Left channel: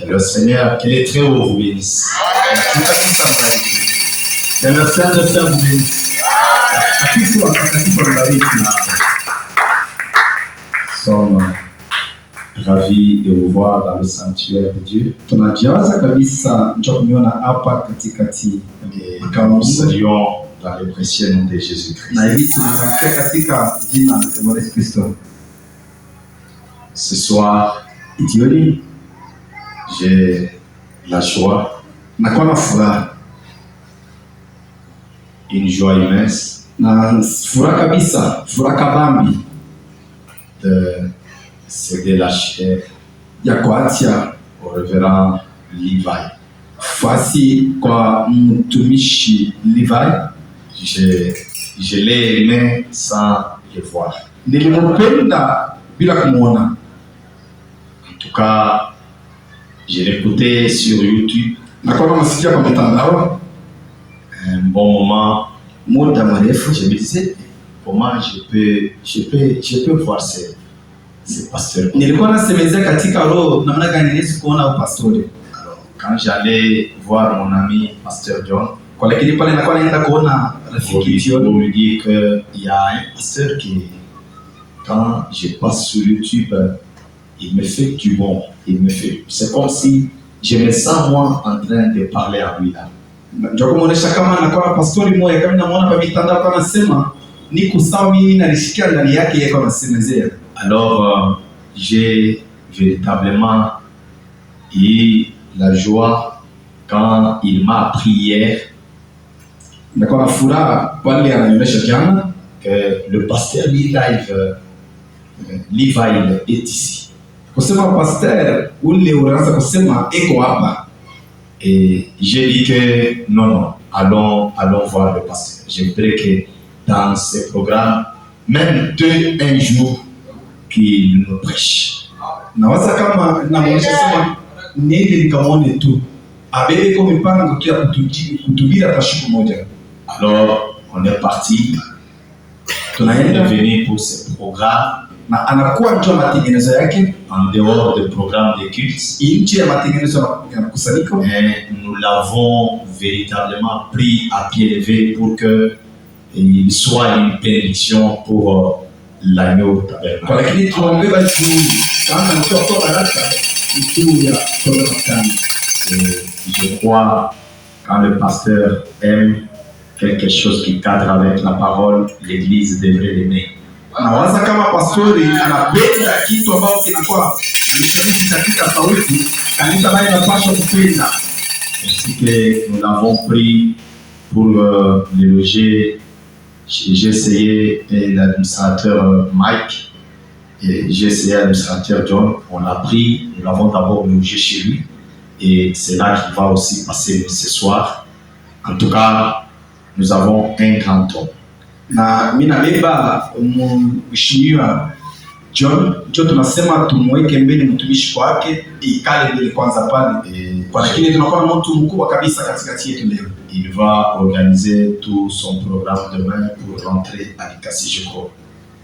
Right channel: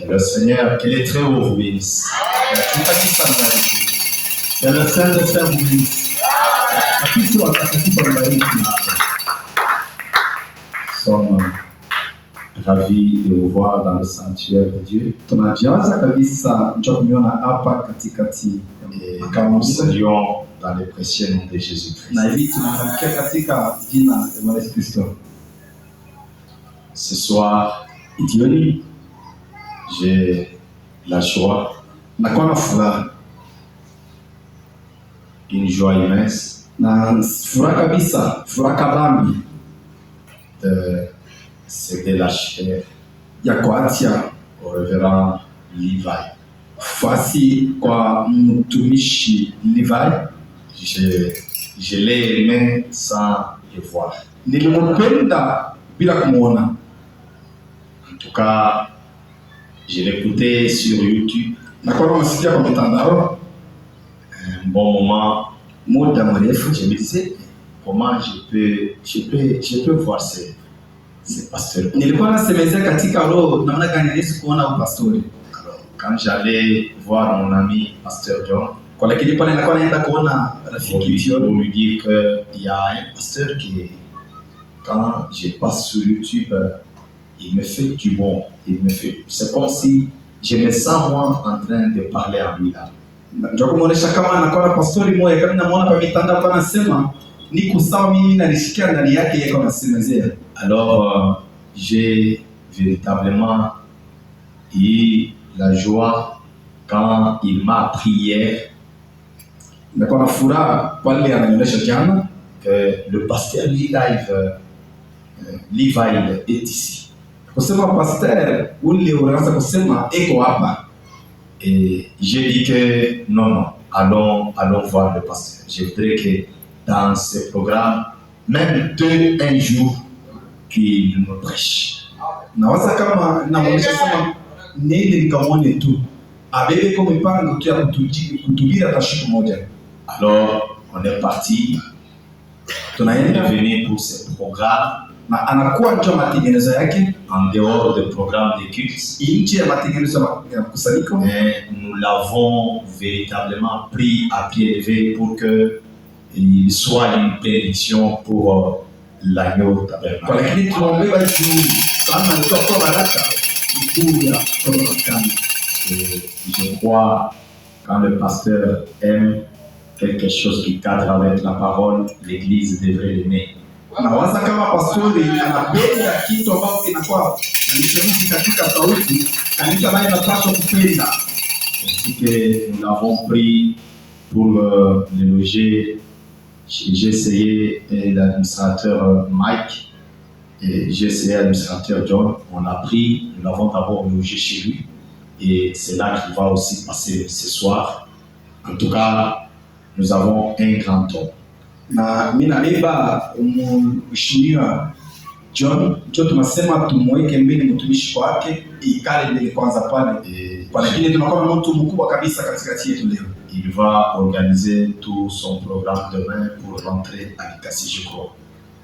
Que le Seigneur, qu'il est très haut, vous bénisse. Que le Seigneur vous bénisse. Nous sommes ravis de vous voir dans le sanctuaire de Dieu. Et nous saluons dans le précieux nom de Jésus-Christ. Ce soir, j'ai la joie, une joie immense de céder la chair au révérend Levi. Je l'ai aimé sans le voir. En tout cas, je l'écoutais sur YouTube. Un bon moment. Je me disais, comment je peux voir ces pasteurs. Alors, quand j'allais voir mon ami Pasteur John, pour lui dire qu'il y a un pasteur qui, quand je passe sur YouTube, il me fait du bon. C'est comme si je me sens moi en train de parler à lui là. Alors, j'ai véritablement eu la joie quand il m'a appris hier que le pasteur Levi est ici. Et j'ai dit que non, allons voir le pasteur. Je voudrais que dans ce programme, même un jour, qu'il nous prêche. Alors, on est parti. On est venu pour ce programme. En dehors du programme de culte, et nous l'avons véritablement pris à pied levé pour qu'il soit une bénédiction pour l'agneau tabernacle. Je crois quand le pasteur aime quelque chose qui cadre avec la parole, l'église devrait l'aimer. Nawaza kama pastori anapenda kitu ambao kinakuwa nishawishi katika sauti, kanisa nayo inapaswa kupenda. Ainsi que nous l'avons pris pour le loger, j'ai essayé l'administrateur Mike et j'ai essayé l'administrateur John. On l'a pris, nous l'avons d'abord logé chez lui et c'est là qu'il va aussi passer ce soir. En tout cas, nous avons un grand homme. Na mimi nabeba mheshimiwa John tunasema tumweke mbele mtumishi wake ikale mbele kwanza pale, kwa lakini tunakuwa na mtu mkubwa kabisa katikati yetu leo. Il va organiser tout son programme demain pour rentrer à l'Ikasi, je crois.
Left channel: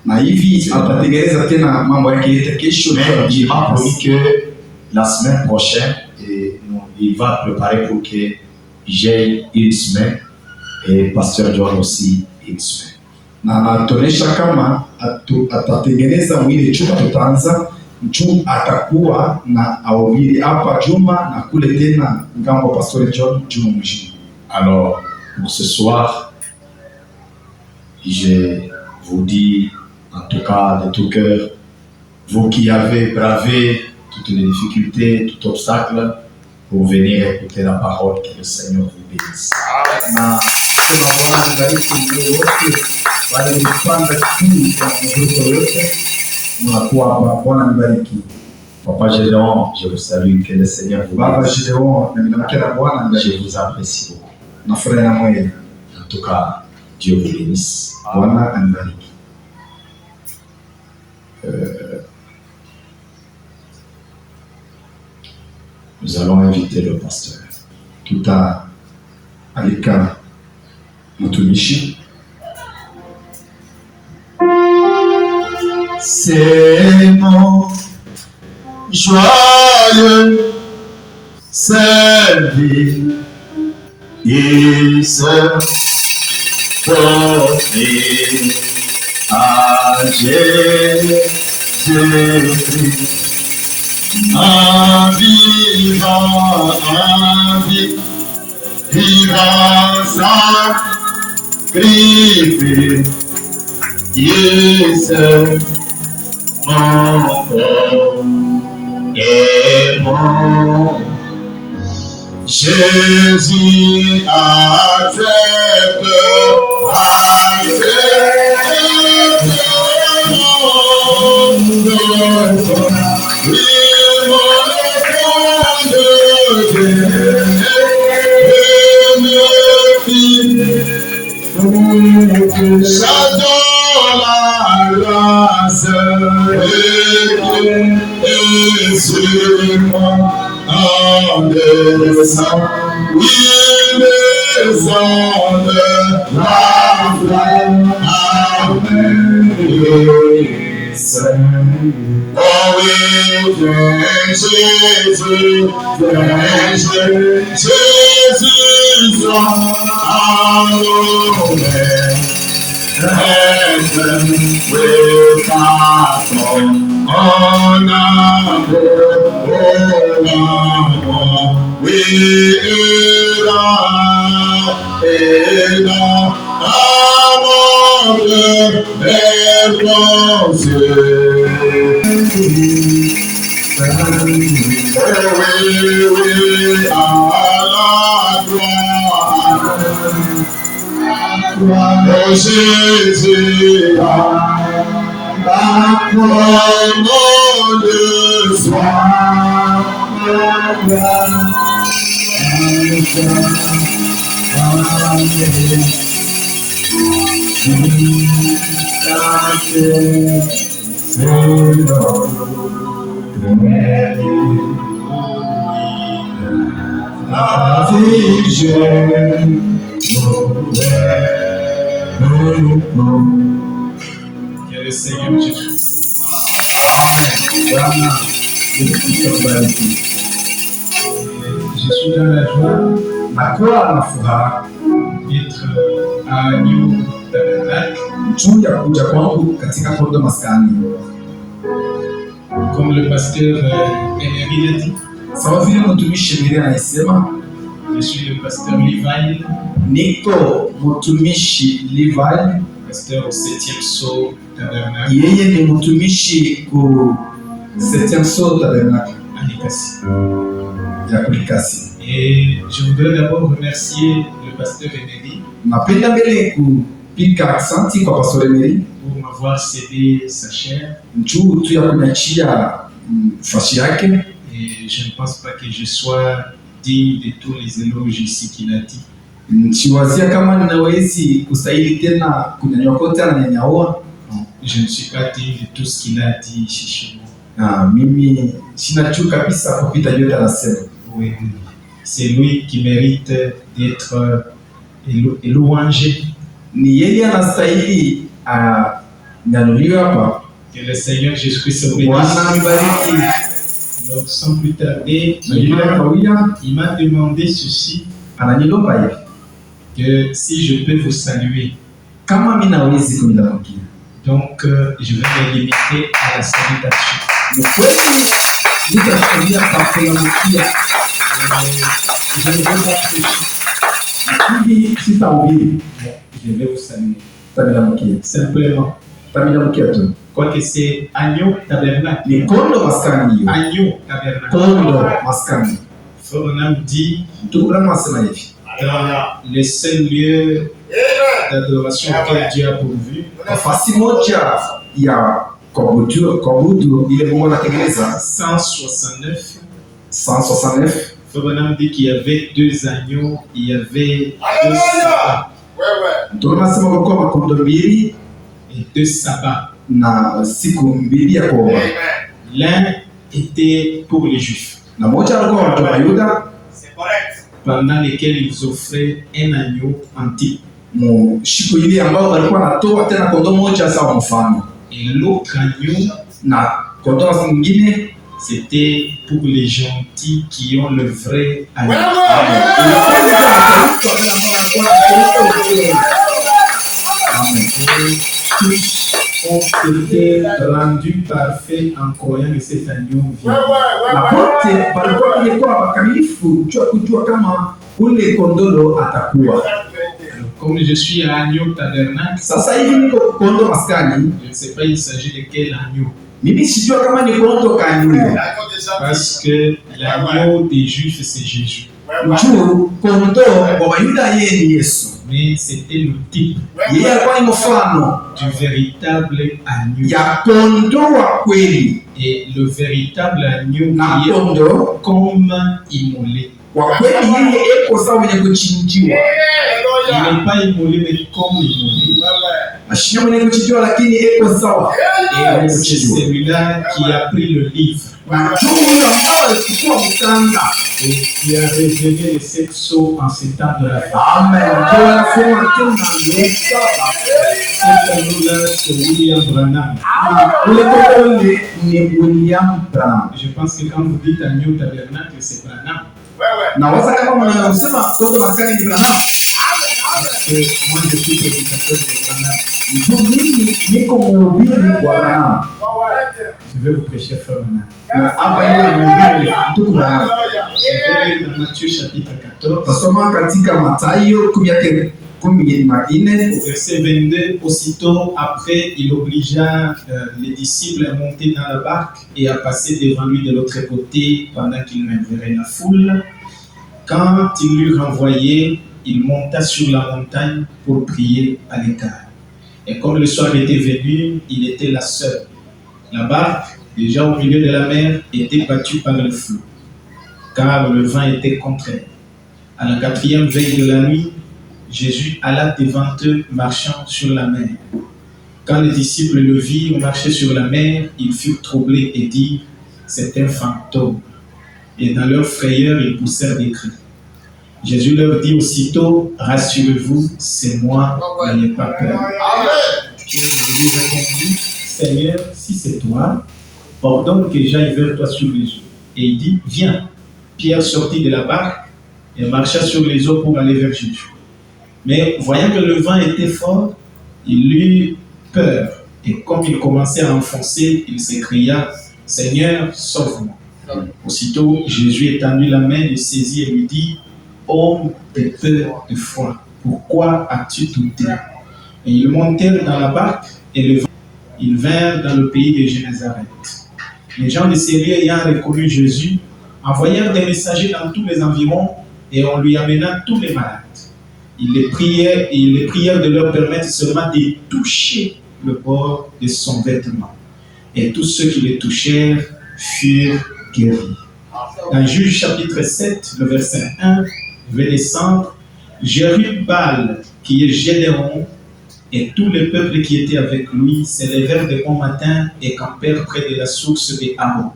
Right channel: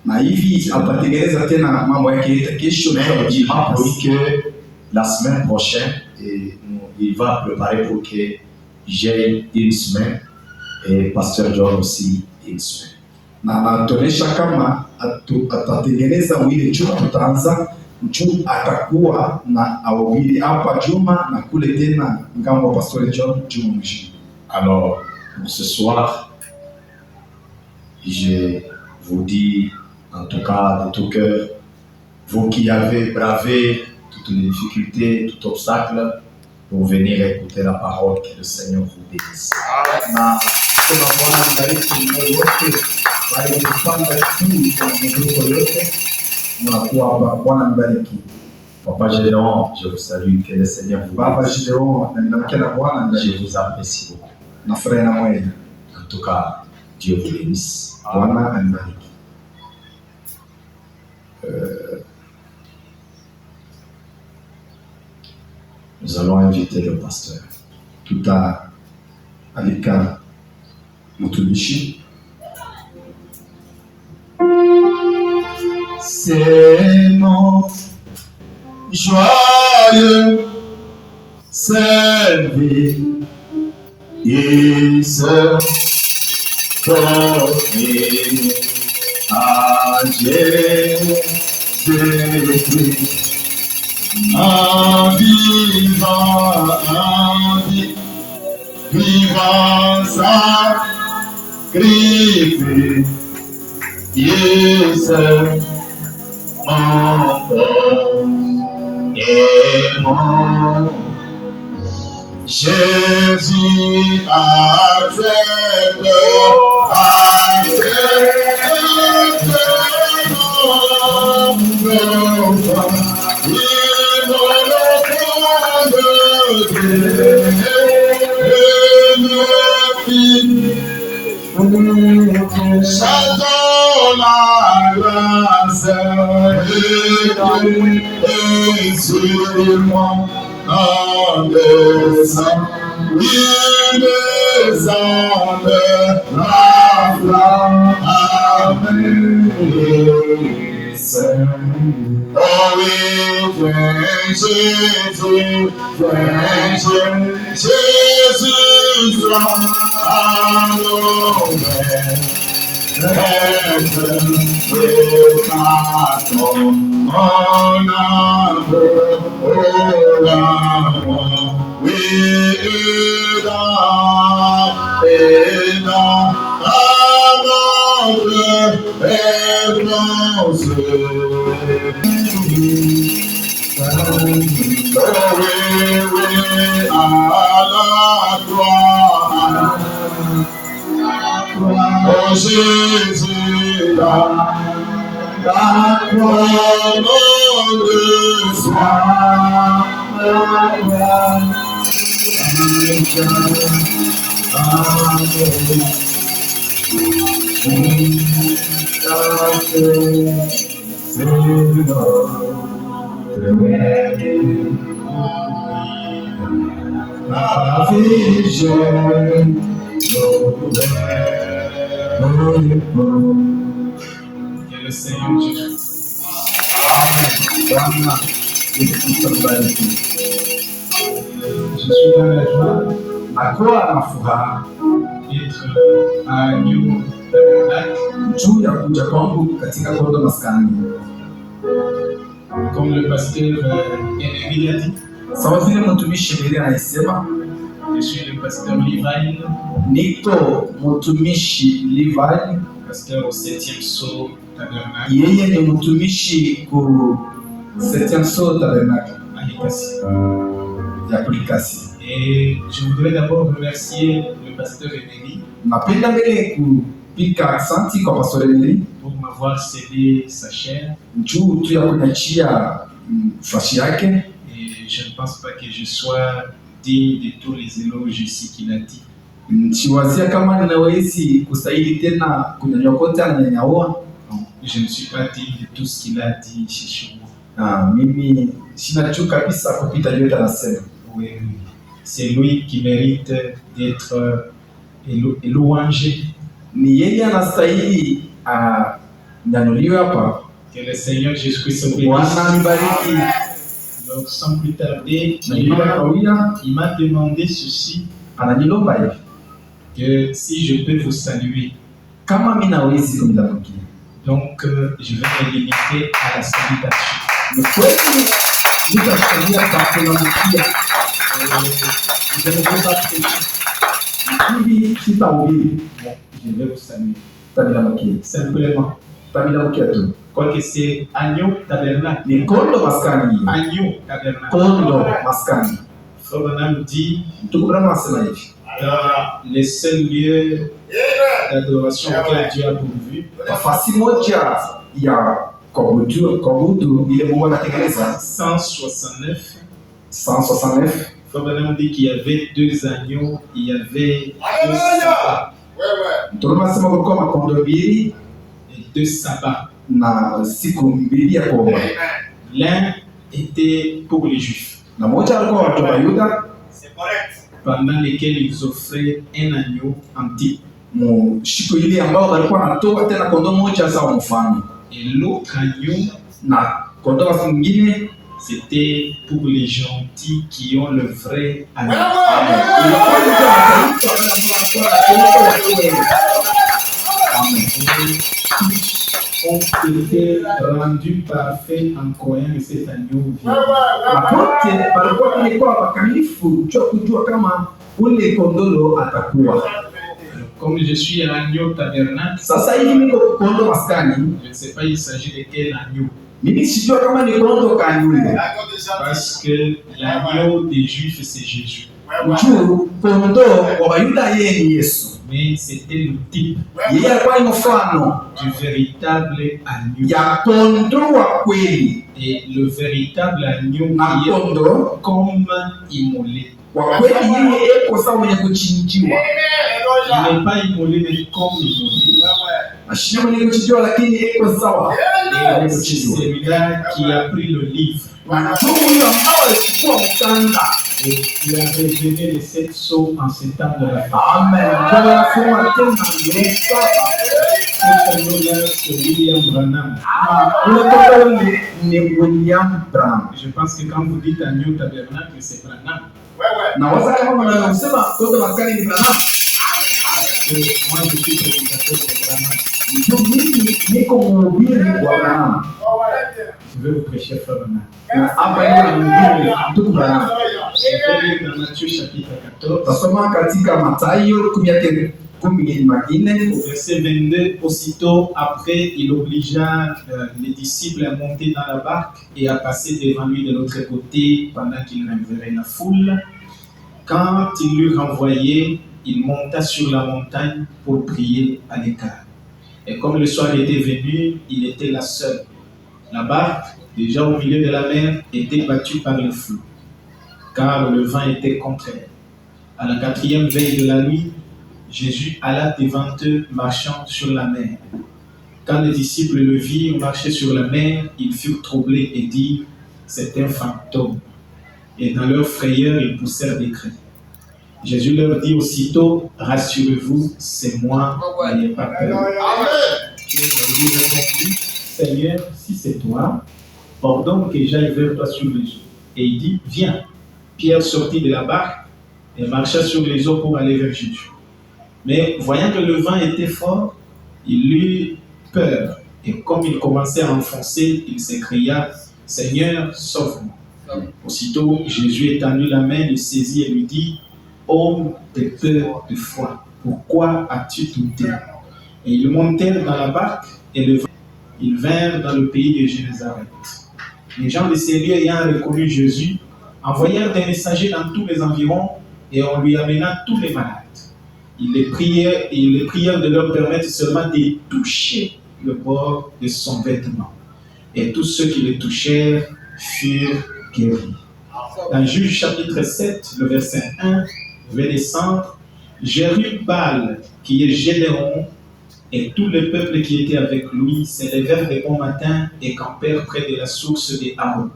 Na hivi atatengeneza tena mambo yake yote kesho. Il m'a promis que la semaine prochaine il va préparer pour que j'ai une semaine et pasteur John aussi une semaine. Na anatuonesha kama atatengeneza mwili chuma, tutaanza mchum atakuwa na awili hapa Juma na kule tena ngambo pastor John Juma mwisho. Alors pour ce soir, je vous dis en tout cas de tout cœur, vous qui avez bravé toutes les difficultés, tout obstacle pour venir écouter la parole, que le Seigneur vous bénisse. Na sema Bwana bariki moyo wote bali kupanda chini kwa mvuto yote mnakuwa hapa. Bwana nibariki. Papa Gédéon, je vous salue, que le Seigneur vous Baba Gédéon, na ninamkera Bwana, je vous apprécie beaucoup. Na furahi na moyo. En tout cas, Dieu vous bénisse. Bwana anibariki. Nous allons inviter le pasteur. Alika mtumishi. C'est mon joie joyeux service porté à Jésus-Christ. Un vivant sacrifice encore aimant. Jésus accepte j'adore la grâce et sur moi en descend, il descend de la flamme avec oh oui, Jésus, soit adoré. Heaven will come on we oh Jésus, la croix de soi, Que le Seigneur Jésus. Amen. Je suis dans la joie d'être à New Tabernacle. Comme le pasteur Emery l'a dit. Je suis le pasteur Levi. Niko mutumishi Levi, pasteur au 7e saut tabernacle. Yeye ni mutumishi ku 7e saut tabernacle ya Kulikasi. Et je voudrais d'abord remercier le pasteur Emery napenda mbele kupika asante kwa pastor Emery pour m'avoir cédé sa chair. Njoo tu ya kunyachia fashi yake. Et je ne pense pas que je sois digne de tous les éloges ici qu'il a dit. Chiwazia kama ninawezi kustahili tena kunyanyua kote ananyanyaua. Je ne suis pas digne de tout ce qu'il a dit ici chez moi. Mimi sina chuki kabisa kupita yote anasema. Oui, c'est lui qui mérite d'être louangé. Ni yeye anastahili nyanuliwe hapa. Que le Seigneur Jésus-Christ se bénisse. Donc sans plus tarder, il m'a demandé ceci. Que si je peux vous saluer. Donc je vais me limiter à la salutation. Je ne veux pas prêcher. Je vais vous saluer. Simplement. Quoique c'est Agneau Tabernacle. Agneau Tabernacle. Frère dit dans les seuls lieux d'adoration auxquels Dieu a pourvu. 169. Frère dit qu'il y avait 2 agneaux, il y avait 2 sabbats. Et 2 sabbats. L'un était pour les Juifs. C'est correct. Pendant lesquels ils offraient un agneau antique. Et l'autre agneau c'était pour les gentils qui ont le vrai amour. Tous ont été rendus parfaits en croyant que c'est agneau vivant. Mapote balikuwa wamekuwa wakamilifu cha kujua kama ule kondolo atakuwa. Comme je suis à Agneau Tabernacle, Sasa hivi niko kondo maskani, je ne sais pas il s'agit de quel agneau. mimi sijua kama ni kondo kanyule. Parce que l'agneau des Juifs, c'est Jésus. Juu kondo wa Wayuda yeye ni Yesu. Mais c'était le type Yeye alikuwa ni mfano du véritable agneau. ya kondo wa kweli. Et le véritable agneau Na qui est kondo comme immolé. wa kweli yeye eko sawa mwenye kuchinjiwa. Il n'est pas immolé, mais comme immolé. Ashina mwenye kuchinjiwa lakini eko sawa. Et c'est celui-là qui a pris le livre Na juu huyo ambao alichukua mkanda. et qui a révélé les 7 sceaux en ces temps de la fin. Amen. Ndio anasema tena ndio sasa. Ce tableau-là, c'est William Branham. Ule kondo ni William Branham. Je pense que quand vous dites agneau tabernacle, c'est Branham. Na waza kama mnasema kondo maskani ni Branham. Parce que moi, je suis prédicateur de Branham. Ndio mimi niko mhubiri wa Branham. Je vais vous prêcher frère Branham. Na hapa yeye ni mhubiri ndugu Branham. Je vais lire dans Matthieu chapitre 14, Tasoma katika Mathayo 14 au verset 22. Aussitôt après, il obligea les disciples à monter dans la barque et à passer devant lui de l'autre côté pendant qu'il m'enverrait la foule. Quand il l'eut renvoyé, il monta sur la montagne pour prier à l'écart. Et comme le soir était venu, il était là seul. La barque, déjà au milieu de la mer, était battue par le flot, car le vent était contraire. À la 4e veille de la nuit, Jésus alla devant eux, marchant sur la mer. Quand les disciples le virent marcher sur la mer, ils furent troublés et dirent, c'est un fantôme. Et dans leur frayeur, ils poussèrent des cris. Jésus leur dit aussitôt, rassurez-vous, c'est moi, n'ayez pas peur. Jésus répondit, Seigneur, si c'est toi, ordonne que j'aille vers toi sur les eaux. Et il dit, viens. Pierre sortit de la barque et marcha sur les eaux pour aller vers Jésus. Mais voyant que le vent était fort, il eut peur. Et comme il commençait à enfoncer, il s'écria, Seigneur, sauve-moi. Aussitôt, Jésus étendit la main, le saisit et lui dit, homme de peur, de foi, pourquoi as-tu douté? Et ils montèrent dans la barque et ils vinrent dans le pays de Génézareth. Les gens de ces lieux ayant reconnu Jésus, envoyèrent des messagers dans tous les environs et on lui amena tous les malades. Ils les prièrent de leur permettre seulement de toucher le bord de son vêtement. Et tous ceux qui les touchèrent furent guéris. Dans Juge chapitre 7, le verset 1, je vais descendre. Jérubal, qui est Gédéon, et tout le peuple qui était avec lui s'élevèrent de bon matin et campèrent près de la source de Harod.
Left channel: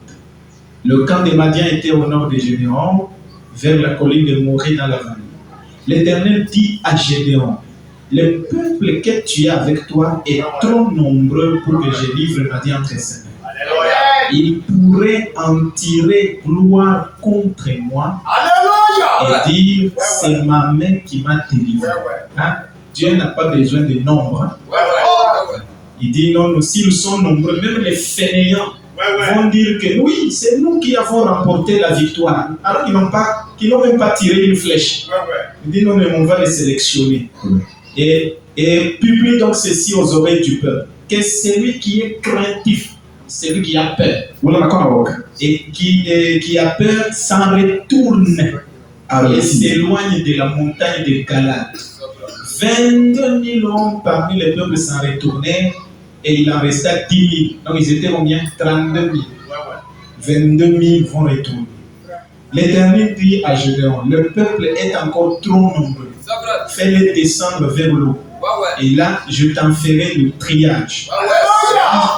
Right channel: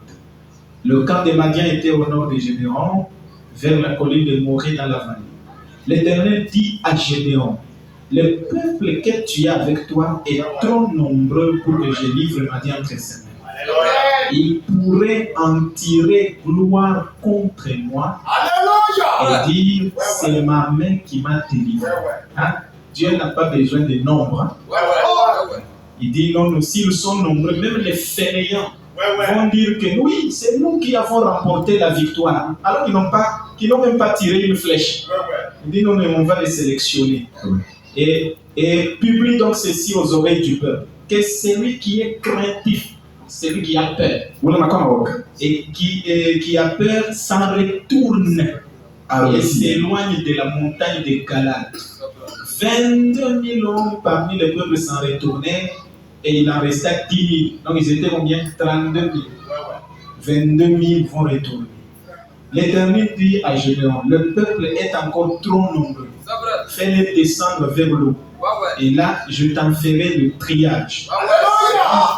Le camp des Madiens était au nord de Gédéon, vers la colline de Morée dans la vallée. L'Éternel dit à Gédéon, le peuple que tu as avec toi est trop nombreux pour que je livre Madian entre ses mains. Il pourrait en tirer gloire contre moi et dire, c'est ma main qui m'a délivré. Hein? Dieu n'a pas besoin de nombre. Hein? Il dit, non, s'ils sont nombreux, même les fainéants vont dire que oui, c'est nous qui avons remporté la victoire. Alors qu'ils n'ont même pas tiré une flèche. Il dit, non, mais on va les sélectionner. Et publie donc ceci aux oreilles du peuple, que celui qui est craintif, celui qui a peur, et qui a peur s'en retourne et s'éloigne de la montagne de Galade. 22 000 hommes parmi le peuple s'en retournèrent et il en resta 10 000. Donc ils étaient combien? 32 000. 22 000 vont retourner. L'Éternel dit à Gédéon, le peuple est encore trop nombreux. Fais-les descendre vers l'eau. Et là, je t'en ferai le triage.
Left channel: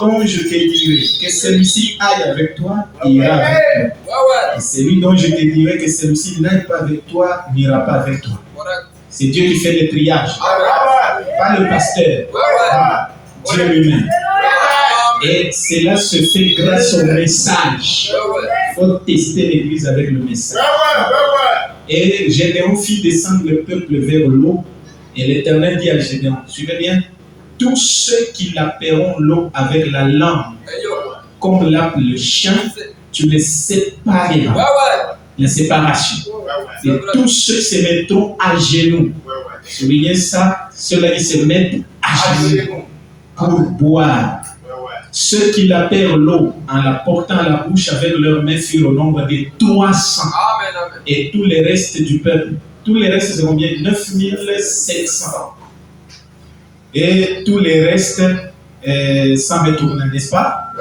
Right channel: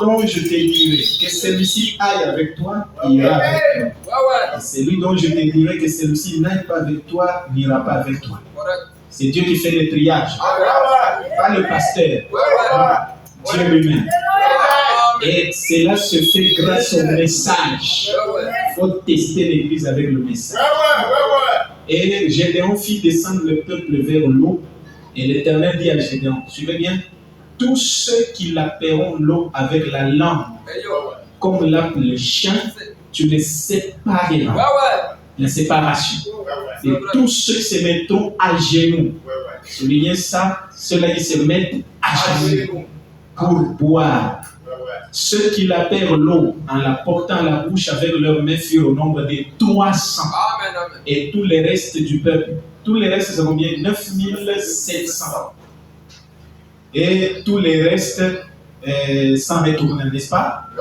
Donc je te dirai que celui-ci aille avec toi, il ira avec toi. Et celui dont je te dirai que celui-ci n'aille pas avec toi, n'ira pas avec toi. C'est Dieu qui fait le triage. Pas le pasteur. Dieu lui-même. Et cela se fait grâce au message Il faut tester l'église avec le message. Et Gédéon fit descendre le peuple vers l'eau. Et l'Éternel dit à Gédéon, suivez bien, tous ceux qui lapperont l'eau avec la langue, comme lappe le chien, tu les sépareras. La séparation. Et tous ceux qui se mettront à genoux, soulignez ça, ceux-là qui se mettent à genoux pour boire. Ceux qui lapèrent l'eau en la portant à la bouche avec leurs mains furent au nombre de 300. Et tous les restes du peuple, tous les restes, c'est combien? 9700. Et tous les restes s'en retournent, n'est-ce pas?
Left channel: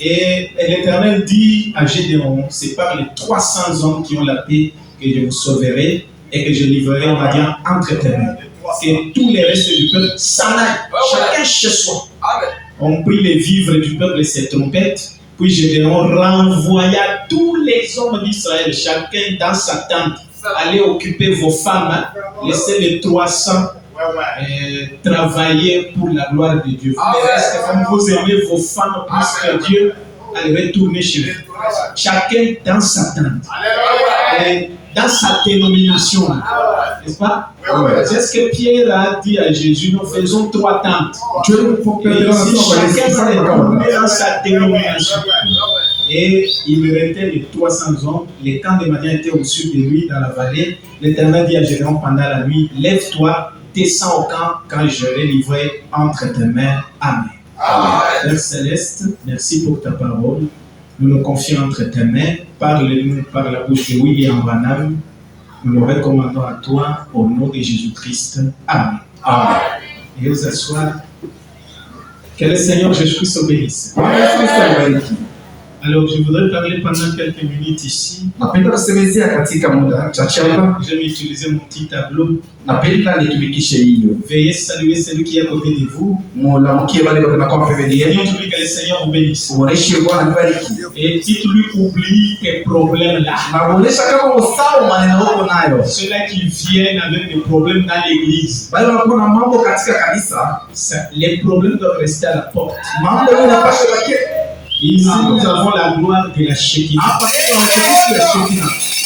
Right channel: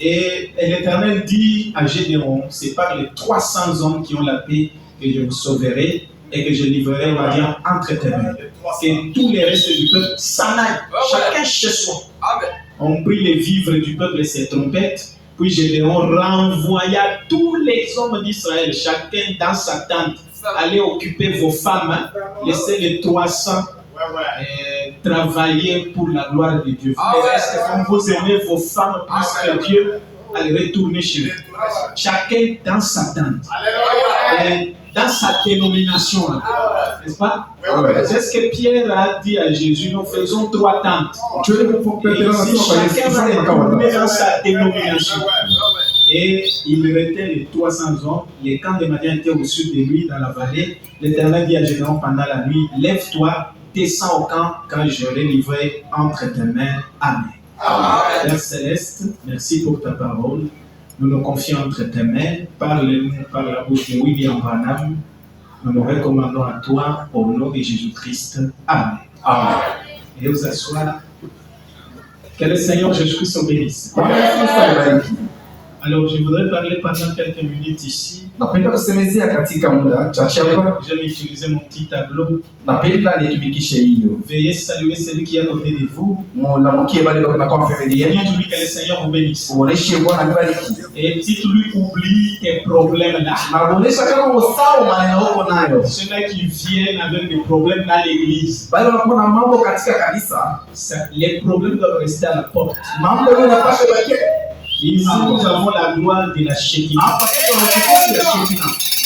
Et l'Éternel dit à Gédéon, c'est par les 300 hommes qui ont la paix que je vous sauverai et que je livrerai, on va dire, entre tes mains. Et tous les restes du peuple s'en aillent, chacun chez soi. On prit les vivres du peuple et ses trompettes, puis Gédéon renvoya tous les hommes d'Israël, chacun dans sa tente. Allez occuper vos femmes, laissez les 300 travailler pour la gloire de Dieu. Comme vous aimez vos femmes plus que Dieu, allez retourner chez vous. Chacun dans sa tente, dans sa dénomination, n'est-ce pas? C'est ce que Pierre a dit à Jésus, nous faisons 3 tentes. Et si chacun va retourner dans sa dénomination. Et il restait les 300 hommes. Les camps de Madian étaient au sud de lui, dans la vallée. L'Éternel dit à Gédéon pendant la nuit, lève-toi, descends au camp quand je l'ai livré entre tes mains. Amen. Père Céleste, merci pour ta parole. Nous nous confions entre tes mains. Parle-nous par la bouche de William Branham. Nous nous recommandons à toi au nom de Jésus-Christ. Amen. Amen. Et vous asseoir. Que le Seigneur Jésus-Christ vous bénisse. Alors, je voudrais parler pendant quelques minutes ici. Je vais utiliser mon petit tableau. Veuillez saluer celui qui est à côté de vous. Dites-lui que le Seigneur vous bénisse. Et dites-lui oublie tes problèmes là. Ceux-là qui viennent avec des problèmes dans l'église. Les problèmes doivent rester à la porte. Ici, nous avons la gloire de la Shekinah.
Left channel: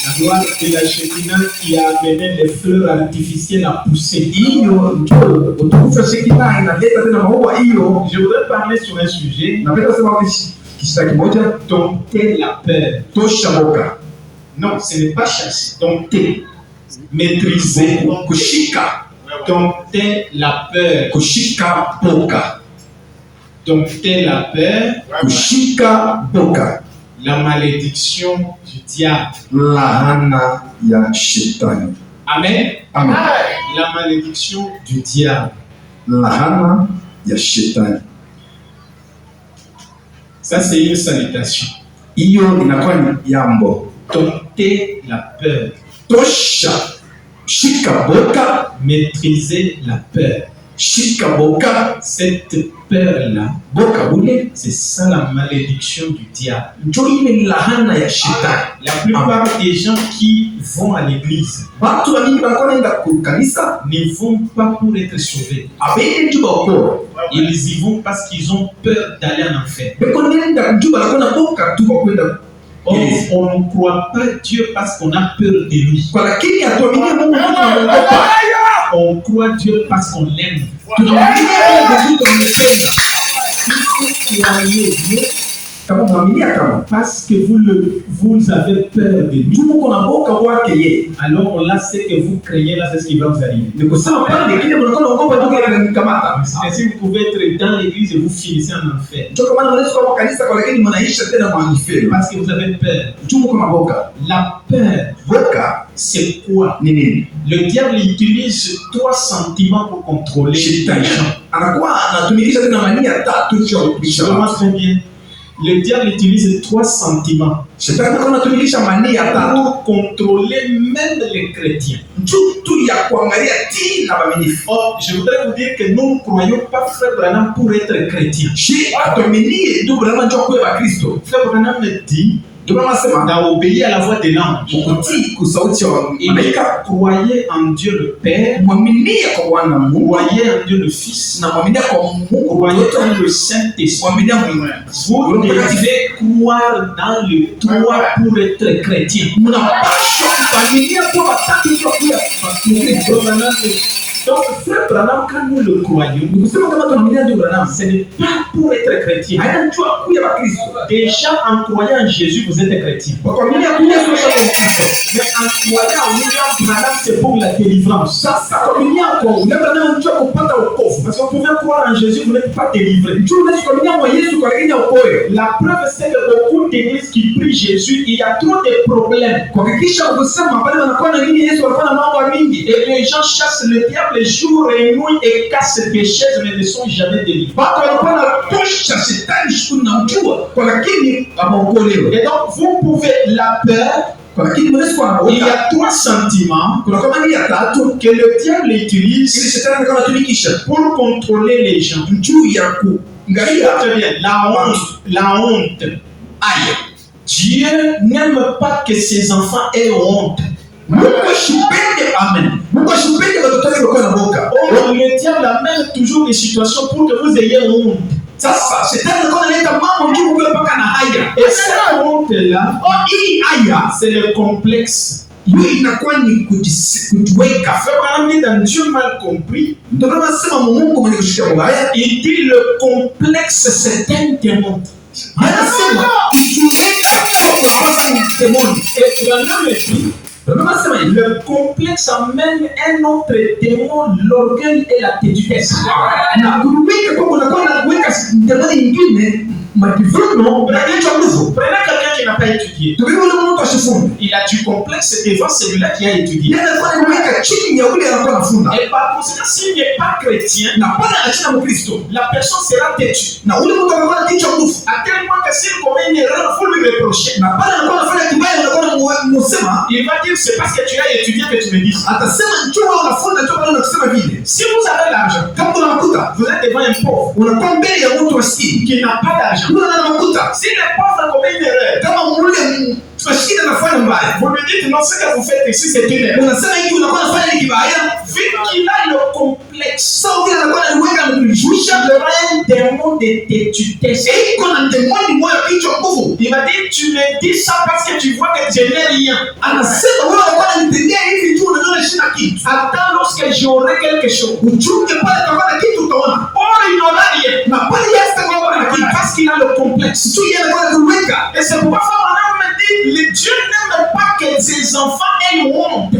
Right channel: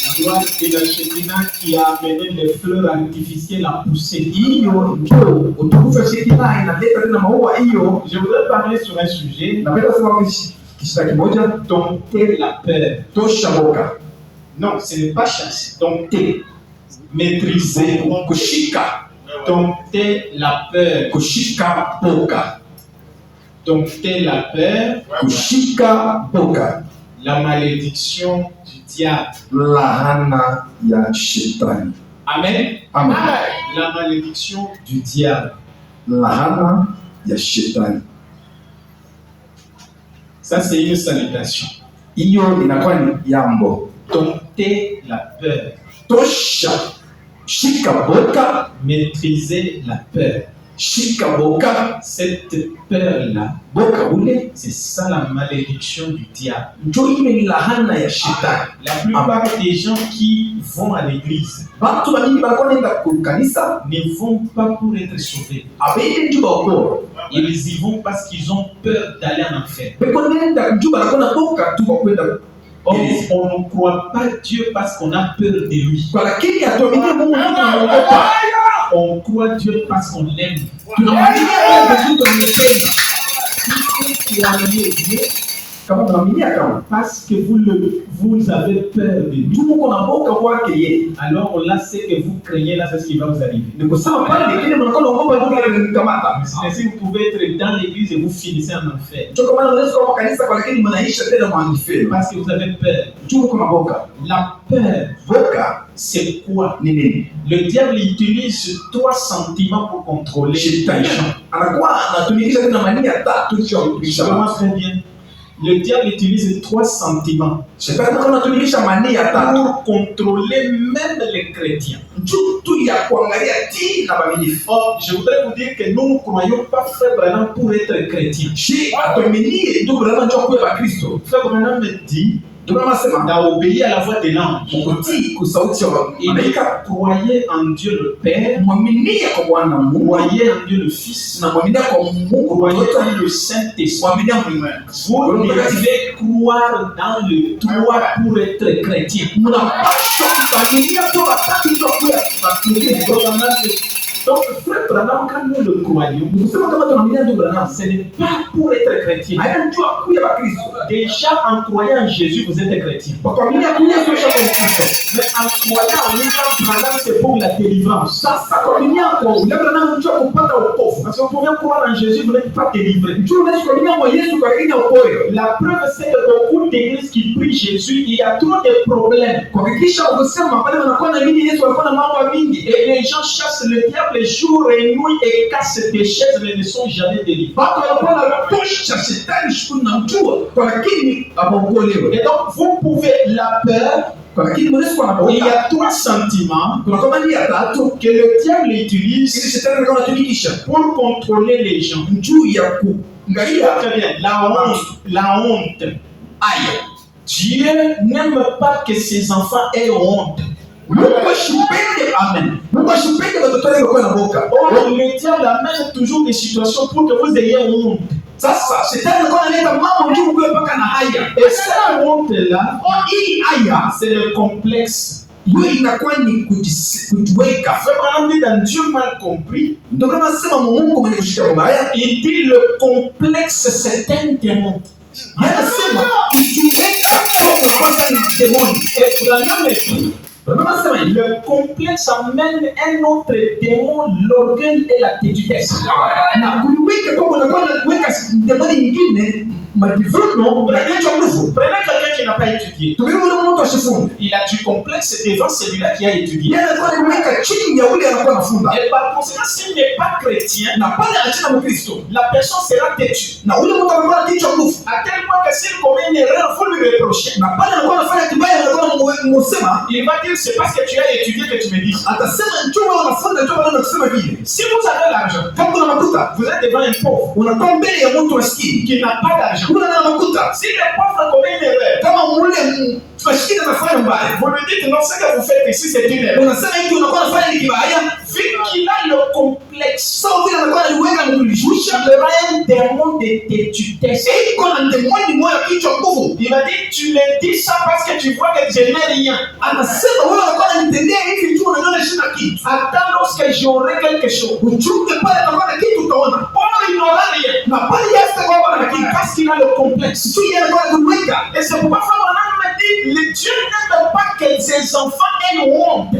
La gloire de la Shekinah qui a amené des fleurs artificielles à pousser. Je voudrais parler sur un sujet. Dompter la peur. Non, ce n'est pas chasser. Dompter. Maîtriser. Dompter la peur. Dompter la peur, kushika boka, la malédiction du diable. Lahana ya shetani. Amen. Amen. La malédiction du diable. Lahana ya shetani. Ça c'est une salutation. Iyo inakuwa ni yambo. Dompter la peur. Tosha. Shika boka. Maîtriser la peur. Shikaboka, cette peur-là, c'est ça la malédiction du diable. La plupart des gens qui vont à l'église ne vont pas pour être sauvés. Ils y vont parce qu'ils ont peur d'aller en enfer. Or, on ne croit pas Dieu parce qu'on a peur de lui. On croit Dieu parce qu'on l'aime. Parce que vous avez peur de lui. Alors là, c'est que vous craignez, là, c'est ce qui va vous arriver. Si vous pouvez être dans l'église et vous finissez en enfer. Parce que vous avez peur. La peur, c'est quoi? Le diable utilise 3 sentiments pour contrôler les gens. Vraiment très bien. Le diable utilise 3 sentiments pour contrôler même les chrétiens. Or, je voudrais vous dire que nous ne croyons pas Frère Branham pour être chrétien. Frère Branham me dit d'obéir à la voix de l'ange. Il croyait en Dieu le Père, croyait en Dieu le Fils, croyait en le Saint-Esprit. Vous devez croire dans le toi pour être chrétien. Donc, frère Branham, quand nous le croyons, ce n'est pas pour être chrétien. Déjà, en croyant en Jésus, vous êtes chrétien. Mais en croyant en William Branham, c'est pour la délivrance. Parce que vous pouvez croire en Jésus, vous n'êtes pas délivré. La preuve, c'est que beaucoup d'églises qui prient Jésus, il y a trop de problèmes. Et les gens chassent le diable les jours et nuit et cassent des chaises, mais ne sont jamais délivrés. Et donc, vous pouvez la peur. Il y a trois sentiments que le diable utilise pour contrôler les gens. Très bien. La honte. Dieu n'aime pas que ses enfants aient honte. Amen. Or, le diable amène toujours des situations pour que vous ayez honte. Et cette honte-là, c'est le complexe. Dans Dieu mal compris, il dit le complexe c'est un démon. Le complexe amène un autre démon, l'orgueil et la tétudesse. Prenez quelqu'un qui n'a pas étudié. Il a du complexe devant celui-là qui a étudié. Et par conséquent, s'il n'est pas chrétien, la personne sera têtue. À tel point que s'il commet une erreur, il faut lui reprocher. Il va dire c'est parce que tu as étudié que tu me dis. Si vous avez l'argent, vous êtes devant un pauvre qui n'a pas d'argent. Si le pauvre commet une erreur, vous lui dites non, ce que vous faites ici c'est une erreur. Vu qu'il a le complexe, il aura un démon de tétudesse. Il va dire tu me dis ça parce que tu vois que je n'ai rien. Attends lorsque j'aurai quelque chose. Or il n'aura rien. Parce qu'il a le complexe. Et c'est pourquoi Abraham me dit le Dieu n'aime pas que ses enfants aient honte.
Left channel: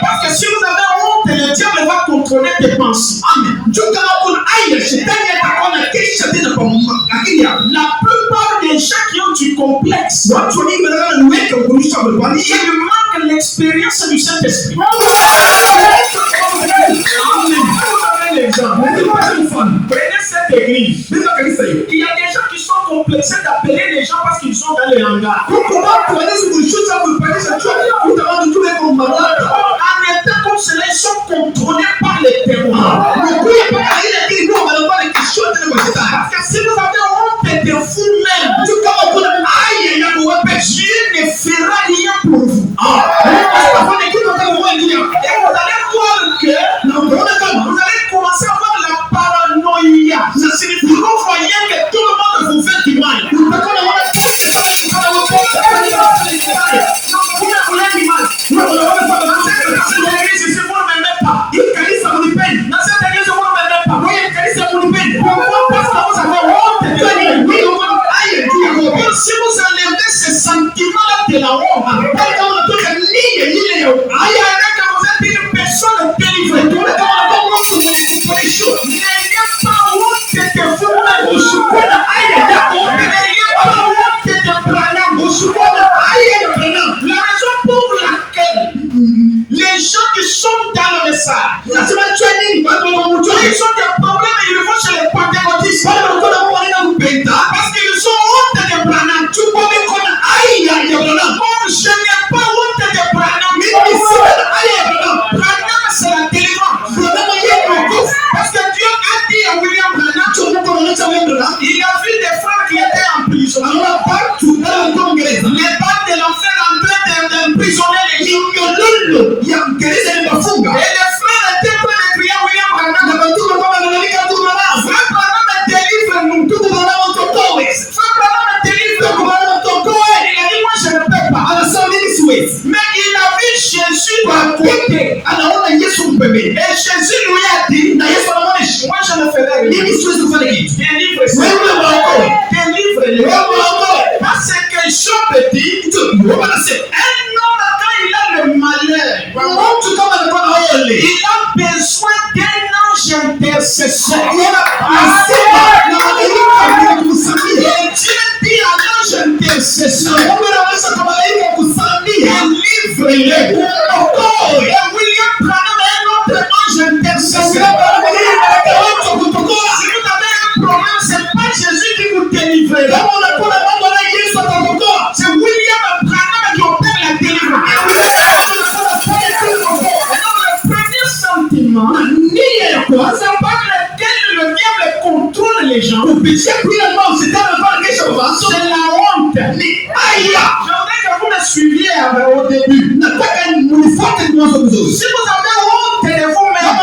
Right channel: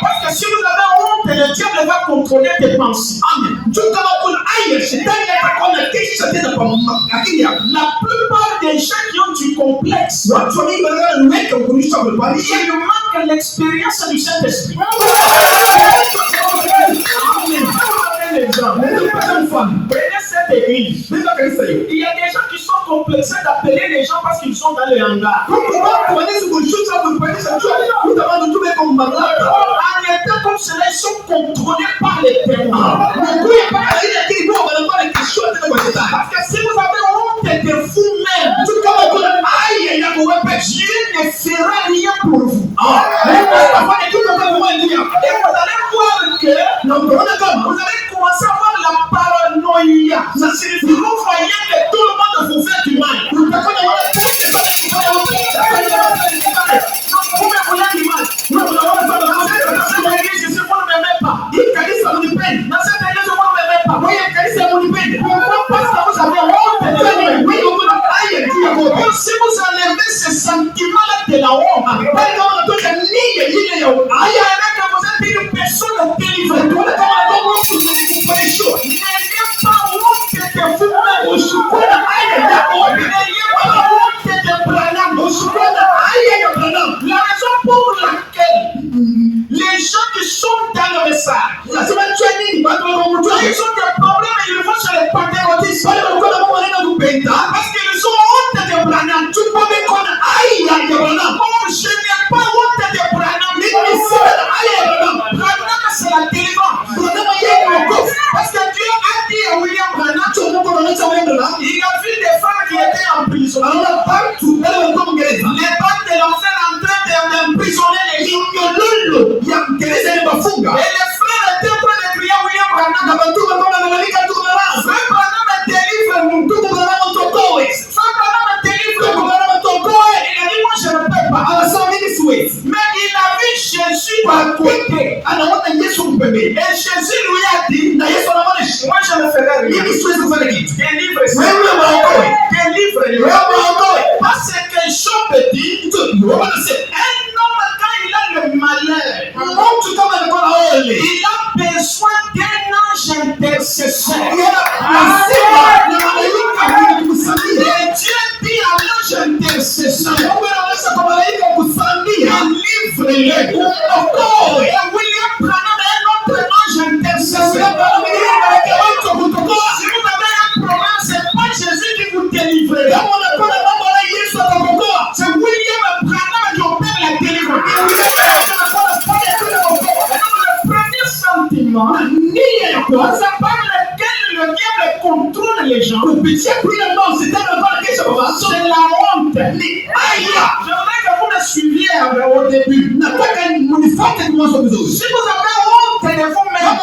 Parce que si vous avez honte, le diable va contrôler tes pensées. La plupart des gens qui ont du complexe, il manque l'expérience du Saint-Esprit. Prenez cette église. Il y a des gens qui sont complexés d'appeler les gens parce qu'ils sont dans le hangar. En étant comme cela, ils sont contrôlés par les témoins. Parce que si vous avez honte de vous-même, Dieu ne fera rien pour vous. Et vous allez voir que vous allez commencer à avoir la paranoïa. Ça signifie que vous voyez que tout le monde vous fait du mal. Vous me voulez du mal. Dans cette église ici, vous ne m'aimez pas. Dans cette église, vous ne m'aimez pas. Pourquoi? Parce que vous avez honte de vous. Si vous enlevez ce sentiment-là de la honte, vous êtes une personne délivrée. N'ayez pas honte de vous-même. N'ayez pas honte de Branham. La raison pour laquelle les gens qui sont dans le message, ils ont des problèmes et ils vont chez les pentecôtistes. Parce qu'ils ont honte de Branham. Comme je n'ai les gens petits, un homme quand il a le malheur, il a besoin d'un ange intercesseur. Et Dieu dit à l'ange intercesseur, livre-le. Et William Branham est notre ange intercesseur. Si vous avez un problème, ce n'est pas Jésus qui vous délivrera. C'est William Branham qui opère la délivrance. Le premier sentiment, c'est par lequel le diable contrôle les gens, c'est la honte. J'aimerais que vous me suiviez au début. Si vous avez honte de vous-même,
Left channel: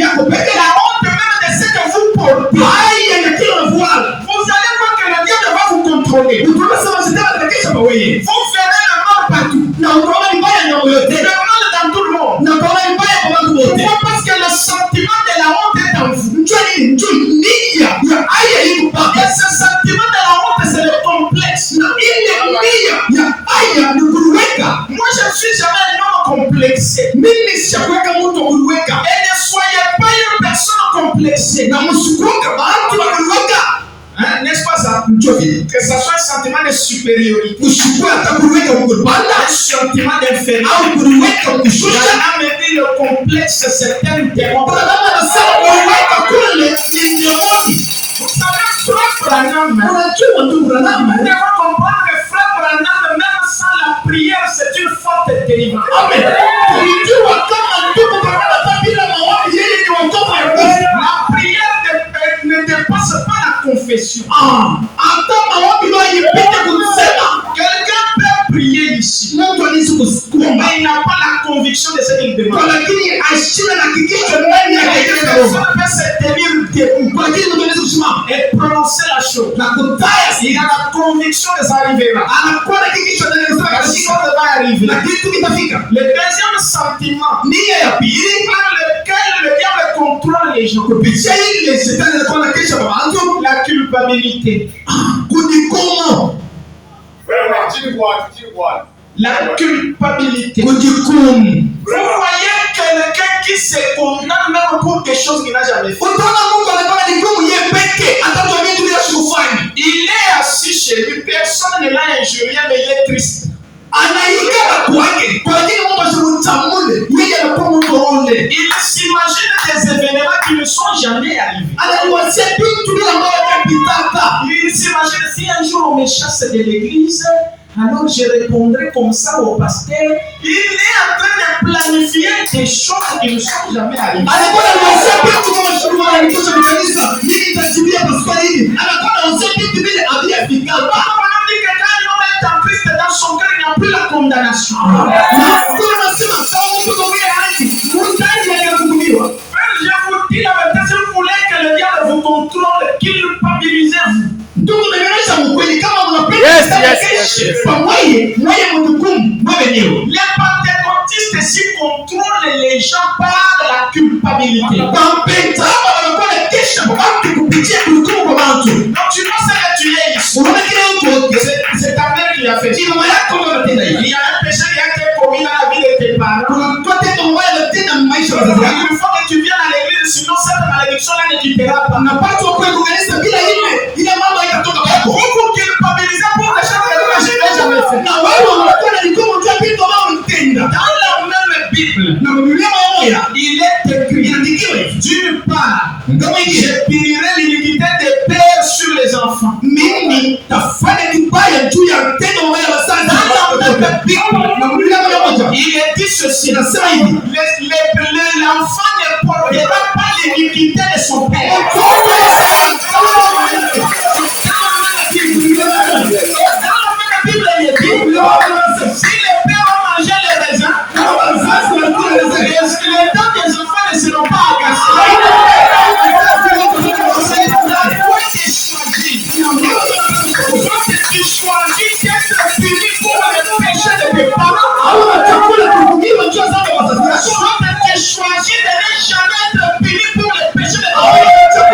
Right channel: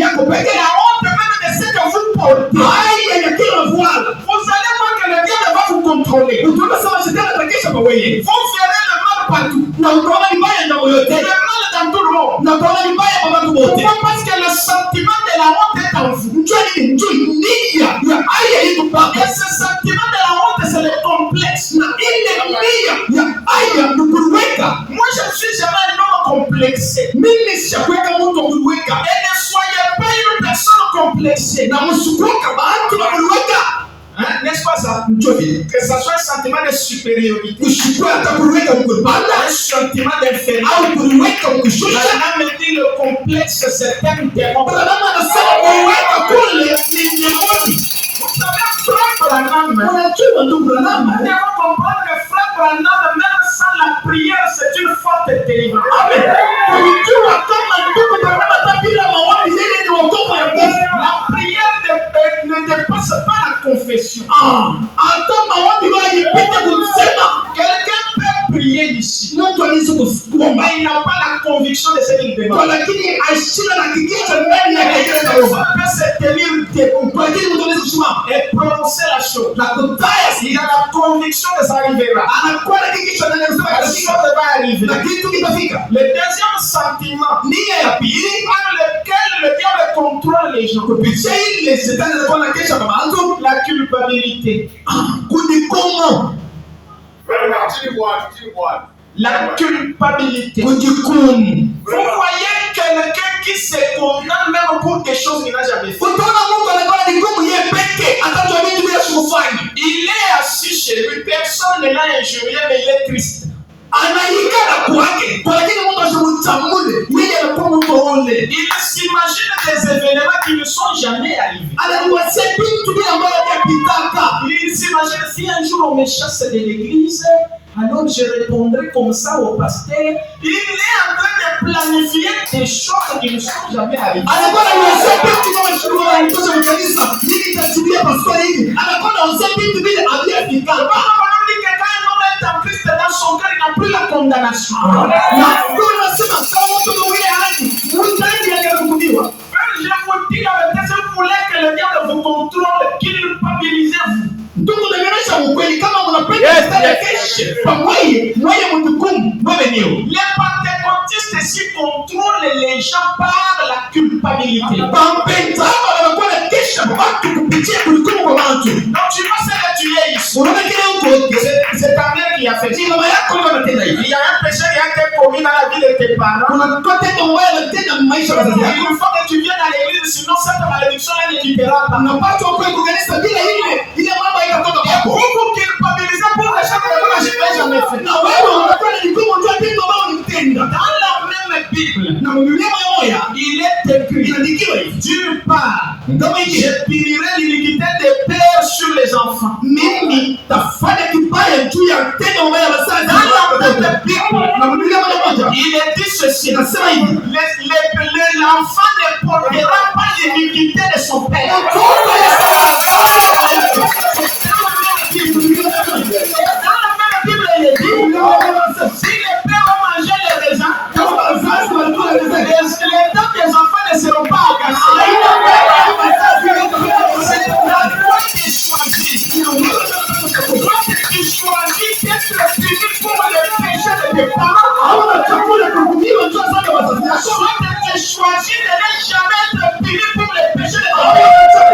la honte même de ce que vous portez, vous allez voir que le diable va vous contrôler. Vous verrez le mal partout. Le mal dans tout le monde. Pourquoi? Parce que le sentiment de la honte est en vous. Et ce sentiment de la honte, c'est le complexe. Moi, je ne suis jamais un homme complexé. Et ne soyez pas une personne complexée. N'est-ce pas ça? Que ça soit un sentiment de supériorité, un sentiment d'infériorité. Branham me dit le complexe, c'est un démon. Vous savez, Frère Branham, vous devez comprendre que Frère Branham, même sans la prière, c'est une forte délivrance. Amen. La prière ne dépasse pas la confession. Quelqu'un peut prier ici, mais il n'a pas la conviction de ce qu'il demande. Personne peut se tenir debout et prononcer la chose. Il a la conviction que ça arrivera. Par le deuxième sentiment par lequel le diable contrôle les gens, la culpabilité. La culpabilité. Vous voyez quelqu'un qui se condamne même pour des choses qu'il n'a jamais fait. Il est assis chez lui, personne ne l'a injurié, mais il est triste. Il s'imagine des événements qui ne sont jamais arrivés. Il s'imagine si un jour on me chasse de l'église, alors je répondrai comme ça au pasteur. Il est en train de planifier des choses qui ne sont jamais arrivées. En Christ, dans son cœur, il n'a plus la condamnation. Je vous dis la vérité, si vous voulez que le diable vous contrôle, culpabilisez-vous. Les pentecôtistes ici contrôlent les gens par la culpabilité. Donc tu vois ce que tu es ici. C'est ta mère qui a fait. Il y a un péché qui a été commis dans la vie de tes parents. Il faut que tu viennes à l'église, sinon cette malédiction-là ne quittera pas. Et vous vous culpabilisez pour les choses que vous n'avez jamais fait. Dans la même Bible, il est écrit, d'une part, je punirai l'iniquité des pères sur les enfants. Dans la même Bible, il est dit ceci, l'enfant ne portera pas l'iniquité de son père. Dans la même Bible, il est dit, si les pères ont mangé les raisins, les dents des enfants ne seront pas agacées. C'est la foi qui choisit. Toi, tu choisis d'être puni pour le péché de tes parents. Soit tu choisis de ne jamais être puni pour le péché de tes parents.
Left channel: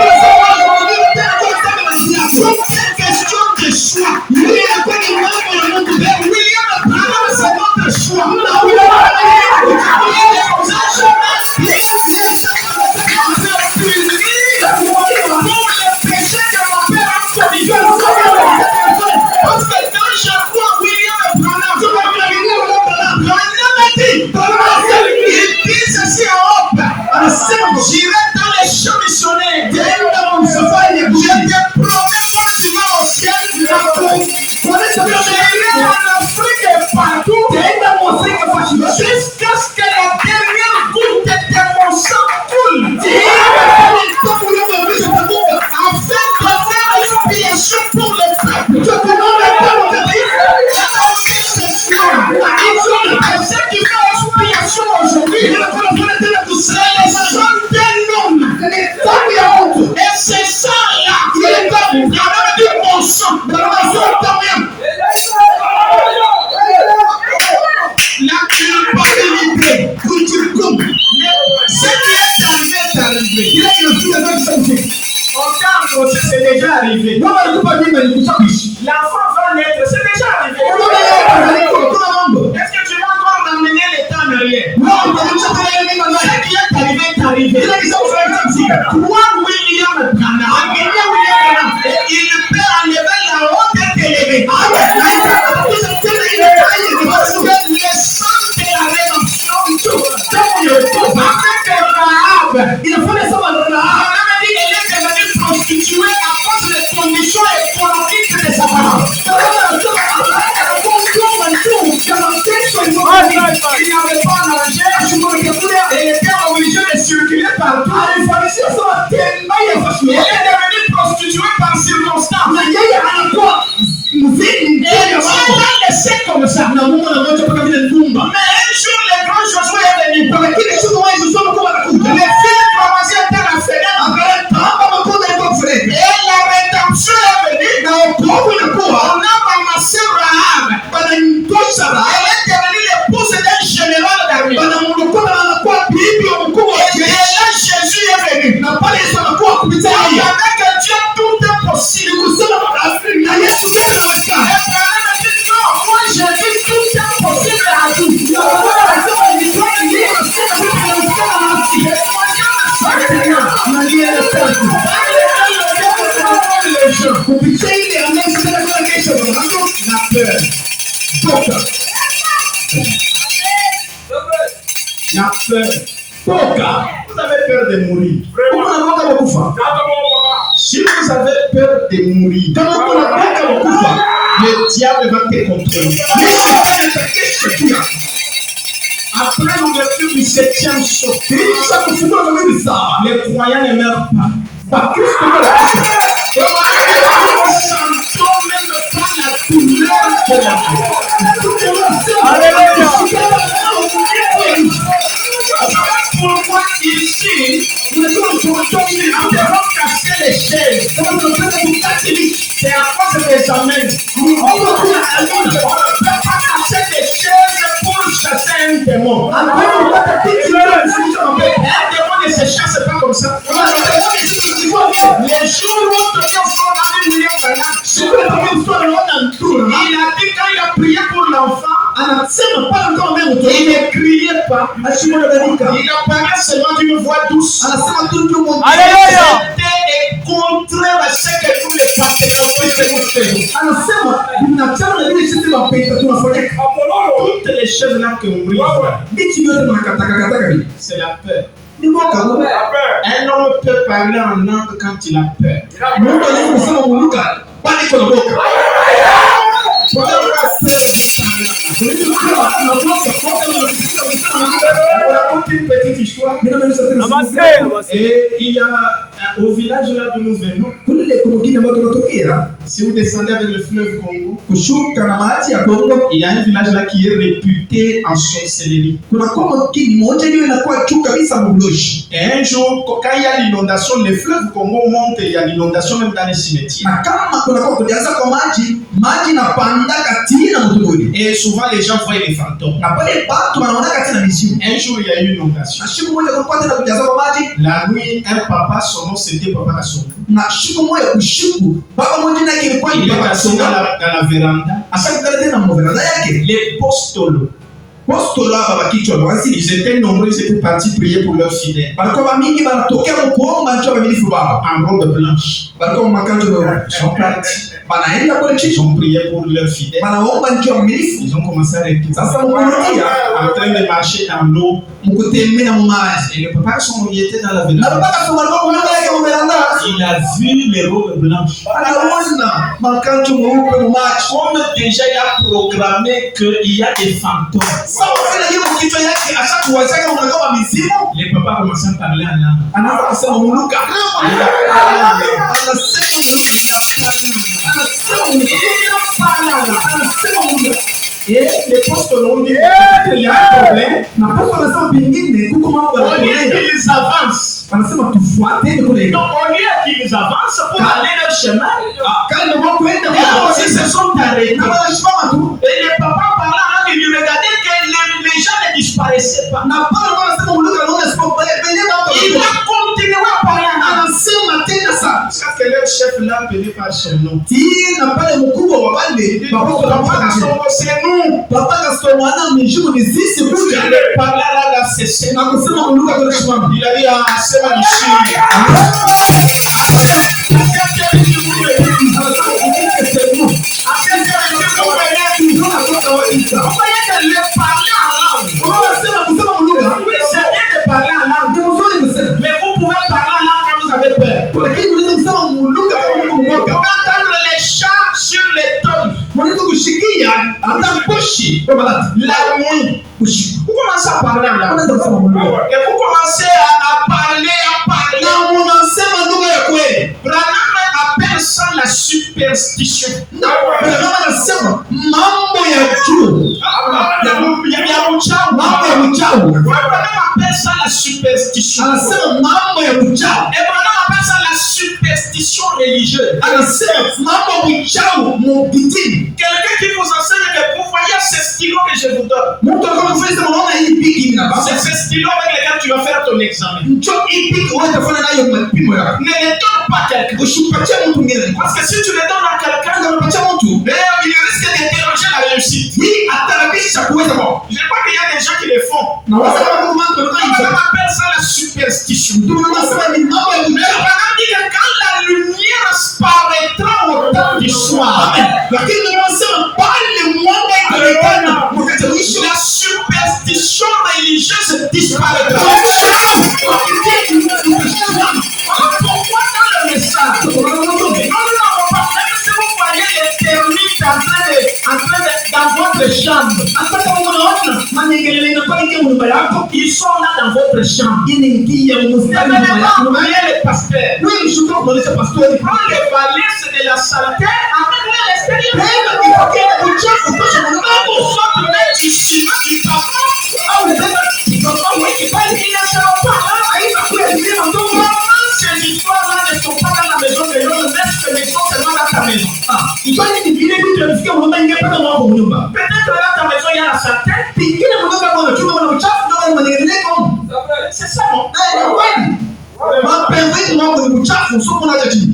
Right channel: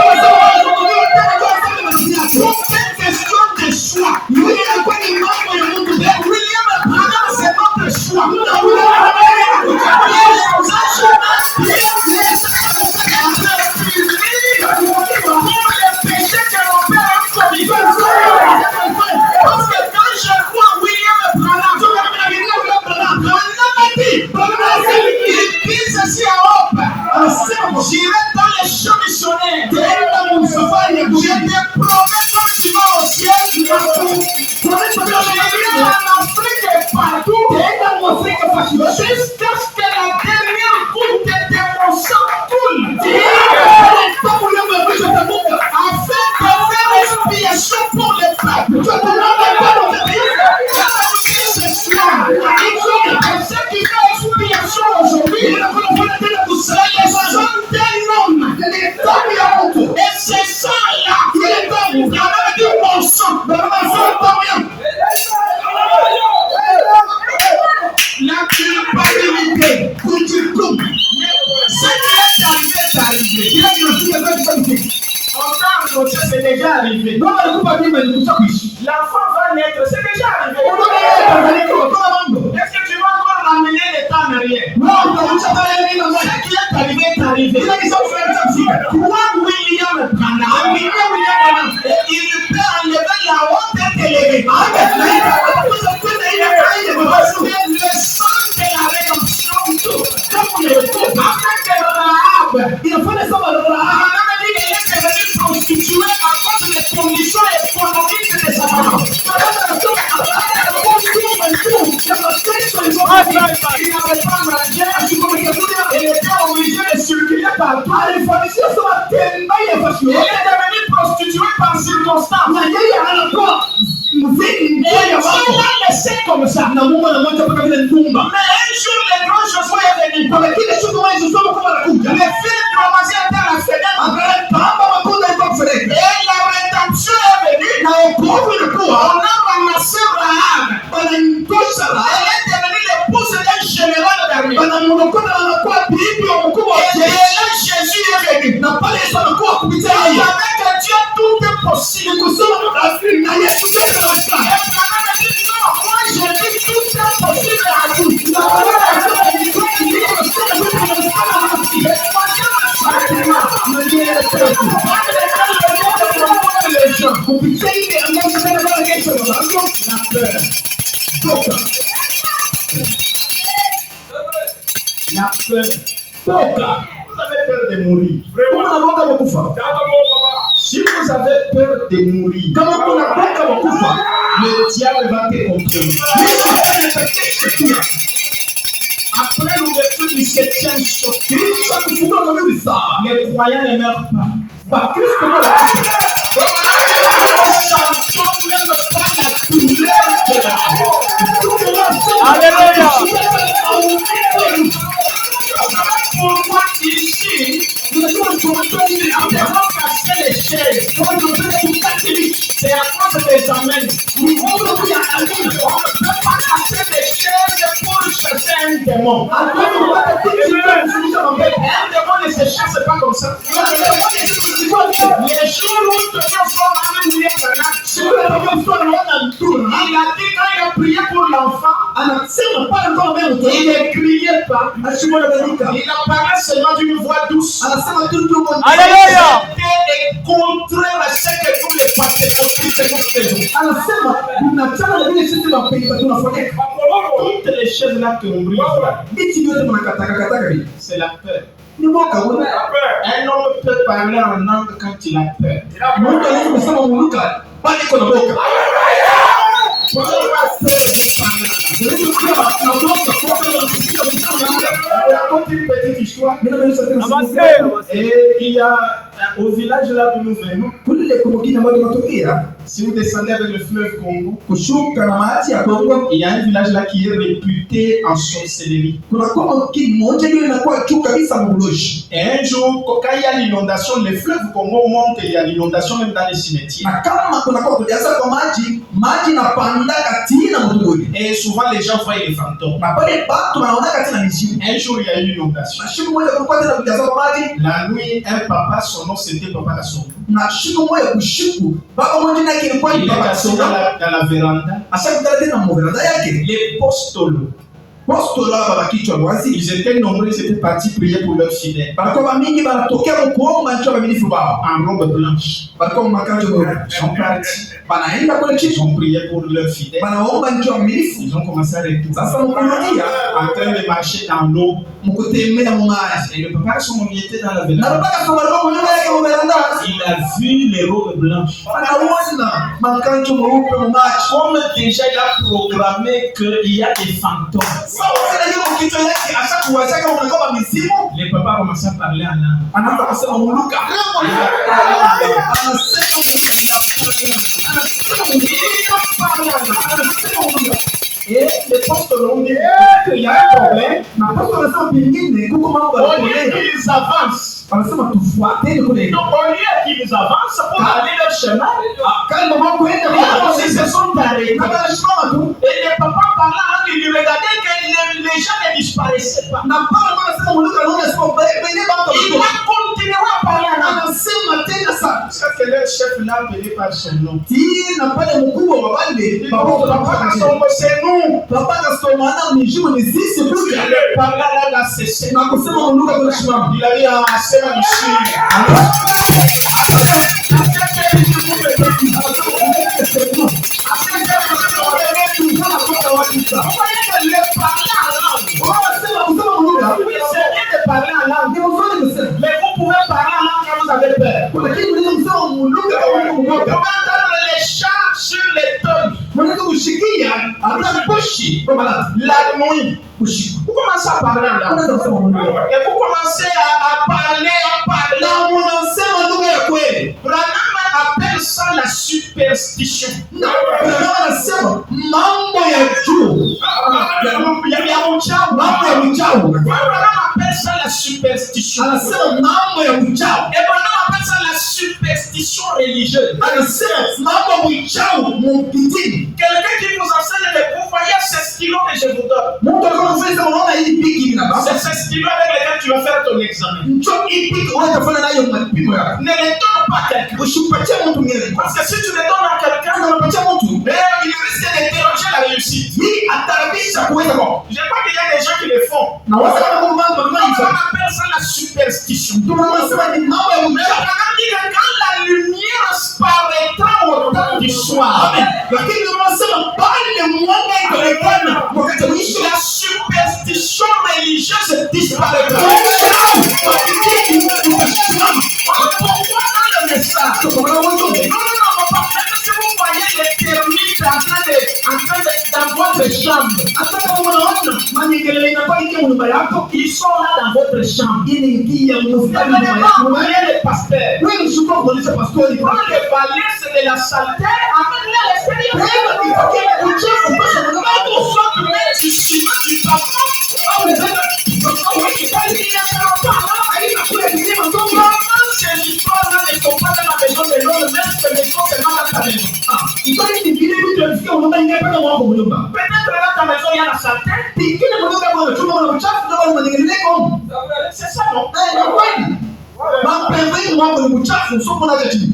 comme ça. Na Mungu anamwacha mpaka vile ndumba. Mais un jour, le grand Josué est venu. Kwa kile siku moja Joshua mkubwa anakuja. Les filles commençaient à faire la fenêtre. Akaomba makuta yuko kufurika. Et la rédemption est venue. Na wokovu inakuwa. On a ramassé Rahab. Wanamtosha Rahab. Elle est devenue l'épouse d'un général d'armée. Wanamwokoa na anakuwa bibi wa mkubwa wa Et jeshi. là, Jésus est venu. Na pale Yesu anakuwa kupitia yeye. Avec Dieu, tout est possible. Kusema na Yesu tena anawezekana. Et Branham a dit non, moi je dis tout est possible à tout. Na Branham anasema ni kweli ndio anasema vitu vinawezekana nasi. Na ndiye tatu. Kupitia ile ambayo tena kwa kesho mwanzo na peur. Toka. La peur. Toka. Vous avez peur de mourir. Kama unaoga wakufa. Si vous avez peur de mourir, Kama unaoga wakufa. le diable va te contrôler. Après l'ouverture du 7e sceau, les croyants ne meurent pas. Chantons même pas la douleur de la mort. Alléluia. Pourquoi ici, nous avons cassé les chaises? C'est à cause des amens. On ne peut pas casser les chaises pour chasser un démon. Un démon ne se chasse pas comme ça. Les jours où nous sommes allés William Branham, il a dit quand il a prié pour l'enfant, il ne criait pas. Il a parlé seulement d'une voix douce. Alléluia. C'était contraire à ce que nous les toutes les choses là que on brise, c'est la peur. Un homme peut parler en langue quand il a peur. Une petite histoire. Et il y a au village là d'où nous venons, si vous descendez avec le fleuve Congo, il y a un village là qui est réputé en sorcellerie. Et un jour, quand il y a l'inondation, le fleuve Congo monte et il y a l'inondation même dans les cimetières. Et souvent les gens voient les fantômes. Un jour, il y a eu une inondation. La nuit, un papa, son nom c'était Papa Kassongo. Il est assis dans la véranda. Les postolos. Ils étaient nombreux, ils étaient partis prier pour leurs fidèles. En robe blanche. Ils sont partis. Ils ont prié pour leurs fidèles. Ils ont commencé à retourner. En train de marcher dans l'eau. Et le papa Kassongo était dans la véranda. Il a vu les robes blanches. Comme déjà il a programmé qu'il y a des fantômes. Les papas commencent à parler en langue. Et les postes l'ont dit qu'il y a un problème. On dit qu'ils avancent. Donc au lieu qu'ils avancent pour aller leur chemin, ils se sont arrêtés. Et le papa parlait en langue, il regardait que les gens ne disparaissaient pas. Il a continué à parler en langue. Parce que leur chef l'a appelé par son nom. Papa Kassongo, c'est nous. Il parlait là, il a cessé. Il a dit, ah, c'est ma mission. Mais vous pouvez parler en langue quand vous avez peur. Vous pouvez entendre les chats sur les tonnes. La nuit. Vous commencez à parler en langue. Et vous commencez à parler. Branham appelle ça la superstition. uchawi. Abraham appelle ça la superstition. Anasema mambo ya uchawi. Abraham appelle ça la superstition religieuse. Anasema mambo ya uchawi mukitini. Quelqu'un qui vous enseigne que vous voyez ce stylo que je vous donne. Mtu anakufunza maana hii bigi na baba. C'est ce stylo avec lequel tu vas faire ton examen. Ndio hii bigi wewe utafanya nayo mapimo yako. Ne le donne pas à quelqu'un. Usipatie mtu mwingine. Parce que si tu le donnes à quelqu'un, Unapatia mtu. il risque de déranger la réussite. Hii atarabisha kuweza kwa. Je crois qu'il y a des gens qui le font. Na wasa kama Mungu mtu On appelle ça la superstition. ndio anasema ni mambo ya Mais uchawi. Abraham dit que quand la lumière paraîtra au temps du soir, Amen. Lakini ndio anasema pale mwanga itaonekana wakati wa mwisho. la superstition religieuse disparaîtra. Pourquoi dans le message? Non, parce que si vous voyez les termites dans votre chambre, ils sont là dans votre chambre. Vous n'avez pas envoyé les pasteurs. Prends les balais, c'est de la saleté, amène-les à l'extérieur. Quand vous sortez du ciment, du papa, ils ne seront pas là. Comment ces histoires-là ne sont pas dans la maison de l'homme, mais ces maisons seulement dans ta maison? Peut-être dans ta maison, il y a la saleté. C'est ça, non?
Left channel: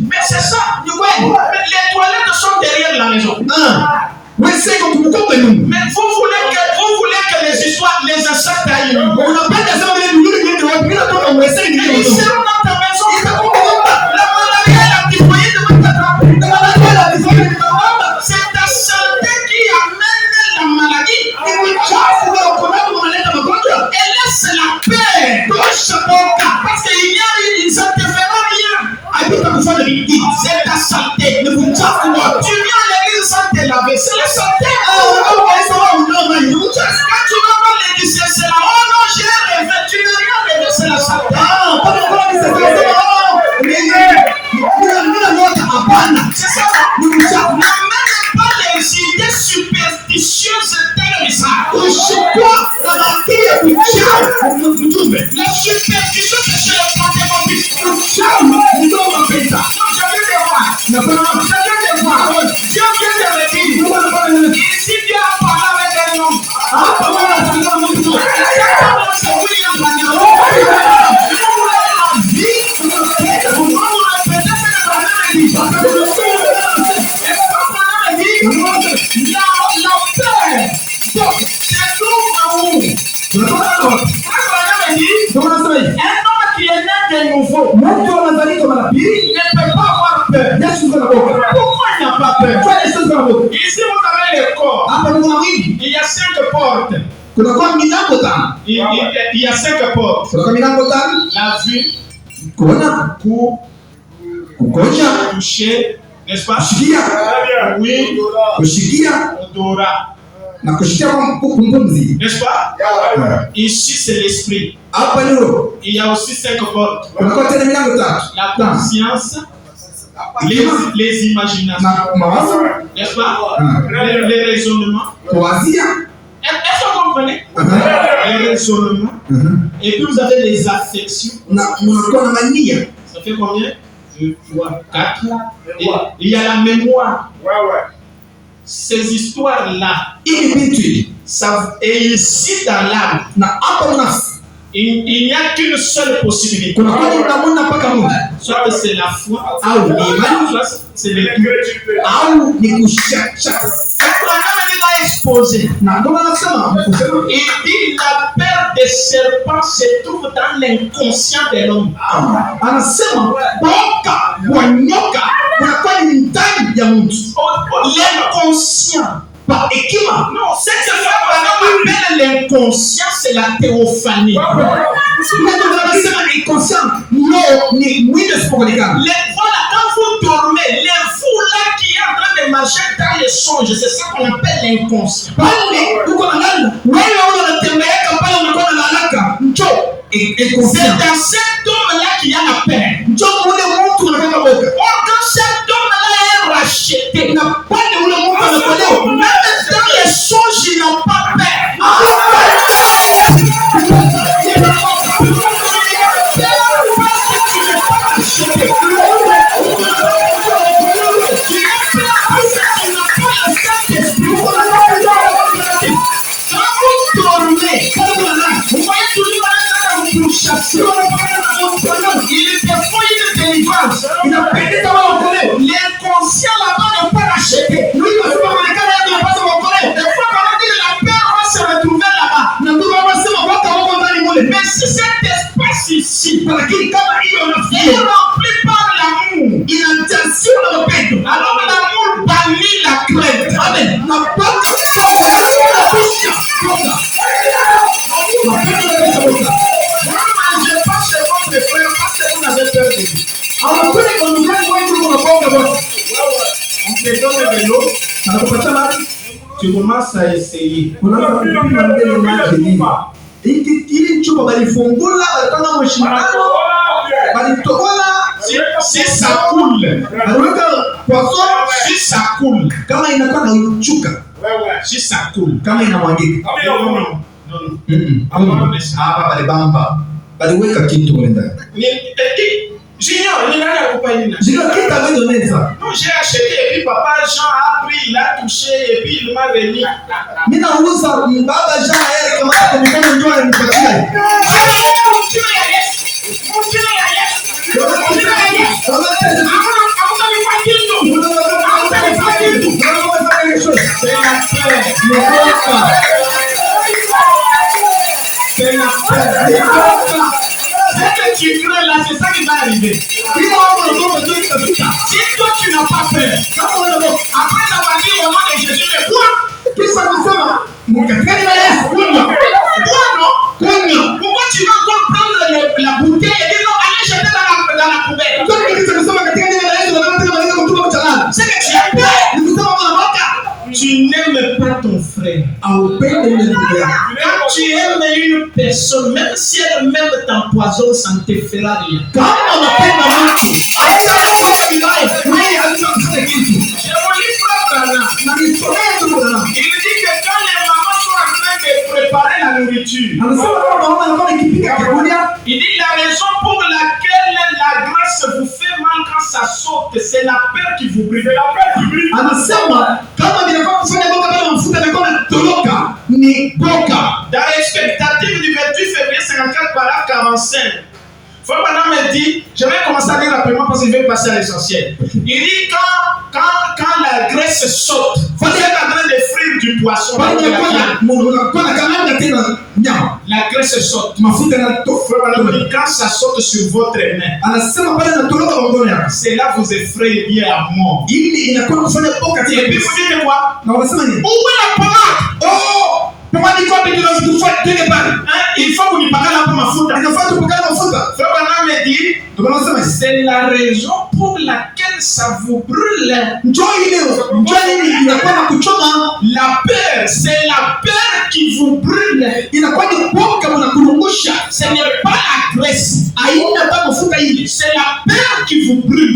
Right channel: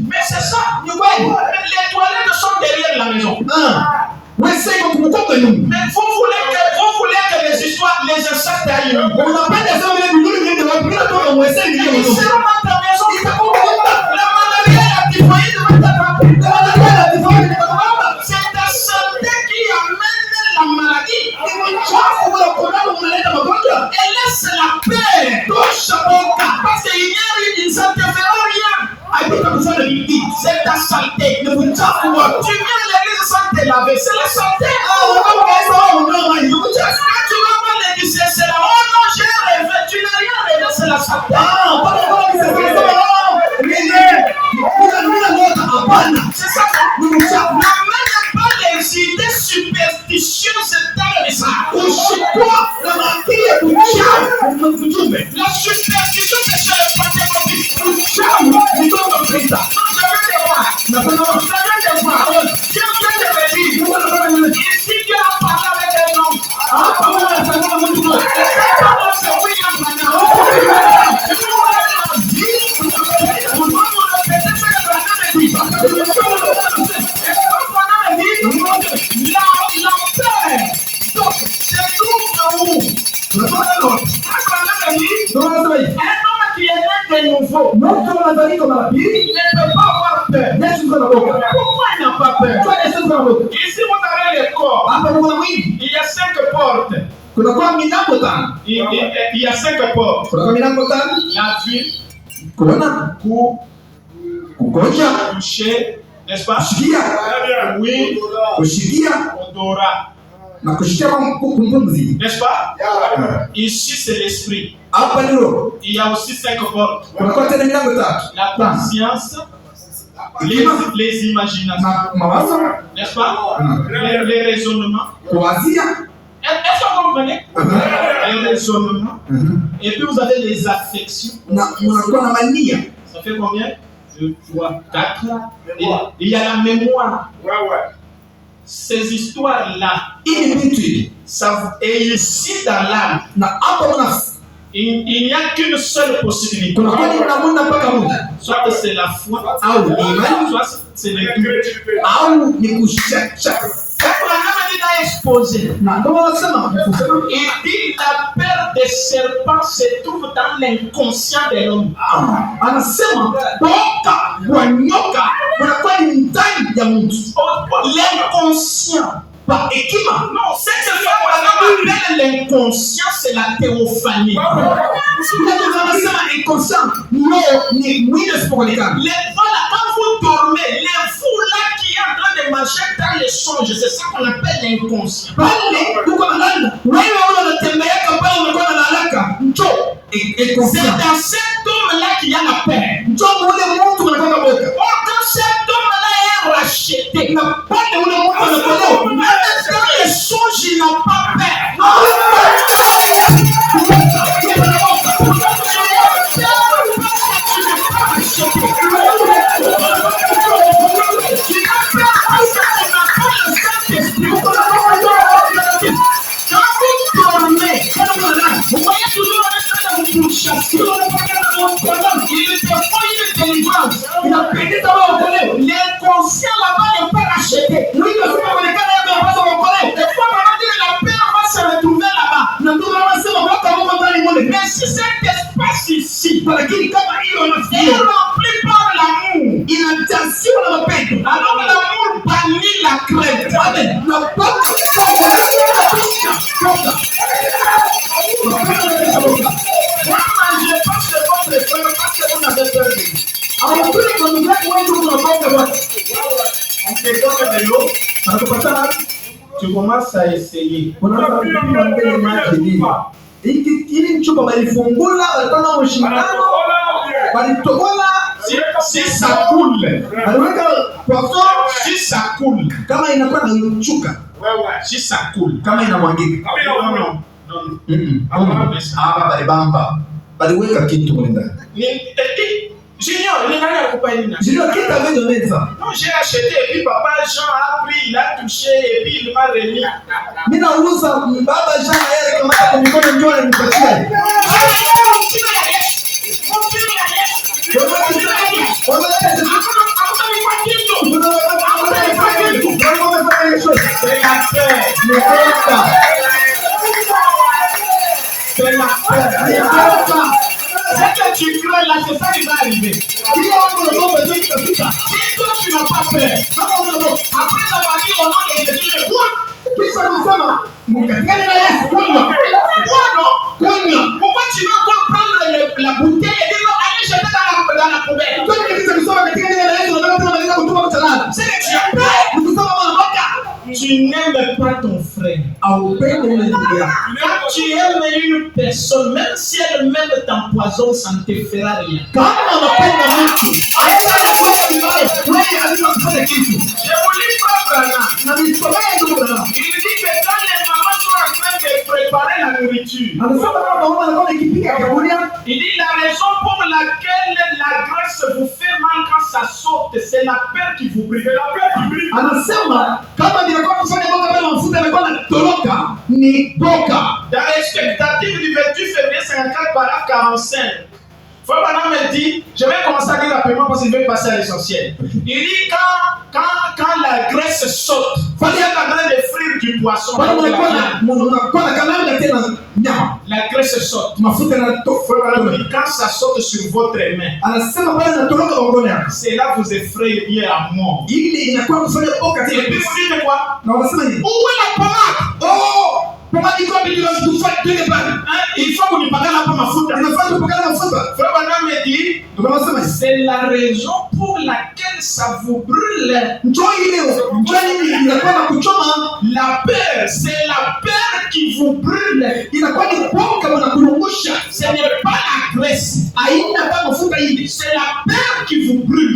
Mais c'est ça. Mais les toilettes sont derrière la maison. Mais vous voulez que les histoires, les insectes aillent. Ils seront dans ta maison. La maladie et la typhoïde vont t'attraper. C'est ta saleté qui amène la maladie. Et laisse la paix. Parce qu'il n'y a rien, ça ne te fera rien. C'est ta saleté. Tu viens à l'église sans te laver. C'est la saleté. Quand tu vas voir l'église, c'est là. Oh non, j'ai rêvé. Tu n'as rien rêvé, c'est la saleté. C'est ça. N'amène pas les idées superstitieuses dans le message. La superstition, c'est chez les pentecôtistes. Non, je veux te voir. Dieu vient te redire. Ici, Dieu a parlé avec un homme. C'est William Branham. Ne peut pas avoir peur. Pourquoi il n'a pas peur? Ici vous avez le corps. Il y a 5 portes. Il y a 5 portes. La vue, toucher, n'est-ce pas? Oui, odorat. N'est-ce pas? Ici c'est l'esprit. Il y a aussi 5 portes. La conscience, les imaginations, n'est-ce pas? Les raisonnements. Est-ce que vous comprenez? Les raisonnements. Et puis vous avez les affections. Ça fait combien? 2, 3, 4. Il y a la mémoire. Ces histoires-là, et ici dans l'âme, il n'y a qu'une seule possibilité. Soit c'est la foi, soit c'est le doute. Abraham est exposé. Il dit la peur des serpents se trouve dans l'inconscient de l'homme. L'inconscient. Non, cette fois qu'on appelle l'inconscient, c'est la théophanie. Voilà, quand vous dormez, les fous là qui est en train de marcher dans les songes, c'est ça qu'on appelle l'inconscient. C'est dans cet homme-là qu'il y a la paix. Or, quand cet homme-là est racheté, même dans les songes, il n'a pas peur. Tu commences à essayer. Si ça coule, si ça coule, si ça coule, Junior, non, j'ai acheté et puis papa Jean a pris, il a touché et puis il m'a remis. Tu crains là, c'est ça qui va arriver. Si toi tu n'as pas peur, après ta partie au nom de Jésus, mais quoi? Pourquoi tu vas encore prendre la bouteille et dire non, allez jeter dans la poubelle? C'est que tu as peur. Tu n'aimes pas ton frère. Quand tu aimes une personne, même si elle-même t'empoisonne, ça ne te fera rien. Je vous lis Frère Branham. Il dit que quand les mamans sont en train de préparer la nourriture, il dit la raison pour laquelle la graisse vous fait mal quand ça saute, c'est la peur qui vous brille. Dans l'expectative du 28 février 54, paragraphe 45, Frère Branham me dit, je vais commencer à dire rapidement parce qu'il veut passer à l'essentiel. Il dit quand la graisse saute, vous êtes en train de frire du poisson. La graisse saute. Frère Branham dit, quand ça saute sur votre main, cela vous effraie à mort. Et puis vous dites quoi? Où est la pommade? Il faut que vous paguez la pomme à foutre. Frère Branham me dit, c'est la raison pour laquelle ça vous brûle. La peur, c'est la peur qui vous brûle. Ce n'est pas la graisse. C'est la peur qui vous brûle.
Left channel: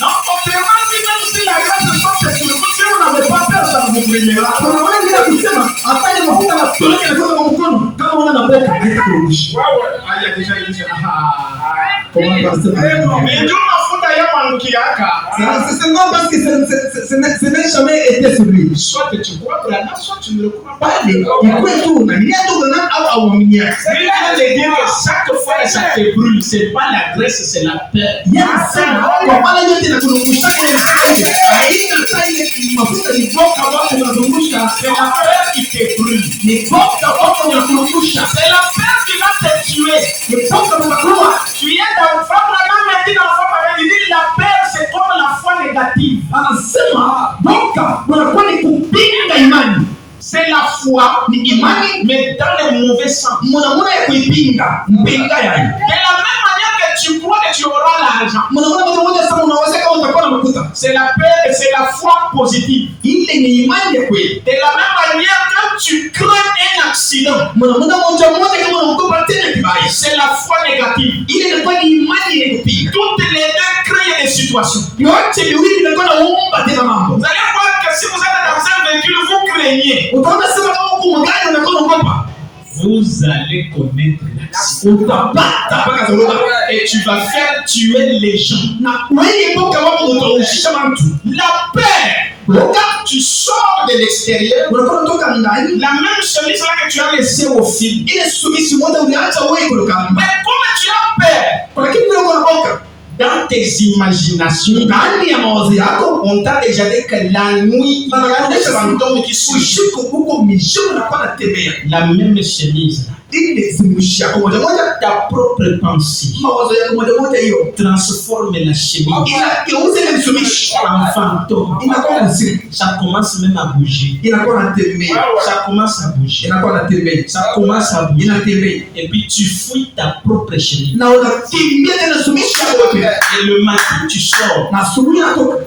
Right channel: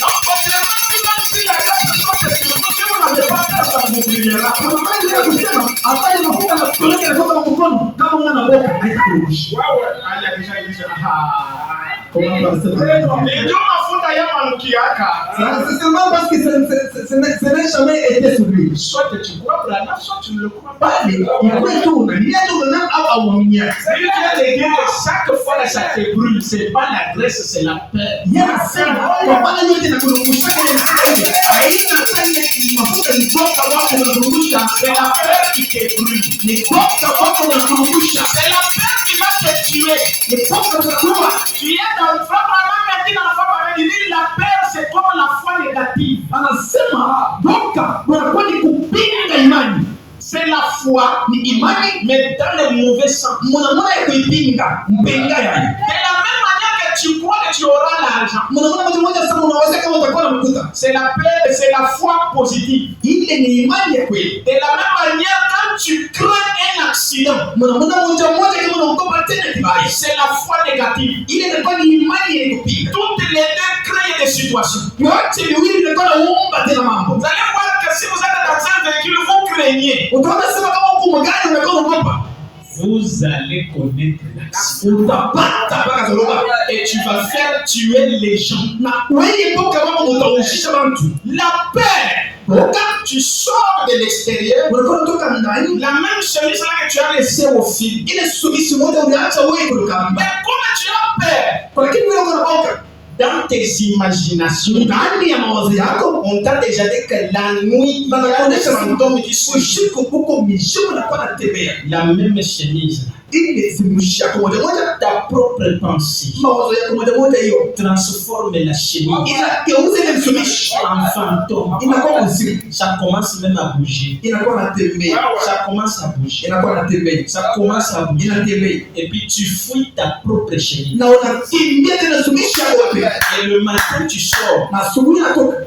Non, autrement, même si la grâce de Dieu est sur vous, si vous n'avez pas peur, ça vous brillera. Il y a déjà dit ça. Mais Dieu m'a foutu à Yamanoukiaka. C'est seulement parce que ce n'est jamais été sur lui. Soit que tu crois Branham, soit tu ne le crois pas. Il croit tout. Il y a tout dans Mais il vient de dire que chaque fois que ça te brûle, ce n'est pas la graisse, c'est la peur. C'est la peur qui te brûle. C'est la peur qui va te tuer. Tu es dans Frère Branham m'a dit dans la foi, il dit la peur c'est comme la foi négative. C'est la foi, mais dans le mauvais sens. De la même manière que tu crois que tu auras l'argent, c'est la peur et c'est la foi positive. De la même manière, quand tu crains un accident, c'est la foi négative. Toutes les deux créent des situations. Vous allez voir que si vous êtes dans un véhicule, vous craignez. Vous allez connaître l'accident. Et tu vas faire tuer les gens. La peur. Quand tu sors de l'extérieur, la même chemise là que tu as laissée au fil. Mais comme tu as peur, dans tes imaginations, on t'a déjà dit que la nuit, il y a des fantômes qui sont la même chemise. Ta propre pensée transforme la chemise en fantôme. Ça commence même à bouger. Ça commence à bouger. Ça commence à bouger. Et puis tu fouilles ta propre chemise. Et le matin tu sors.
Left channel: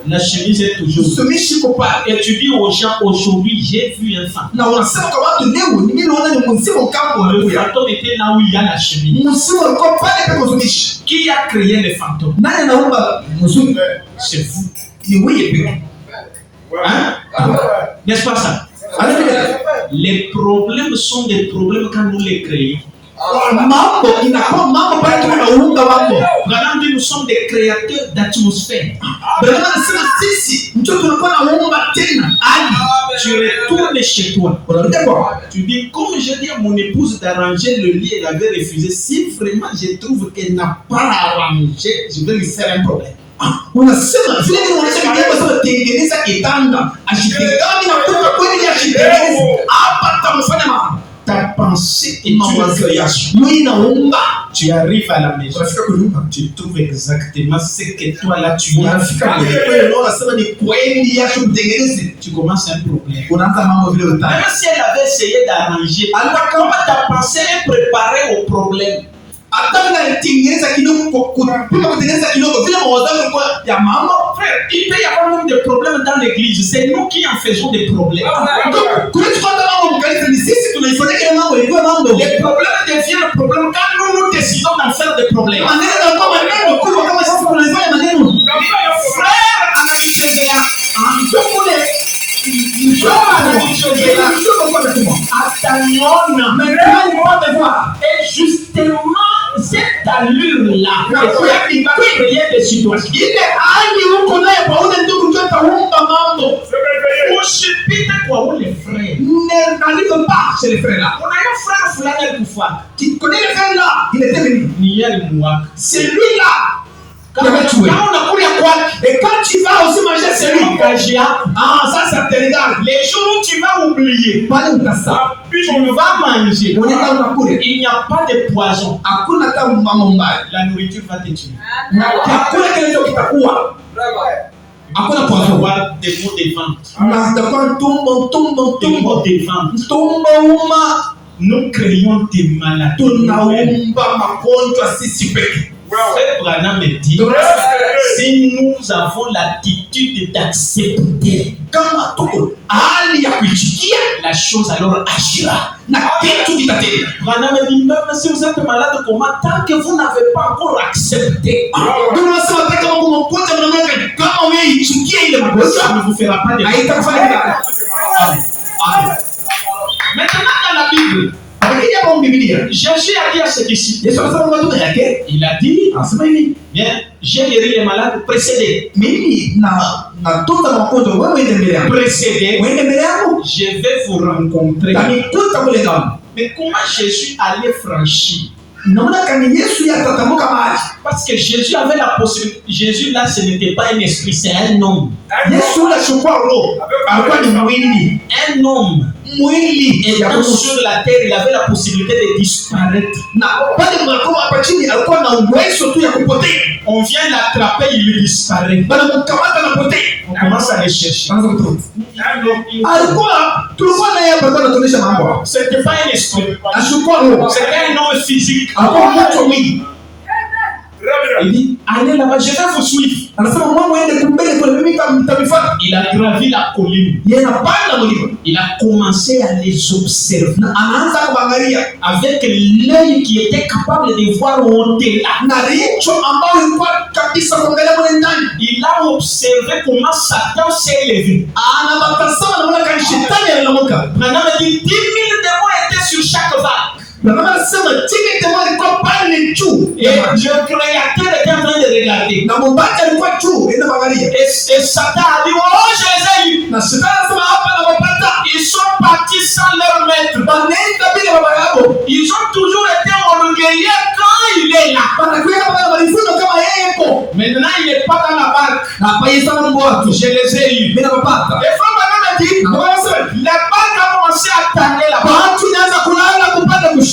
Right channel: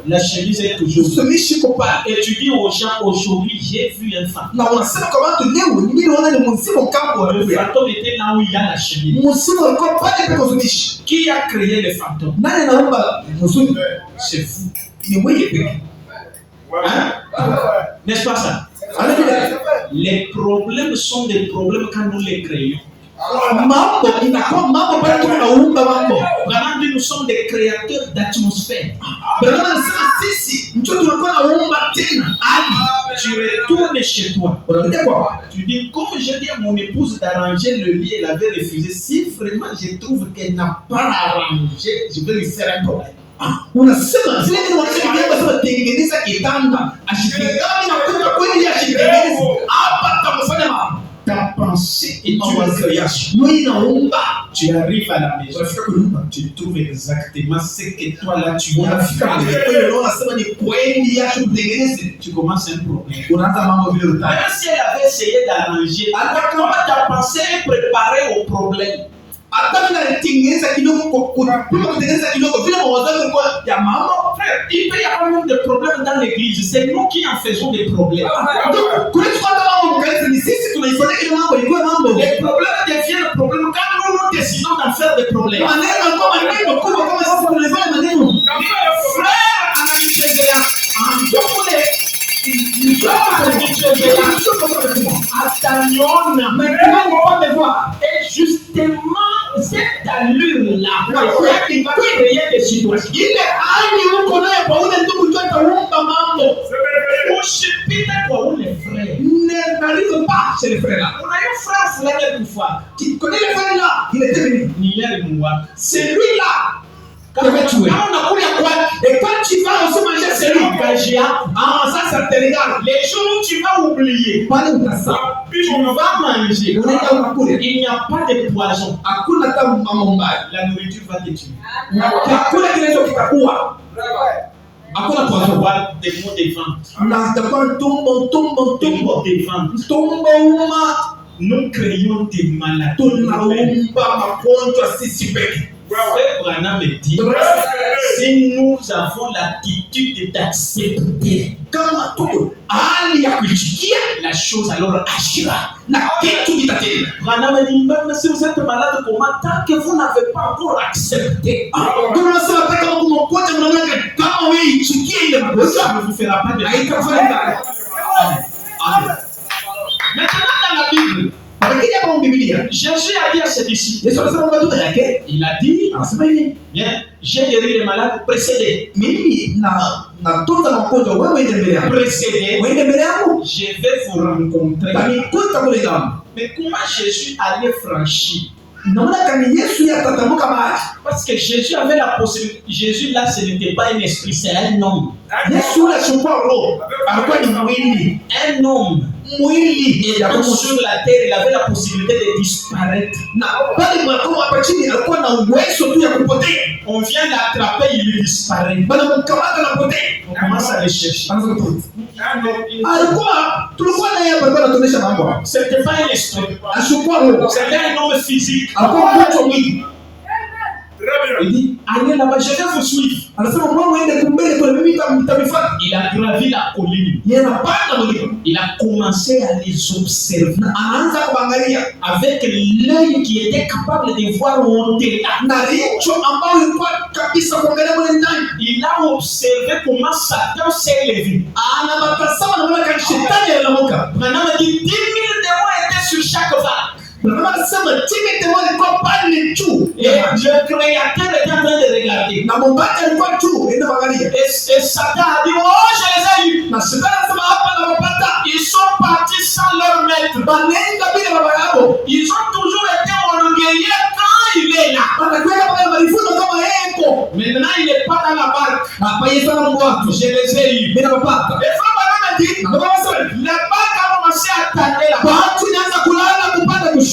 La chemise est toujours. Et tu dis aux gens, aujourd'hui j'ai vu un fantôme. Le fantôme était là où il y a la chemise. Qui a créé le fantôme? C'est vous. Hein? N'est-ce pas ça? Les problèmes sont des problèmes quand nous les créons. Nous sommes des créateurs d'atmosphère. Tu retournes chez toi. Tu dis, comme je dis à mon épouse d'arranger le lit, elle avait refusé. Si vraiment je trouve qu'elle n'a pas arrangé, je vais lui faire un problème. Ta pensée est une création. Tu arrives à la maison, tu trouves exactement ce que toi là tu as fait. Tu commences un problème. Même si elle avait essayé d'arranger, comment ta pensée est préparée au problème? Frère, il peut y avoir même des problèmes dans l'église. C'est nous qui en faisons des problèmes. Les problèmes deviennent le problème quand nous décidons d'en faire des problèmes. Frère, et justement cette allure-là qui va créer des situations. Les frères n'arrivent pas chez les frères là. On a un frère Fulani Koufa. Tu connais le frère là? Il était venu. C'est lui là. Quand on a quoi? Et quand tu vas aussi manger, c'est lui. Ça te regarde. Les jours où tu vas oublier, tu vas manger. Il n'y a pas de poison. La nourriture va te tuer. Avoir des mots de vente. Des mots de vente. Nous créons des maladies. Frère Branham me dit, si nous avons l'attitude d'accepter la chose, alors agira. Branham me dit, même si vous êtes malade, comment? Tant que vous n'avez pas encore accepté, ça ne vous fera pas de mal. Maintenant, dans la Bible, Jésus a dit à ses disciples, il a dit, bien, j'ai guéri les malades, précédez. Précédez, je vais vous rencontrer. Mais comment Jésus allait franchir? Parce que Jésus avait la possibilité. Jésus là, ce n'était pas un esprit, c'est un homme. Un homme. Et quand sur la terre, il avait la possibilité de disparaître. On vient l'attraper, il disparaît. On commence à le chercher. C'était pas un esprit. C'était un homme physique. Il dit, allez là-bas, je vais vous suivre. Il a gravi la colline. Il a commencé à les observer. Avec l'œil qui était capable de voir au-delà. Il a observé comment Satan s'est élevé. Maintenant, il dit 10 000 démons étaient sur chaque vague. Et le créateur était en train de regarder. Et Satan a dit, oh, je les ai eus. Ils sont partis sans leur maître. Ils ont toujours été orgueilleux quand il est là. Maintenant, il n'est pas dans la barque. Je les ai eus. Et Frère Branham a dit, la barque a commencé à tanner la barque.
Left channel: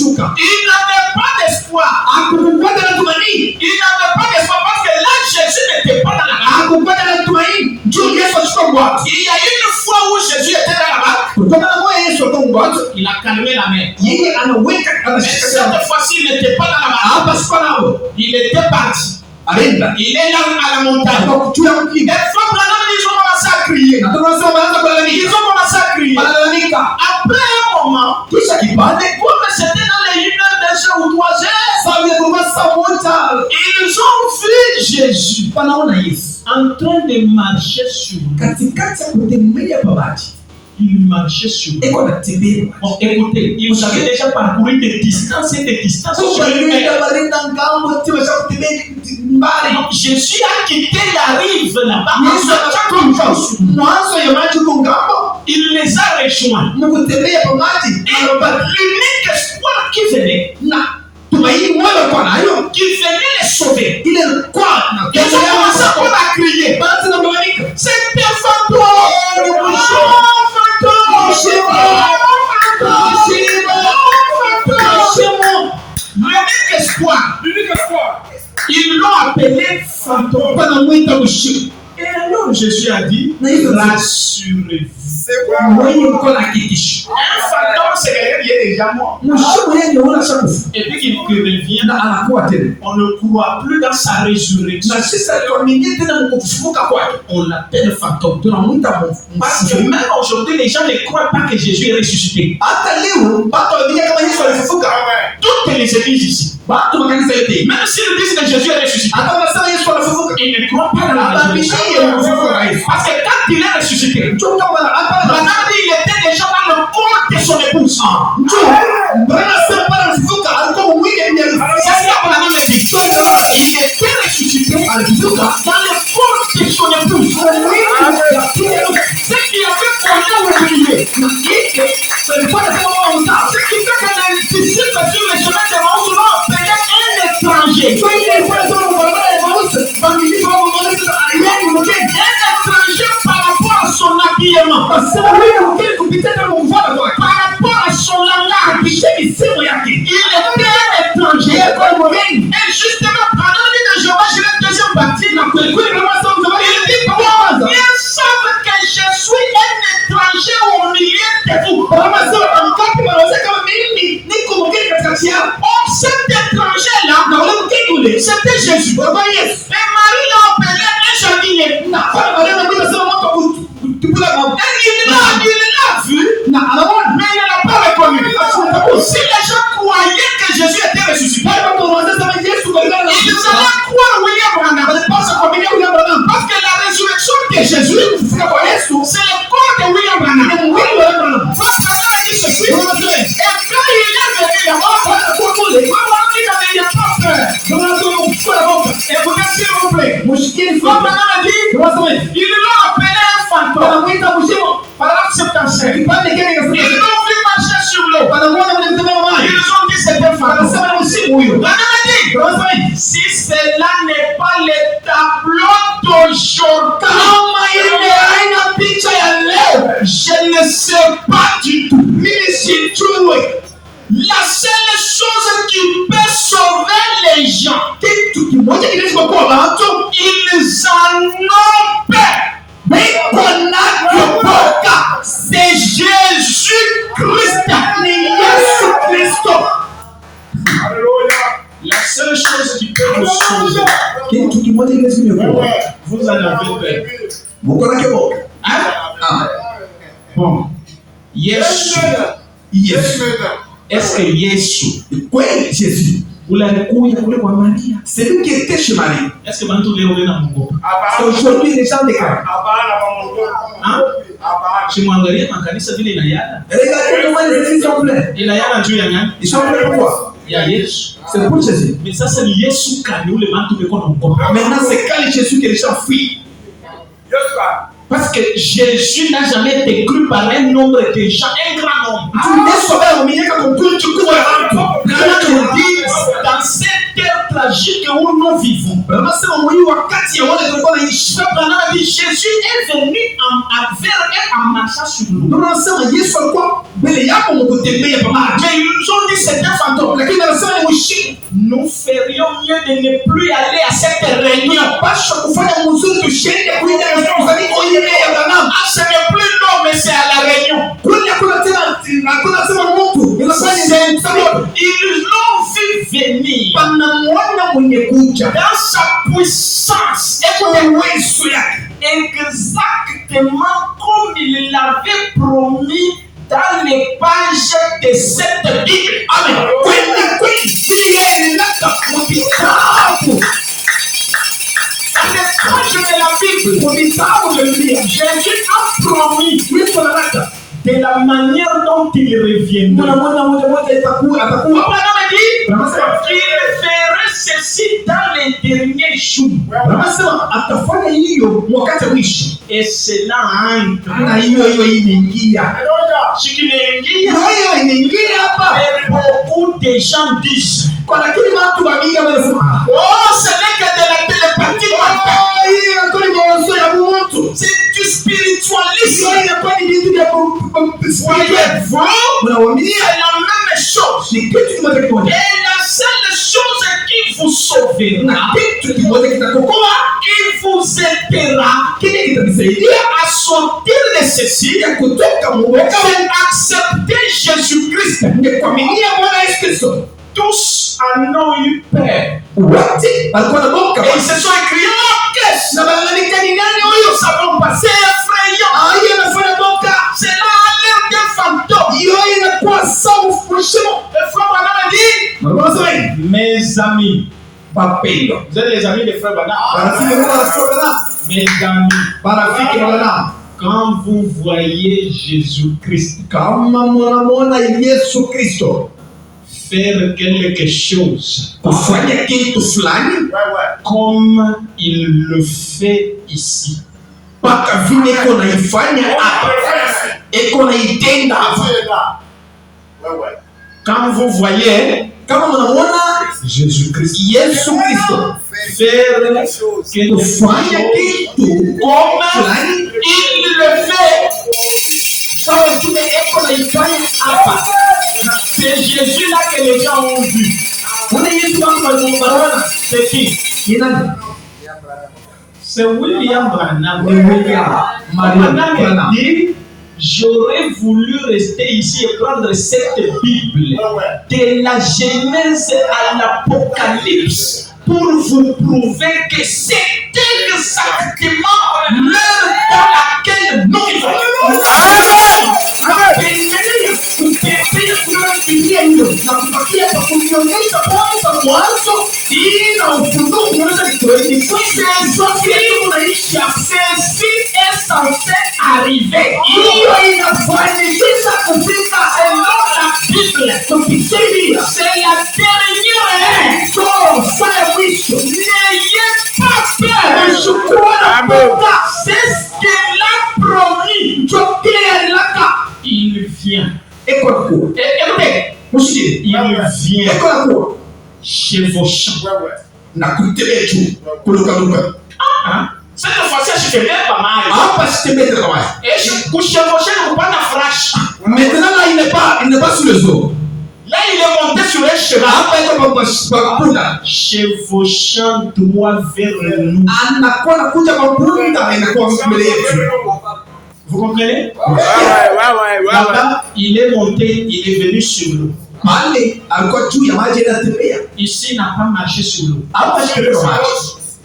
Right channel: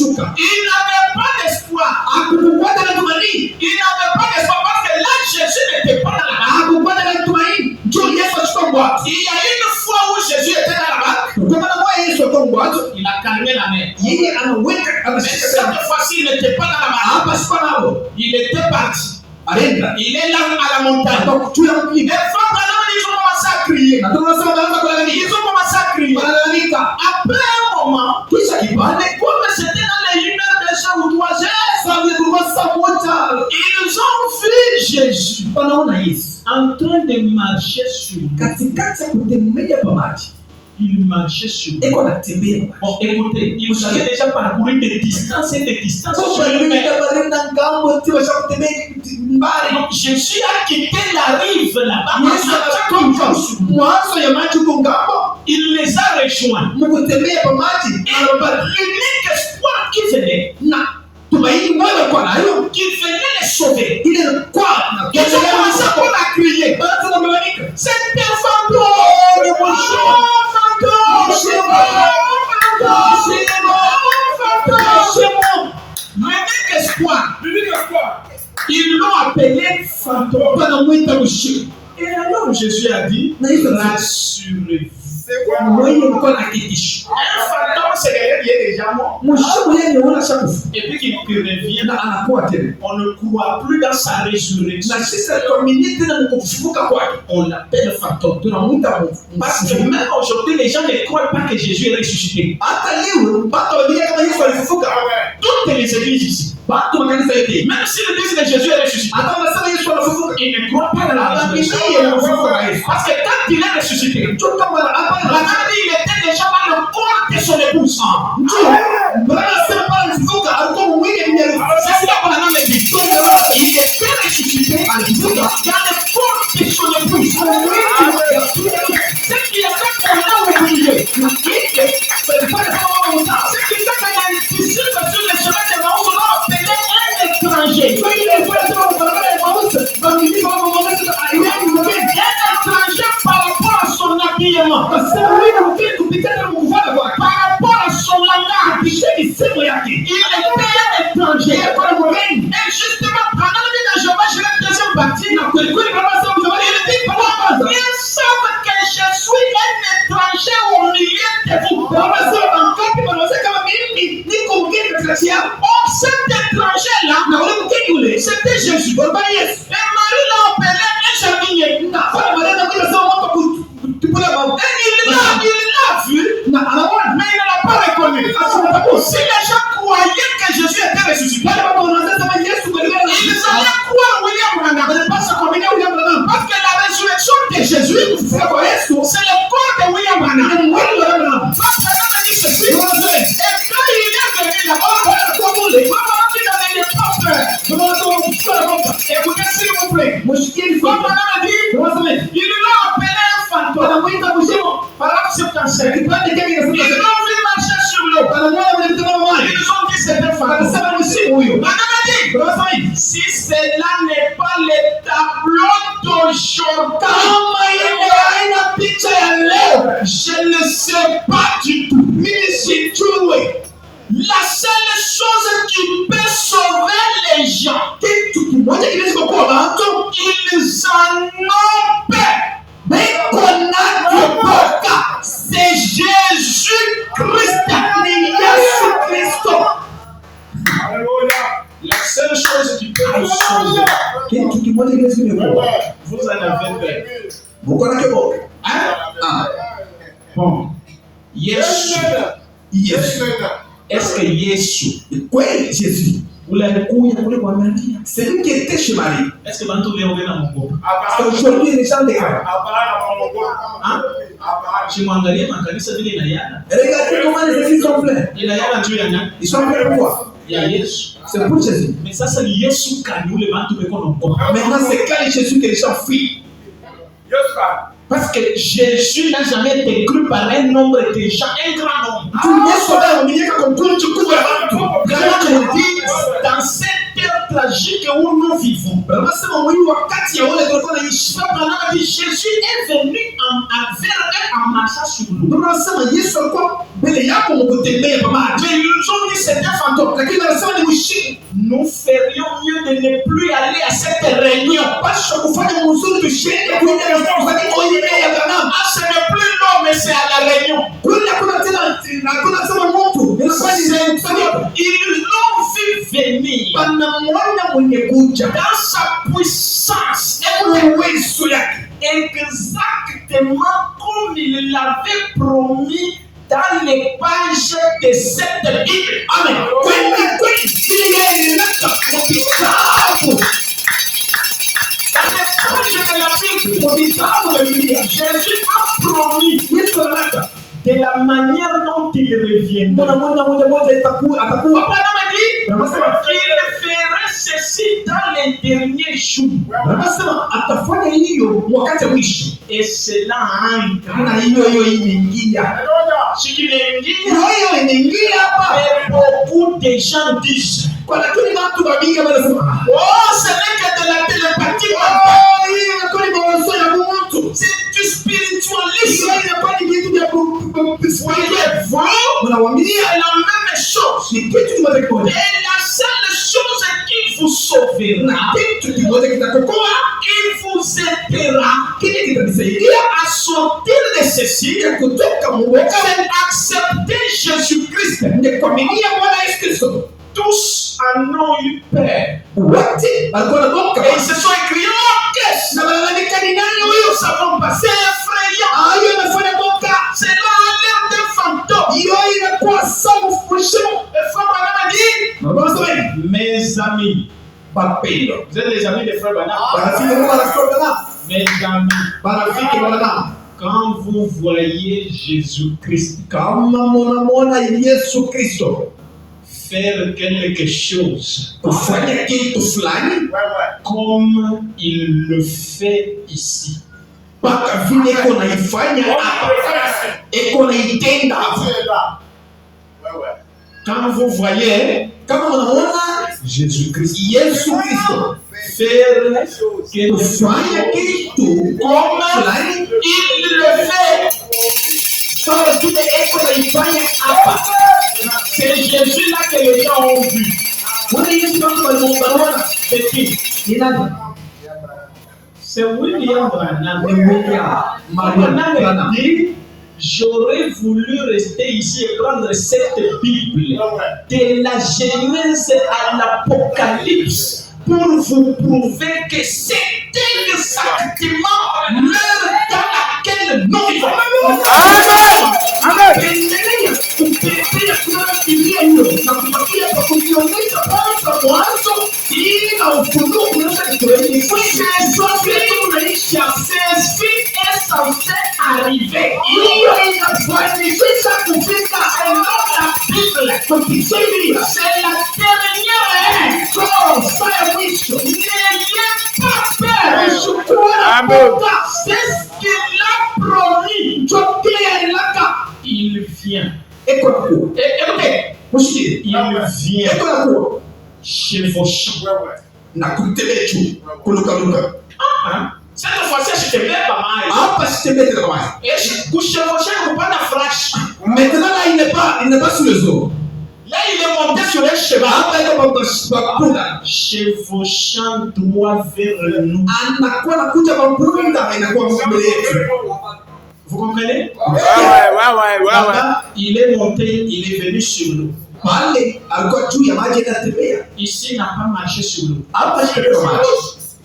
kushuka. Il n'avait pas d'espoir. Hakukuwa na tumaini. Il n'avait pas d'espoir parce que là, Jésus n'était pas dans la barque. Hakukuwa na tumaini. Njoo Yesu achukue bwato. Il y a une fois où Jésus était dans la barque. Kwa maana moja Yesu alikuwa bwato. Il a calmé la mer. Yeye anaweka Mais anashika cette sana. fois-ci, il n'était pas dans la barque. Hapa sikuwa nao. Il était parti. Alienda. Il est là à la montagne. Kwa juu ya Les mlima. femmes là, ils ont commencé à crier. Na tunasema wanaanza Ils kulalamika. ont commencé à crier. Wanalalamika. Après un moment, Kisha kipande. comme c'était dans les 1 heure, 2 heures ou 3 heures, Sasa vile kulikuwa saa moja. ils ont vu Jésus Wanaona Yesu. en train de marcher sur l'eau. Katikati ya kutembea pa maji. Il marchait sur l'eau. Eko anatembea. Bon, écoutez, ils avaient déjà parcouru des distances et des distances sur une mer. Donc, Jésus a quitté la rive là-bas. Il les a rejoints. L'unique espoir qui venait, qui venait les sauver. Ils ont commencé à crier. C'était fantôme. L'unique espoir. Ils l'ont appelé fantôme. Et alors Jésus a dit, rassurez-vous. Un fantôme, c'est quelqu'un qui est déjà mort. Et puis qu'il revient, on ne croit plus dans sa résurrection. On l'appelle fantôme. Parce que même aujourd'hui, les gens ne croient pas que Jésus est ressuscité. Toutes les églises ici, même si le disent que Jésus est ressuscité, ils ne croient pas dans la résurrection. Parce que quand il est ressuscité, madame dit il était déjà dans le corps de son épouse. C'est ce que madame me dit. Il était ressuscité dans le corps de son épouse. Ce qui a fait qu'on a oublié. Ce qui fait que les disciples sur le chemin de Maïs l'ont appelé un étranger. Par rapport à son habillement, par rapport à son langage, il était un étranger. Et justement, pendant que Jéhovah, je vais deuxième partie, il dit ils savent que je suis un étranger au milieu de vous. Or, cet étranger-là, c'était Jésus. Et Marie l'a appelé un jardinier. Il l'a vu, mais il ne l'a pas reconnu. Si les gens croyaient que Jésus était ressuscité, ils allaient croire William Branham. Parce que la résurrection de Jésus, c'est le corps de William Branham. Parce que là, il dit ceci. Et quand il est venu là-bas, il n'avait pas peur. Écoutez, s'il vous plaît. Comme Branham a dit, il l'a appelé un fantôme. Paragraphe 75. Ils l'ont vu marcher sur l'eau. Ils ont dit c'était fantôme. Branham a dit, si cela n'est pas le tableau d'aujourd'hui, je ne sais pas du tout. La seule chose qui peut sauver les gens, ils en ont peur. C'est Jésus-Christ. La seule chose qui peut nous sauver, vous en avez peur. Hein? Bon. Yesu. Est-ce que Yesu, ulikuja kule kwa Maria? C'est lui qui était chez Marie. Est-ce que bantu leo wena Mungu? Aujourd'hui, les gens déclarent. Chimwangalie makanisa vile inayana. Regardez comment les églises sont pleines. Inayana juu ya nani? Ils sont pleins pour quoi? Ya Yesu. C'est pour Jésus. Mais sasa ni Yesu kani ule bantu beko naogopa. Maintenant, c'est quand Jésus que les gens fuient. Parce que Jésus n'a jamais été cru par un nombre de gens, un grand nombre. Dans cette terre tragique où nous vivons. Peuple a dit Jésus est venu vers eux en marchant sur l'eau. Mais ils ont dit c'est un fantôme. Nous ferions mieux de ne plus aller à cette réunion. Ah, ce n'est plus l'eau, mais c'est à la réunion. Ils l'ont vu venir dans sa puissance. Exactement comme il l'avait promis dans les pages de cette Bible. Amen. Dans les pages de la Bible, Jésus a promis de la manière dont il reviendra. Il ferait ceci dans les derniers jours. Et cela entre. Ce qui n'est beaucoup de gens disent oh, ce n'est que de la télépathie. C'est du spiritualisme. Voyez-vous, c'est la même chose. Et la seule chose qui vous sauvera, qui vous aidera à sortir de ceci, c'est accepter Jésus-Christ. Tous en ont eu peur. Et ils se sont écrits nous savons pas, c'est effrayant. C'est là l'air d'un fantôme. Mes amis, vous êtes les amis des frères Banam. Mes amis, quand vous voyez Jésus-Christ faire quelque chose comme il le fait ici, quand vous voyez Jésus-Christ faire quelque chose comme il le fait, c'est Jésus là que les gens ont vu. C'est qui? C'est William Branham. Branham dit j'aurais voulu rester ici et prendre cette Bible de la Genèse à l'Apocalypse pour vous prouver que c'est exactement l'heure dans laquelle nous vivons. Ceci est censé arriver. C'est la dernière n'ayez pas peur. C'est ce qu'il a promis. Il vient. Écoutez, il vient chez vos champs. Cette fois-ci, je te mets pas mal. Et je couche chez vos champs, vous pas la fraîche. Maintenant, là, il n'est pas sur les eaux. Là, il est monté sur un cheval. Chez vos champs droit vers nous. Vous comprenez? Là-bas, il est monté, il est venu sur l'eau. Ici, il n'a pas marché sur l'eau.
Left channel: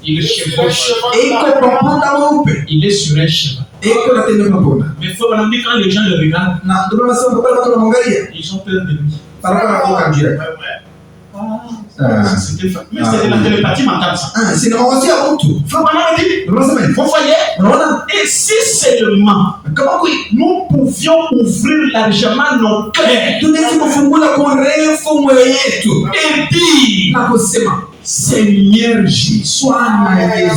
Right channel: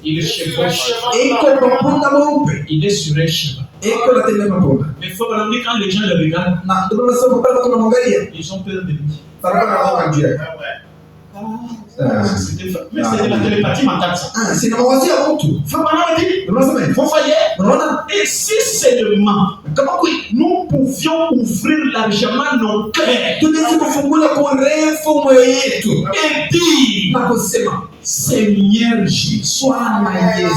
Il est chevauché. Il est sur un cheval. Mais il faut vraiment dire quand les gens le regardent, ils ont peur de lui. Mais c'est de la télépathie mentale, ça. Vous voyez? Et si seulement nous pouvions ouvrir largement nos cœurs et dire Seigneur Jésus, sois ma Jésus.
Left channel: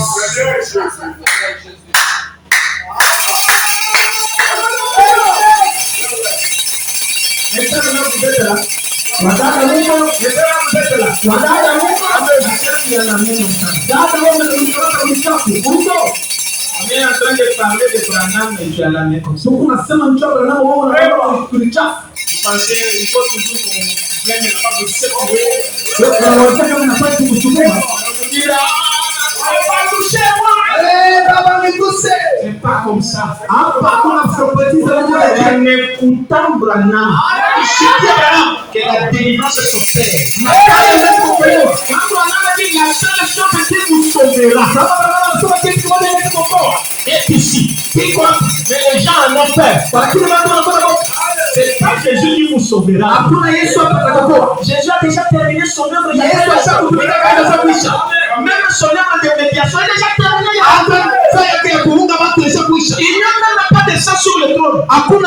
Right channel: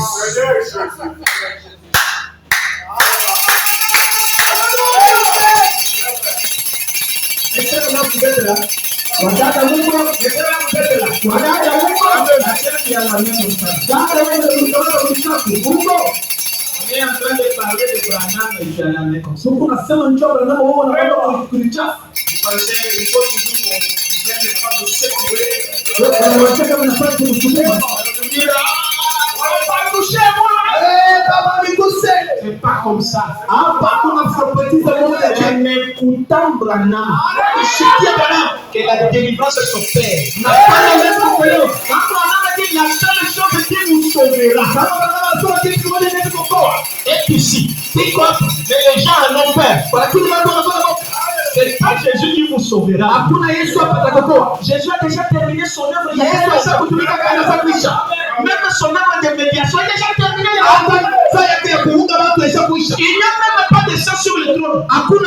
main comme ça. Dada wewe unakamata kuchafu. Huko. On est en train de parler de Branham et tu as la main comme ça. Soko unasema mchoro Branham wewe unakamata kuchafu. Vous pensez il faut toujours qu'on vienne pas de se trouver. Wanataka mnafanya kumsukuma. On va toucher moi. Baba niguse. C'est pas comme ça. Hapa kuna prophétise wewe. En écoutant Branham, que la délivrance s'opère. Quand Branham a dit la seule chose qui vous sauvera est ici. C'est quoi? Mais les gens en ont peur. C'est pas Jésus qui vous sauvera. Jésus a déjà terminé son œuvre. Même son œuvre de médiation est déjà terminée. Il n'y a même pas de sang sur le trône. Tout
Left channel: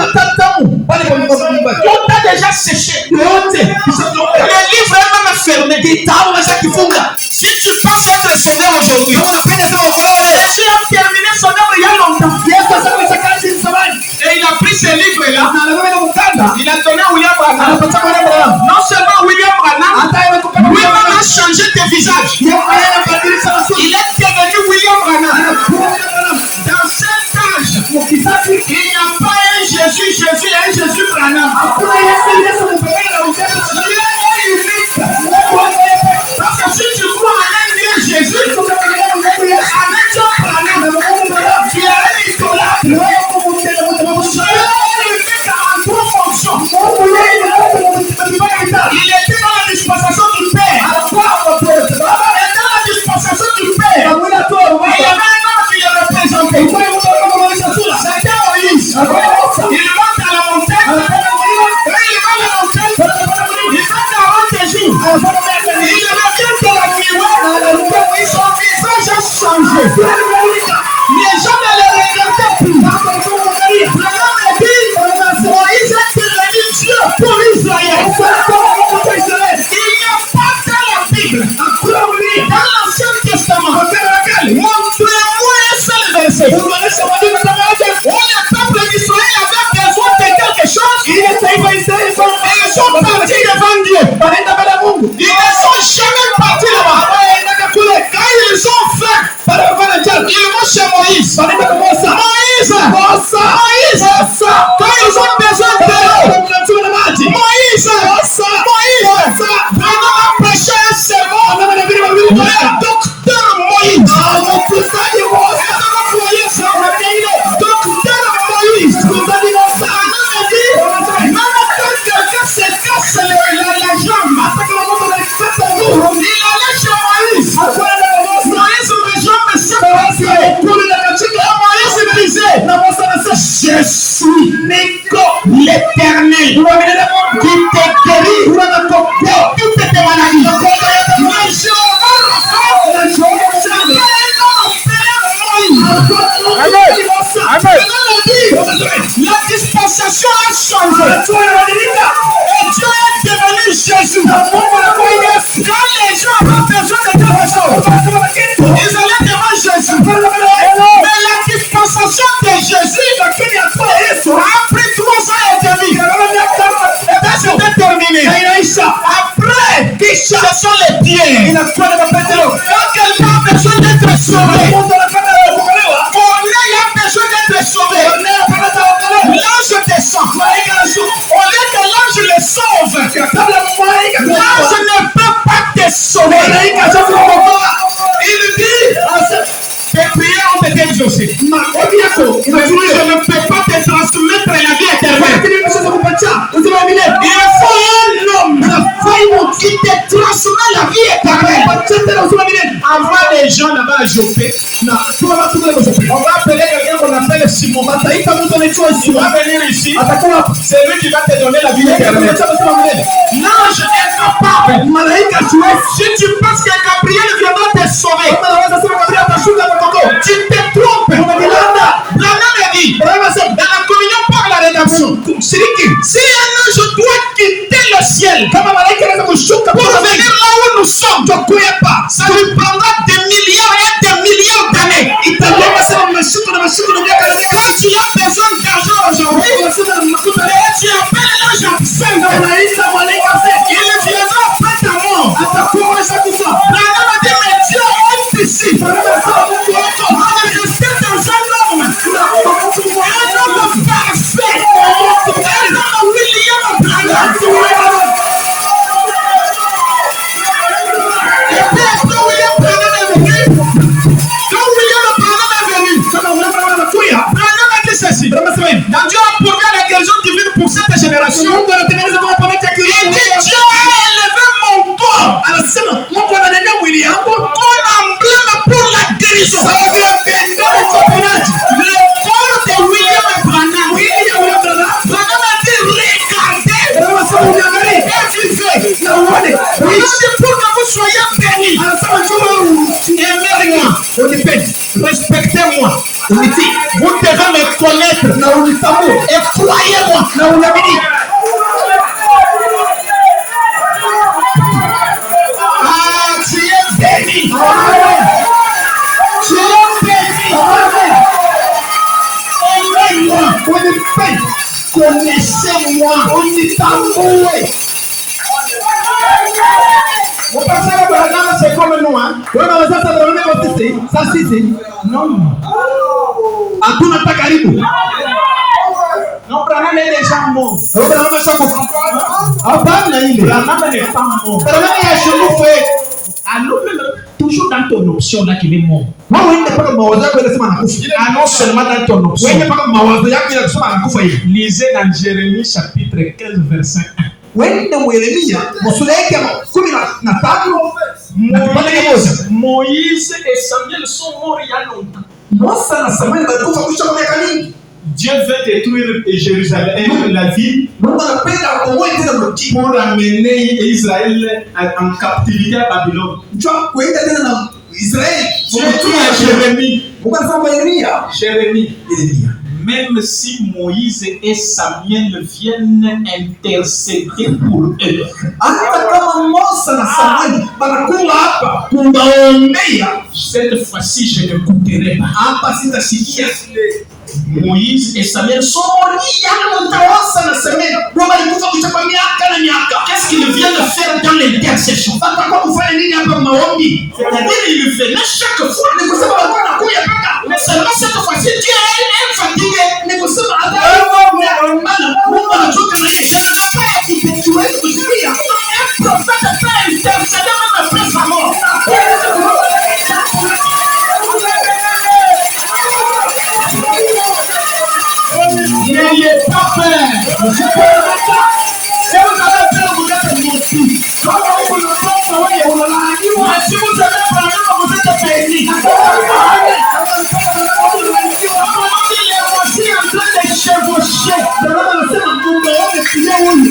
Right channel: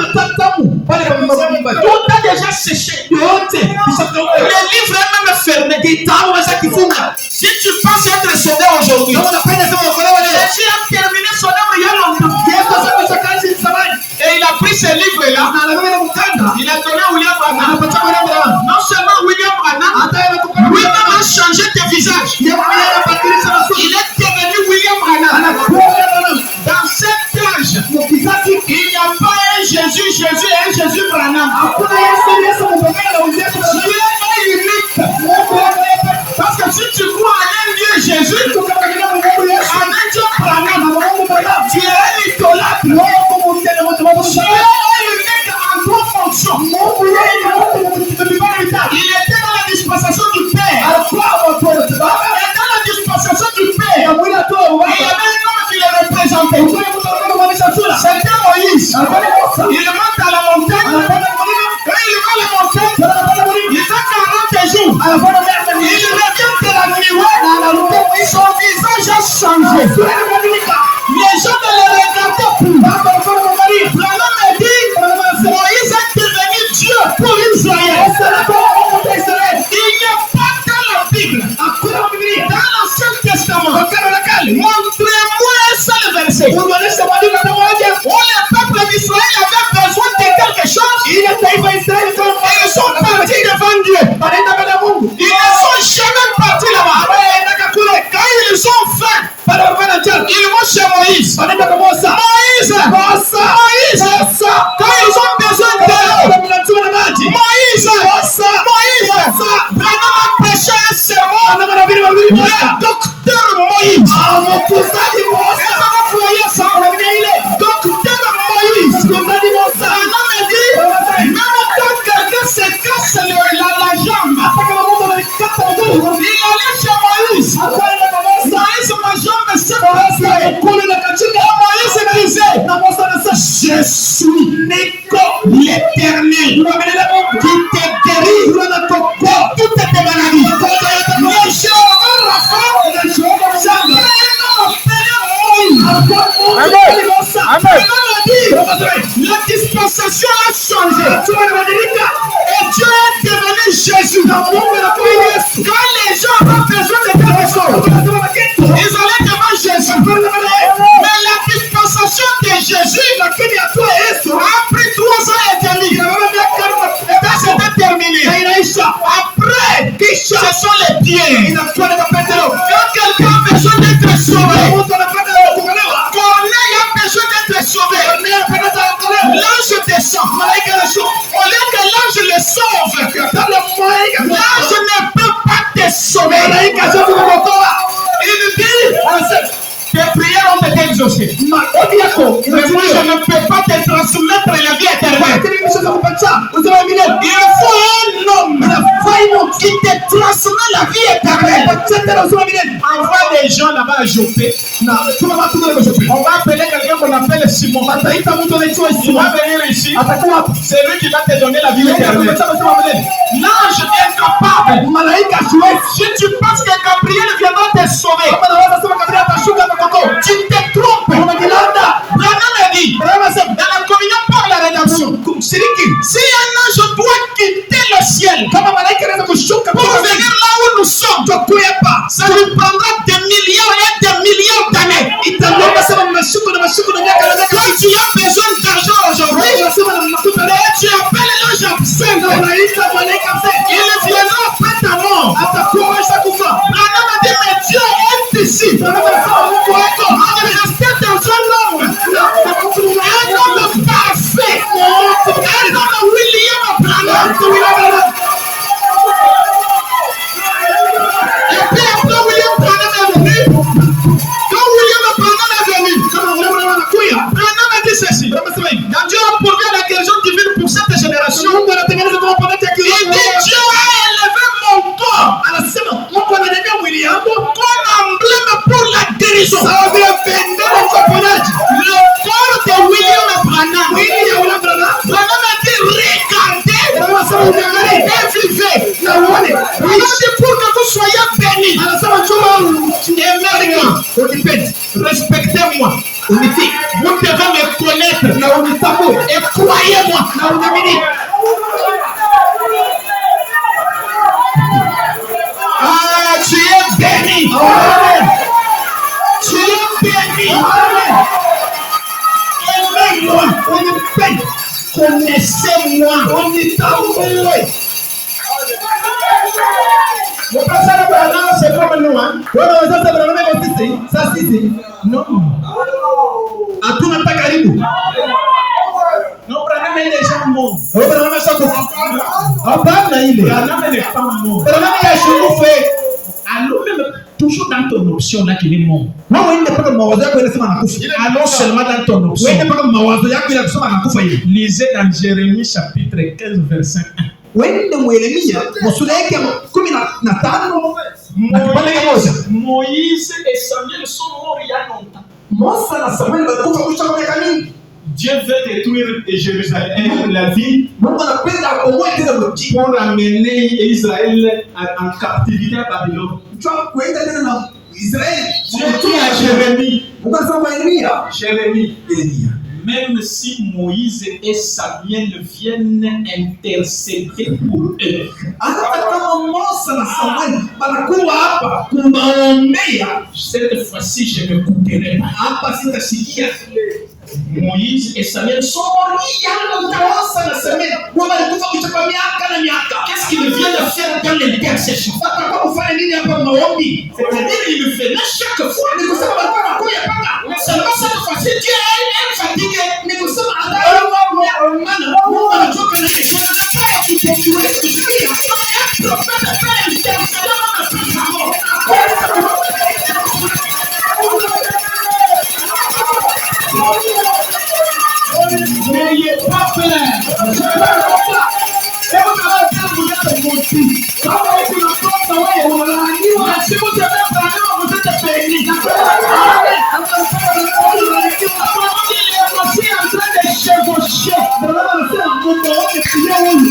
a déjà séché. Le livre est même fermé. Si tu penses être sauvé aujourd'hui, Jésus a terminé son œuvre il y a longtemps. Et il a pris ce livre-là. Il a donné à William Branham. Non seulement William Branham, lui-même a changé de visage. Il est devenu William Branham. Dans cet âge, il n'y a pas un Jésus et un Jésus Branham. Dieu est unique. Parce que si tu crois en un Dieu Jésus, en un Dieu Branham, tu es un idolâtre. Dieu est unique en trois fonctions. Il était dans la dispensation du Père. Et dans la dispensation du Père, il y avait un homme qui le représentait. C'était Moïse. Il monte à la montagne. Et il va à la montagne. Il fait 40 jours. Il revient de la nuit. Son visage a changé. Les gens ne le regardaient plus. Branham a dit, Moïse est devenu Dieu pour Israël. Il n'y a pas dans la Bible, dans l'Ancien Testament, montrez-moi un seul verset où le peuple d'Israël avait besoin de quelque chose et ils sont partis devant Dieu. Ils ne sont jamais partis là-bas. Quand ils ont faim, ils vont chez Moïse. Moïse, quand ils ont besoin d'eux, Moïse, Branham a prêché un sermon. Le docteur Moïse. Docteur Moïse. Branham a dit, même quand quelqu'un se casse la jambe, il allait chez Moïse. Moïse, ma jambe s'est cassée. Moïse disait, je suis l'Éternel qui te guérit de toutes tes maladies. Mais Jéhovah Rapha, la dispensation a changé. Et Dieu est devenu Jésus. Quand les gens ont besoin de quelque chose, ils allaient devant Jésus. Mais la dispensation de Jésus a pris 3 ans et demi. Et ça c'était terminé. Après, ce sont les pieds. Quand quelqu'un a besoin d'être sauvé, il a besoin d'être sauvé. L'ange descend. Au lieu que l'ange le sauve, l'ange ne peut pas te sauver. Il dit, tes prières ont été exaucées. Mais moi je ne peux pas te transmettre la vie éternelle. Il faut un homme qui te transmet la vie éternelle. Envoie les gens là-bas à Joppé. On va appeler quelqu'un qu'on appelle Simon. Il va venir ici. C'est lui qui va te donner la vie éternelle. L'ange est capable. Si tu penses que Gabriel viendra te sauver, tu te trompes. Branham a dit, dans la communion par la rédemption, si un ange doit quitter le ciel pour venir là où nous sommes, ça lui prendra des milliards et des milliards d'années. Quand tu as besoin d'argent aujourd'hui, tu appelles l'ange absent. Il viendra après ta mort. Branham a dit, mais Dieu Connaissez-moi. Connaissez-moi. On dit t'avouer. Mon pasteur Abraham, c'est comme nous, hein? Oui, mais ça, c'est vraiment aussi. Ça, c'est. Non. À tout notre caribou. Non, Abraham est déjà mort. Abraham est déjà mort. Abraham n'est pas mort. Abraham est toujours fait. Alors, même toujours dans ton option là qu'il est mort. Non, il n'est pas comme Mawaza qui est non seulement dans ton option. Oui, il n'est pas comme Mawaza qui est lisez dans Jérémie chapitre 15, verset 1. Wende Yeremia musuleke kumi na tano Moïse et Samuel sont morts il y a longtemps. Mose na Samuel balikufa kusha kwa miaka mingi. Dieu veut détruire Jérusalem, la ville, pour amener Israël en captivité à Babylone. Dieu dit à Jérémie, même si Moïse et Samuel viennent intercéder pour eux, cette fois-ci je ne n'écouterai pas. Moïse et Samuel sont morts il y a longtemps. Qu'est-ce qu'ils viennent de faire dans l'intercession? C'est-à-dire ils le font chaque fois. Mais seulement cette fois-ci, Dieu est fatigué. N'ayez pas peur. Si vous avez parlé, vous êtes bénis. Il est aussi en train de chevaucher. Votre homme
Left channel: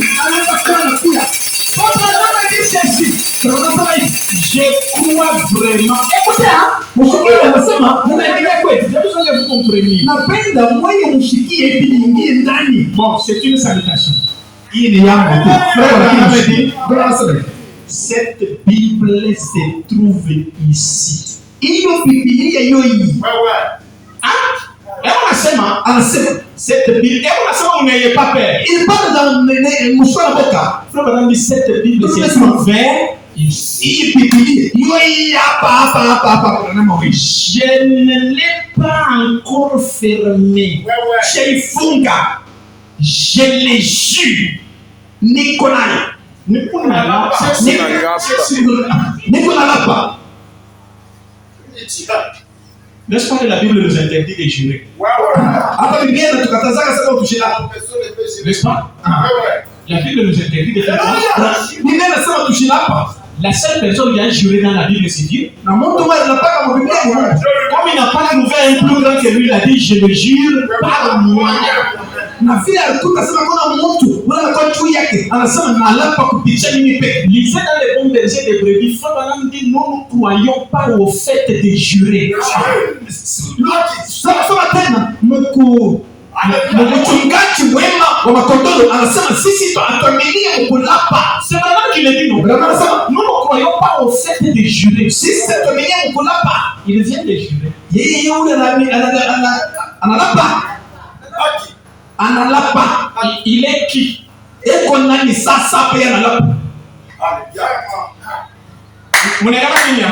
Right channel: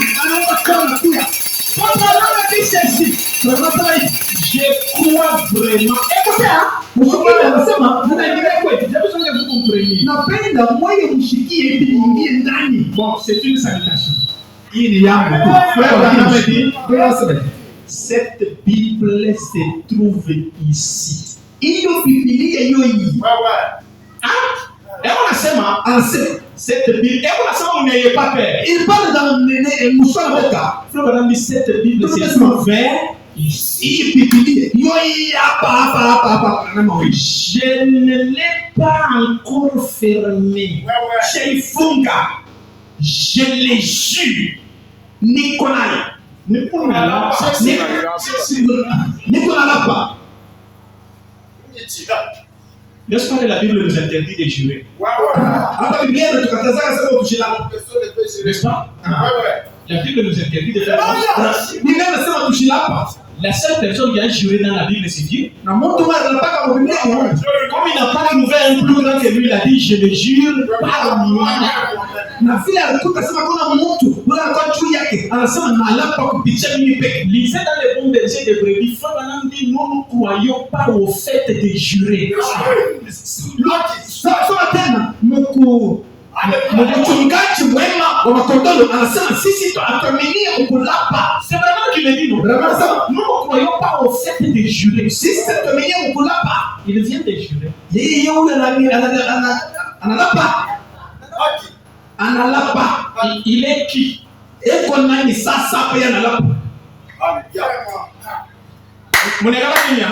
dit ceci. Je crois vraiment. Écoutez, vous compreniez. Bon, c'est une salutation. Il y a cette Bible se trouve ici. Cette Bible, on n'ayez pas peur. Il parle dans cette Bible se trouve ici. Je ne l'ai pas encore fermé. Je l'ai jure. Nicolas. N'est-ce pas que la Bible nous interdit de jurer? N'est-ce pas? La Bible nous interdit de faire. La seule personne qui a juré dans la Bible, c'est Dieu. Comme il n'a pas trouvé un plus grand que lui, il a dit je le jure par moi. Lisez dans les bons bergers de brebis, Frère dit nous ne croyons pas au fait de jurer. Mchungaji mwema wa makondoo anasema sisi tunaaminia mkulapa. C'est vraiment qu'il est dit non. Nous ne croyons pas au fait de jurer. Sisi tunaaminia mkulapa. Il vient de jurer. Yeye yule analapa. Il est qui? Eko nani sasa hapa analapa? Mnaelewa nini?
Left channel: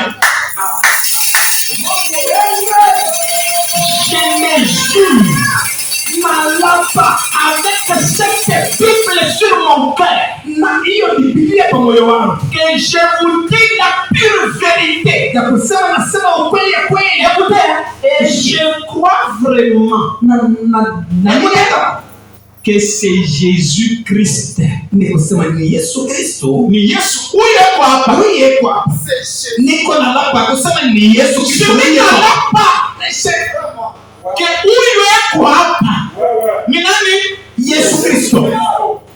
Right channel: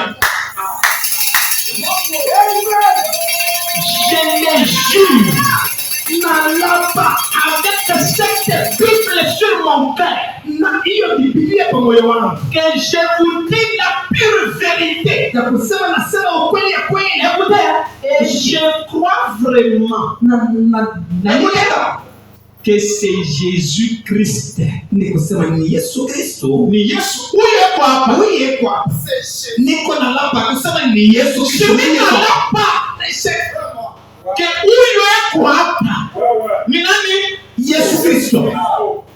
Je le jure. Nalapa avec cette Bible sur mon cœur. Que je vous dis la pure vérité. Écoutez, et je crois vraiment que c'est Jésus-Christ. Ni Yesu huyo hapa. Niko nalapa kusema ni Yesu Kristo. Que huyo hapa. Ni nani? Yesu Kristo.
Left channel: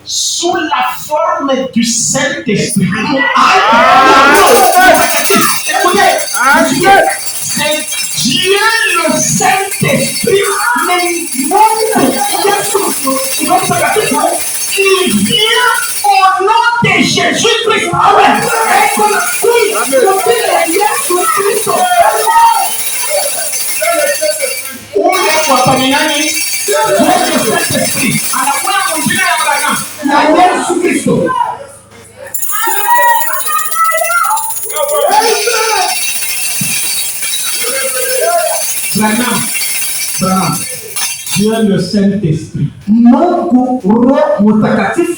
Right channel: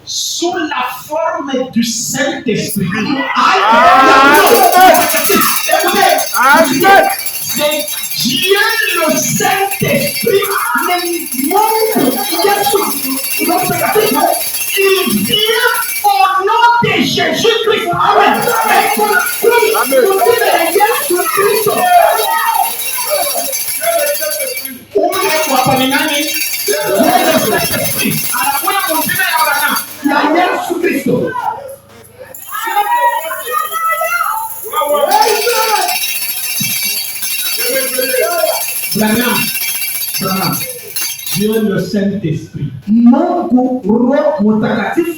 Sous la forme du Saint-Esprit. Écoutez, c'est Dieu le Saint-Esprit. Il vient au nom de Jésus-Christ. Amen. le Saint-Esprit. anakuja kwa jina ya Branham. Ya Yesu Kristo. Branham. Dieu le Saint-Esprit. Mungu Roho Mtakatifu.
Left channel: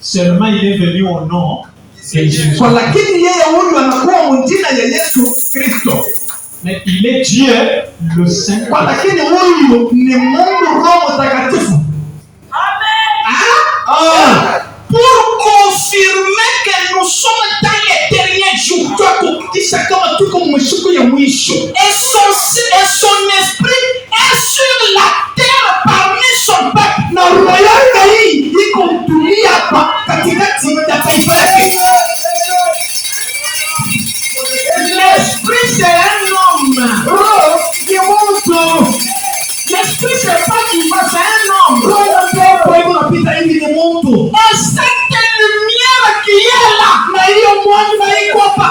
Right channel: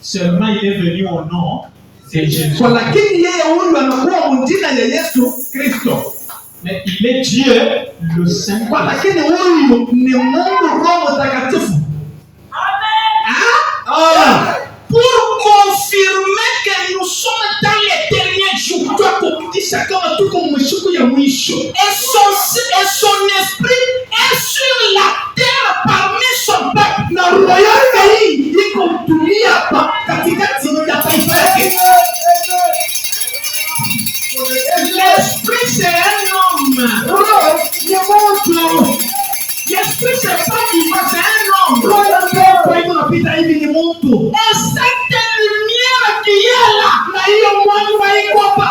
Seulement il est venu au nom de Jésus. Kwa lakini yeye huyu anakuwa mjina ya Yesu Kristo. Mais il est Dieu le Saint-Esprit. Kwa lakini huyu ni Mungu Roho Mtakatifu. Pour confirmer que nous sommes dans les derniers jours. Et son esprit est sur la terre parmi son peuple. Na roho hii iko dunia hapa katikati ya taifa lake. L'esprit c'est un homme. Roho ni mtu. L'esprit c'est pas vivant, c'est un homme. Roho pepo inapita hivi ni mtu. Et cette lumière qui est là. Na hiyo mwanga iko hapa.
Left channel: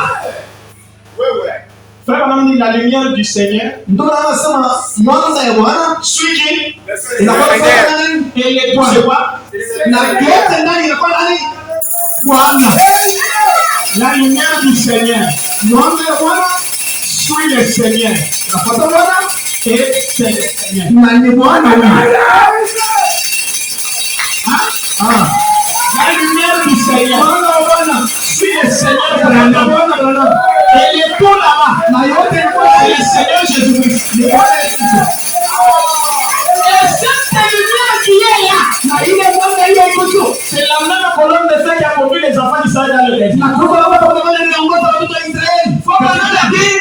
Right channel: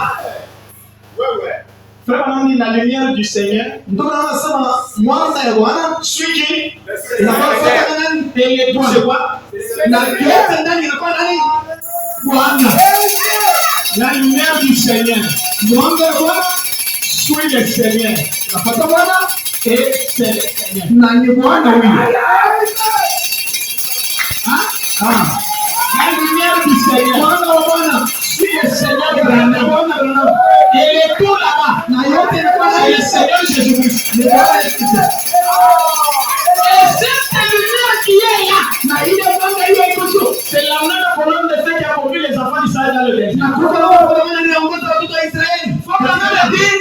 Frère Branham dit la lumière du Seigneur. Ndio anasema mwanga ya Bwana Celui qui inakuwa nani? et les tout c'est quoi? Na yote ndani inakuwa nani? Bwana. La lumière du Seigneur. Mwanga ya Bwana Suis le Seigneur. nafuata Bwana Et c'est le Seigneur. na ni Bwana huyu. La lumière du Seigneur. Mwanga wa Bwana Suis le Seigneur nafuata Branham. Bwana. Et les tout là-bas. Na yote inakuwa C'est le nani? Seigneur Jésus-Christ. Ni Bwana Yesu Kristo. Et cette lumière qui est là. Na ile mwanga hiyo iko juu. C'est la même colonne de feu qui a conduit les enfants d'Israël dans le désert. Na kwa sababu Bwana aliongoza watoto wa Israeli. Faut pas le dire.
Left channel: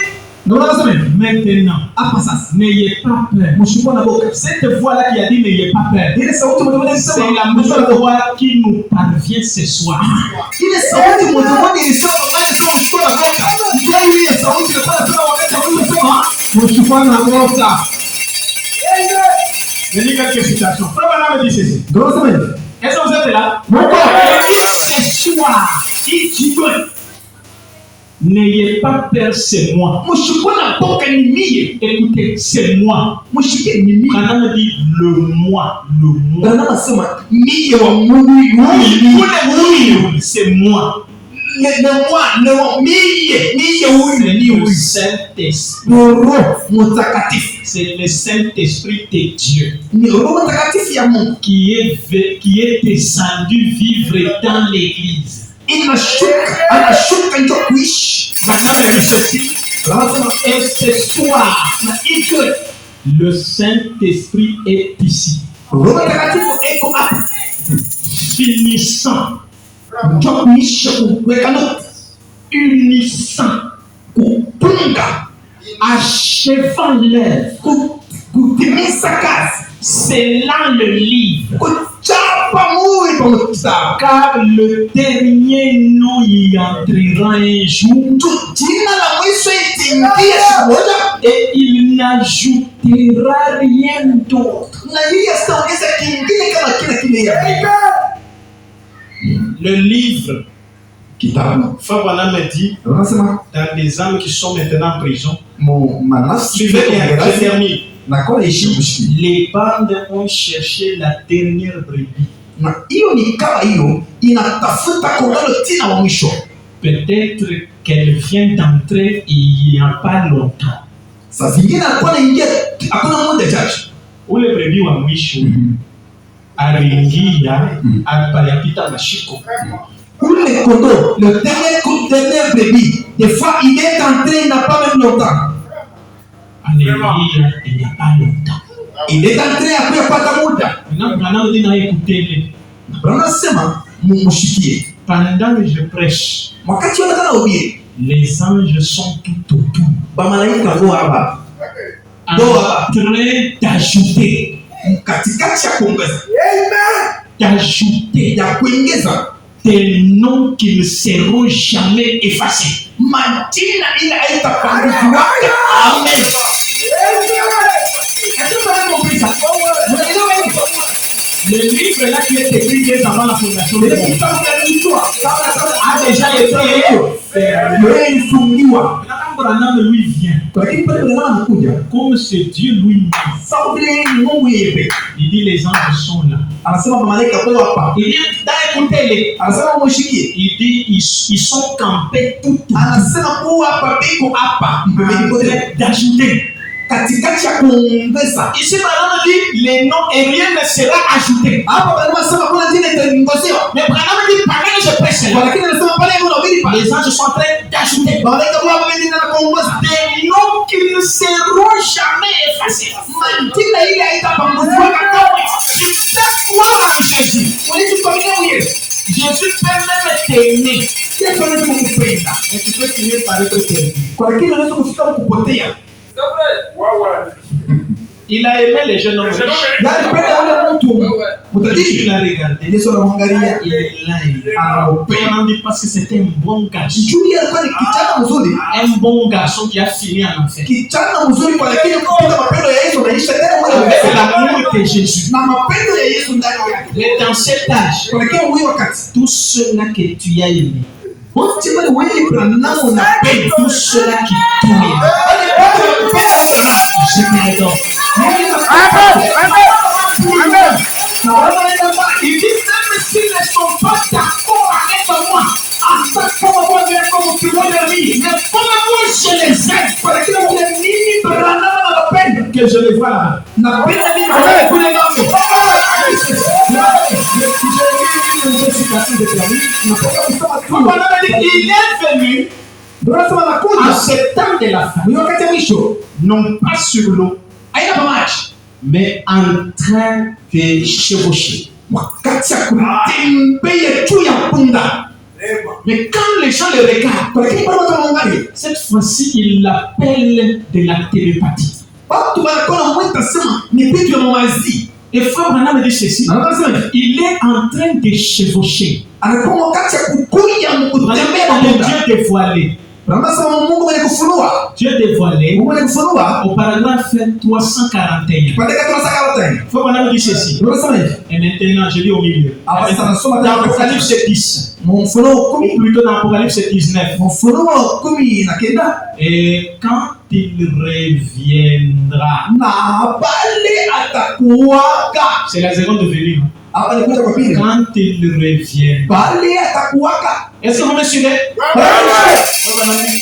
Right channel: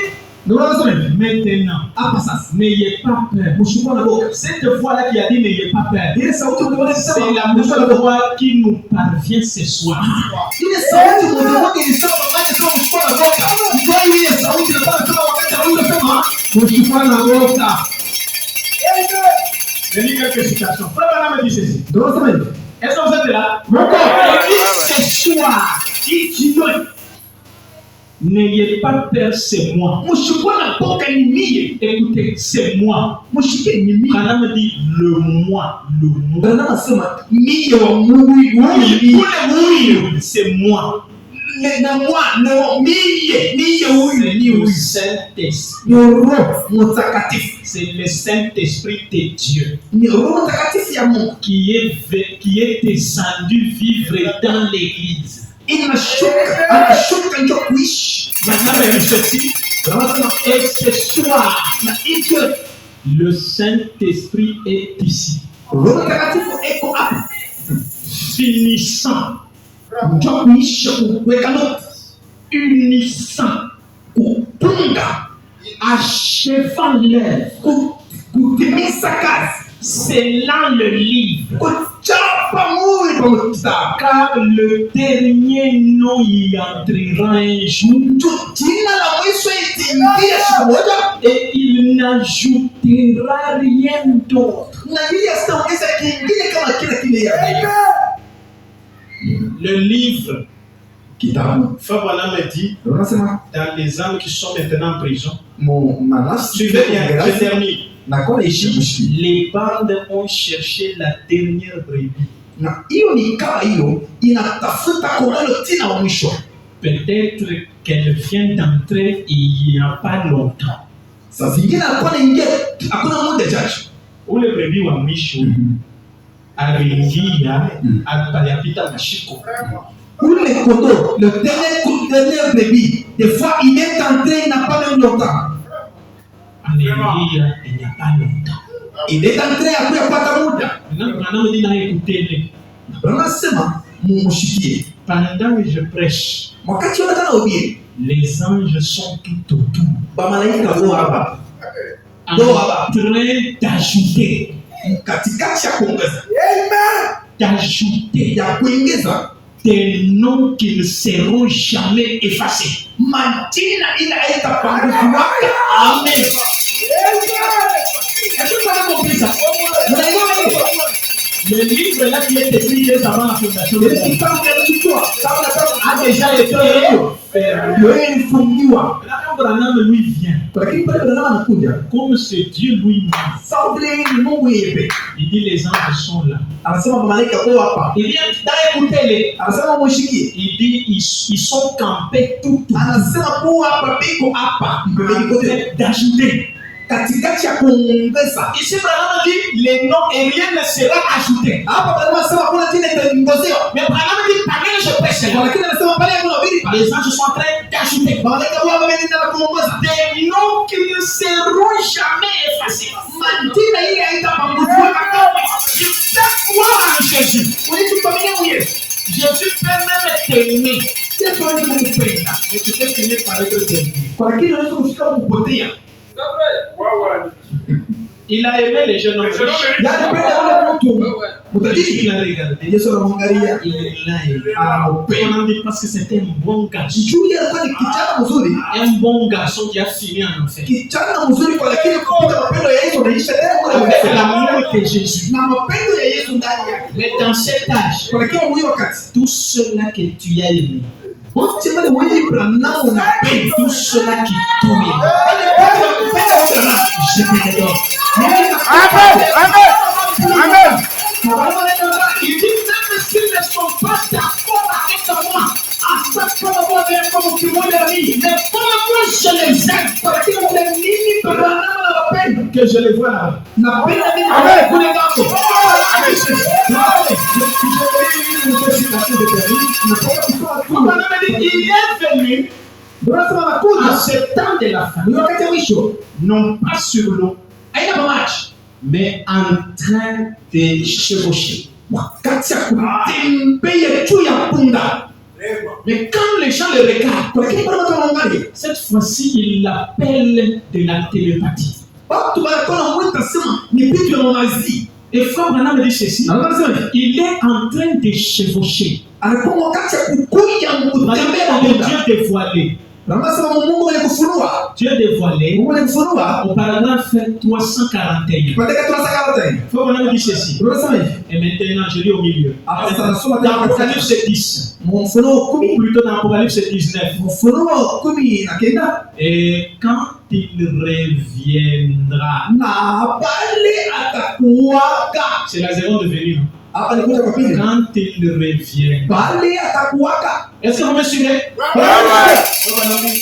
Ndio anasema hivi. Maintenant, Hapa sasa. n'ayez pas peur. Mshukuru na boka. Cette voix-là qui a dit n'ayez pas peur, Ile sauti mmoja c'est ilisema la même voix qui nous parvient ce soir. ile sauti mmoja ilisema wakati kama mshukuru na boka. Ndio ile sauti ilikuwa inasema wakati alisema mshukuru na boka. Je lis quelques citations. Frère Branham me dit ceci. Ndio anasema hivi. Est-ce que vous êtes là? Mungu Ce soir, il dit n'ayez pas peur, c'est moi. mshukuru na boka ni mie. Écoutez, c'est moi. Mshike ni mie. Branham me dit le moi, le moi. Ndio anasema mie wa Mungu huyu. C'est moi. Na moi na mie huyu C'est ni le huyu. Saint-Esprit. Ni Roho Mtakatifu. C'est le Saint-Esprit de Dieu Ni Roho Mtakatifu ya Mungu. qui est descendu vivre dans l'église. Anashuka ndio kuishi. Branham me dit ceci. Anasema Et ce soir, na hicho le Saint-Esprit est ici, Roho Mtakatifu eko hapa. finissant, Ndio kuishi kuweka nukta. unissant, Kupunga. achevant l'œuvre, Kutimiza kazi. scellant le livre. Kuchapa muhuri kwa kitabu. Car le dernier nom y entrera un jour Jina la mwisho itaingia siku moja. et il n'ajoutera rien d'autre. Na hii sitaongeza kingine kama kile ya Le livre, kitabu. Frère Branham me dit, Anasema dans les âmes qui sont maintenant en prison, manafsi suivez bien, je termine. na kwa ishi mshiki. Les bandes ont cherché la dernière brebis. Na hiyo ni kama hiyo inatafuta kondoo tena wa mwisho. Peut-être qu'elle vient d'entrer il n'y a pas longtemps. Saa zingine alikuwa anaingia hakuna muda chache. Ule brebis wa mwisho aliingia alipayapita mashiko. Ule kondoo, le dernier brebis, des fois il est entré, il n'a pas même longtemps. Anaingia il n'y a pas longtemps. Il est entré après kupata muda. Maintenant, dit na écoutez-le. Anasema mumshikie. Pendant que je prêche, Wakati wanataka ubiri, les anges sont tout autour. bamalaika wako hapa. En train d'ajouter, Katikati ya kuongeza, d'ajouter ya kuongeza des noms qui ne seront jamais effacés. majina ile haitapungukiwa. Amen. Est-ce que vous avez compris ça? Vous avez compris? Le livre là qui est écrit dès avant la fondation du Le monde kitabu cha Yoshua, kabla a déjà été fermé. imefungiwa. Maintenant, quand Branham lui vient, Lakini pale Branham anakuja, comme c'est Dieu lui-même, sawa vile ni Mungu yeye. il dit les anges sont là. Anasema malaika kwa hapa. Il dit écoutez-les. Anasema mshikie. Il dit ils sont campés tout autour. Anasema kwa hapa biko hapa. D'ajouter. Katikati ya kuongeza. Ici Branham dit les noms et rien ne sera ajouté. Hapa Branham anasema kuna jina itaongezewa. Mais Branham dit pareil je prêche là. Lakini anasema pale kuna bili pale. Les anges sont en train d'ajouter. Malaika kwa hapa ndio kuongeza. Des noms qui ne seront jamais effacés. Majina ile haitapanguzwa kamwe. Tu peux croire en Jésus. Unachokuamini Jésus peut même t'aimer. Yesu anaweza kukupenda. Mais tu peux finir par être perdu. Kwa lakini unaweza kufika kupotea. Il a aimé les jeunes hommes. Yaani penda wale mtu. Il l'a regardé. Yesu anamwangalia. Il l'a aimé. On dit parce que c'était un bon garçon. Julia alikuwa ni kijana mzuri. Un bon garçon qui a fini en enfer. Kijana mzuri kwa lakini kupita mapendo ya Yesu maisha C'est tena l'amour de Jésus. na mapendo ya Yesu ndani yake. Et dans cet âge, Kwa lakini huyu wakati tous ceux-là que tu as aimés, wote wale wewe Branham unapenda tous ceux-là qui t'aiment, wale wote wanapenda Branham. je te les donne. Na Branham anaenda Il dit même s'ils ne sont pas d'accord avec moi, hasta como voy a ver como tu voy a vivre, mais pour moi je les aime. kwa lakini kuna nini Branham anapenda? Que je les vois là. Napenda nini Allez, kule écoutez ngambo. Il est venu Branham en anakuja ce temps de la fin, ni wakati wa mwisho. non pas sur l'eau, Haina pamaji. mais en train de chevaucher. Wakati ya kutembea juu ya punda. Mais quand les gens le regardent, Kwa lakini bado wanaangalia. cette fois-ci, il l'appelle de la télépathie. Watu wanakuwa mwita sema ni vitu vya mamazi. Et Frère Branham dit ceci, Anasema il est en train de chevaucher. anakuwa wakati ya kukuja kutembea na Branham dit punda. Dieu dévoilé. Anasema Mungu mwenye kufunua. Dieu dévoilé. Mungu mwenye kufunua. Au paragraphe 341. Kwa dakika tunasaka tena. Frère Branham dit ceci. Unasema hivi. Et maintenant, je lis au milieu. Ah, ça nasoma Dans Apocalypse 10, Mfunuo 10. ou plutôt dans Apocalypse 19. Mfunuo 19. Et quand il reviendra, Na pale atakuwaka. c'est la seconde venue. Non? Hapa alikuja kwa pili. Quand il revient, Pale atakuwaka. est-ce que vous me suivez?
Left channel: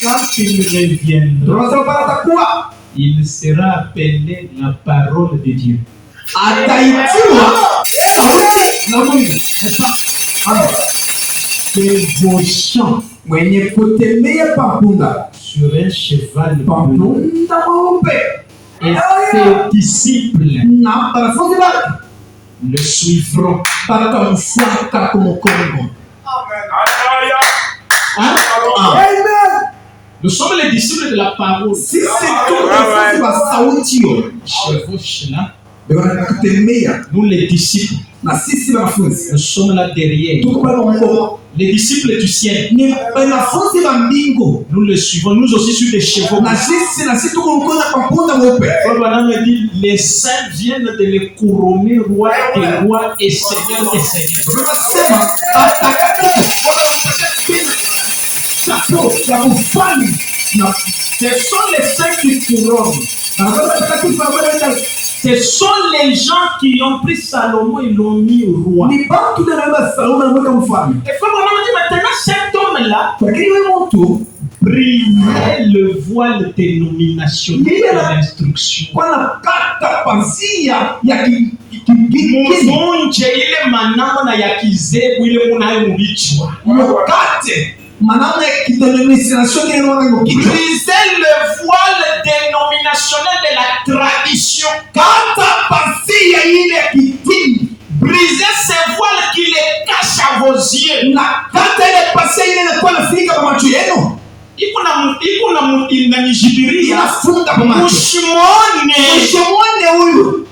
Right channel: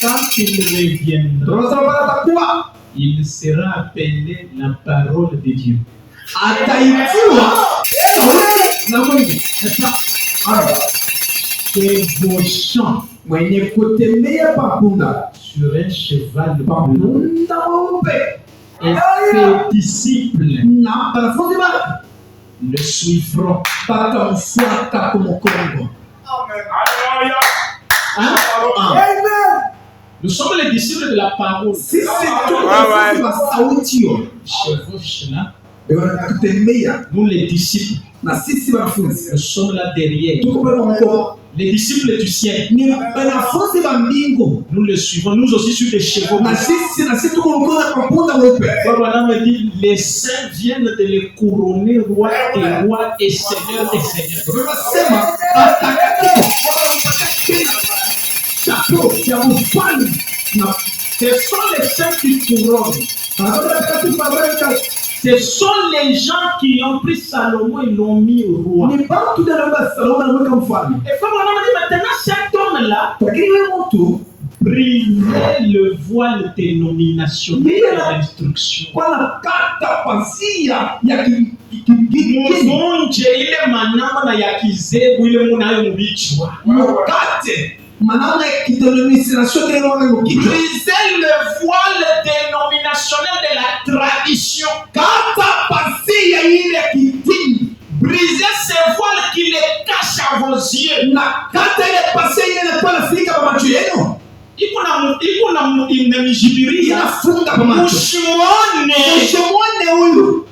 Quand il reviendra, Tunasema pale atakuwa. il sera appelé la parole de Dieu. Ataitiwa sauti na Mungu. N'est-ce pas? Amen. Chevauchant Mwenye kutembea papunda. sur un cheval bleu. Papunda mweupe. Et ses disciples Na wanafunzi wake le suivront. watamfuata kwa mkono. Hein? Amen. Nous sommes les disciples de la parole. Sisi tu wanafunzi wa sauti hiyo. Chevauche là. Ndio wanatembea Nous les disciples, na sisi wanafunzi. nous sommes là derrière. Tuko pale mkono. Les disciples du ciel, Ni wanafunzi wa mbingu. nous les suivons. Nous aussi sur des chevaux. Na sisi tuko mkono kwa punda mweupe. Voilà, on dit les saints viennent de les couronner roi des rois et seigneur des seigneurs. Tunasema atakatifu wanampatia chapeau ya ufalme. Na Ce sont les saints qui couronnent. na atakatifu wanaweka Ce sont les gens qui ont pris Salomon et l'ont mis roi. ni bantu ndio na Salomo anaweka mfalme. Et faut vraiment dire maintenant cet homme-là Lakini wewe mtu brisait le voile dénominationnel de l'instruction. kwa kata pazia ya kingine Munje ile manamna ya kizebu ile munayo mubichwa. mkate manana ya kidenomination kile wana kitu Brisait le voile dénominationnel de la tradition. kata pazia ile ya kidini Brisez ces voiles qui les cachent à vos yeux. na kata ile pazia ile inakuwa nafika kwa macho yenu Iko na inanijibiria. inafunga kwa macho Mushimone. mshomone huyu.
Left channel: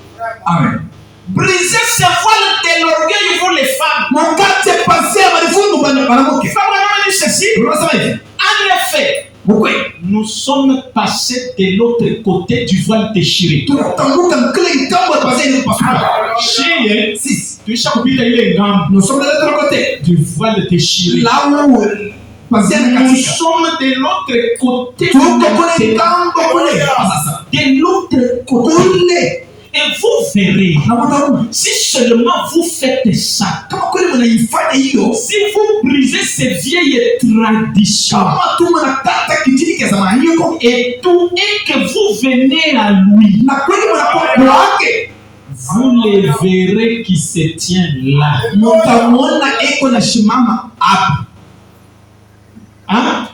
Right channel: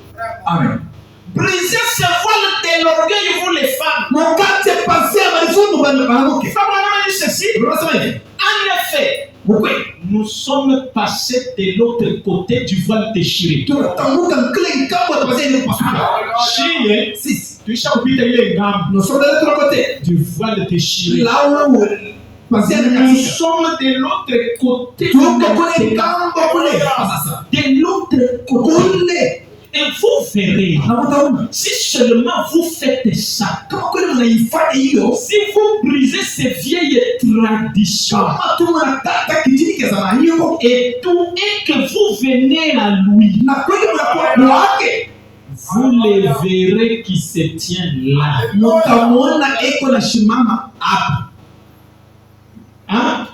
Amen. Brisez ces voiles de l'orgueil pour les femmes. Mkate pazia balifungu bwana mwanamke. Faut vraiment dire ceci. Unasema hivi. En effet, Mkwe. nous sommes passés de l'autre côté du voile déchiré. Tunatambuka mkile ngambo ya pazia ile pasua. Chie, Sisi. tuisha kupita ile ngambo Nous sommes de l'autre côté. du voile déchiré. Là où Nous sommes de l'autre côté. De l'autre côté. Et vous verrez, si seulement vous faites ça, si vous brisez ces vieilles traditions, et que vous venez à lui, vous les verrez qui se tiennent là. Hein?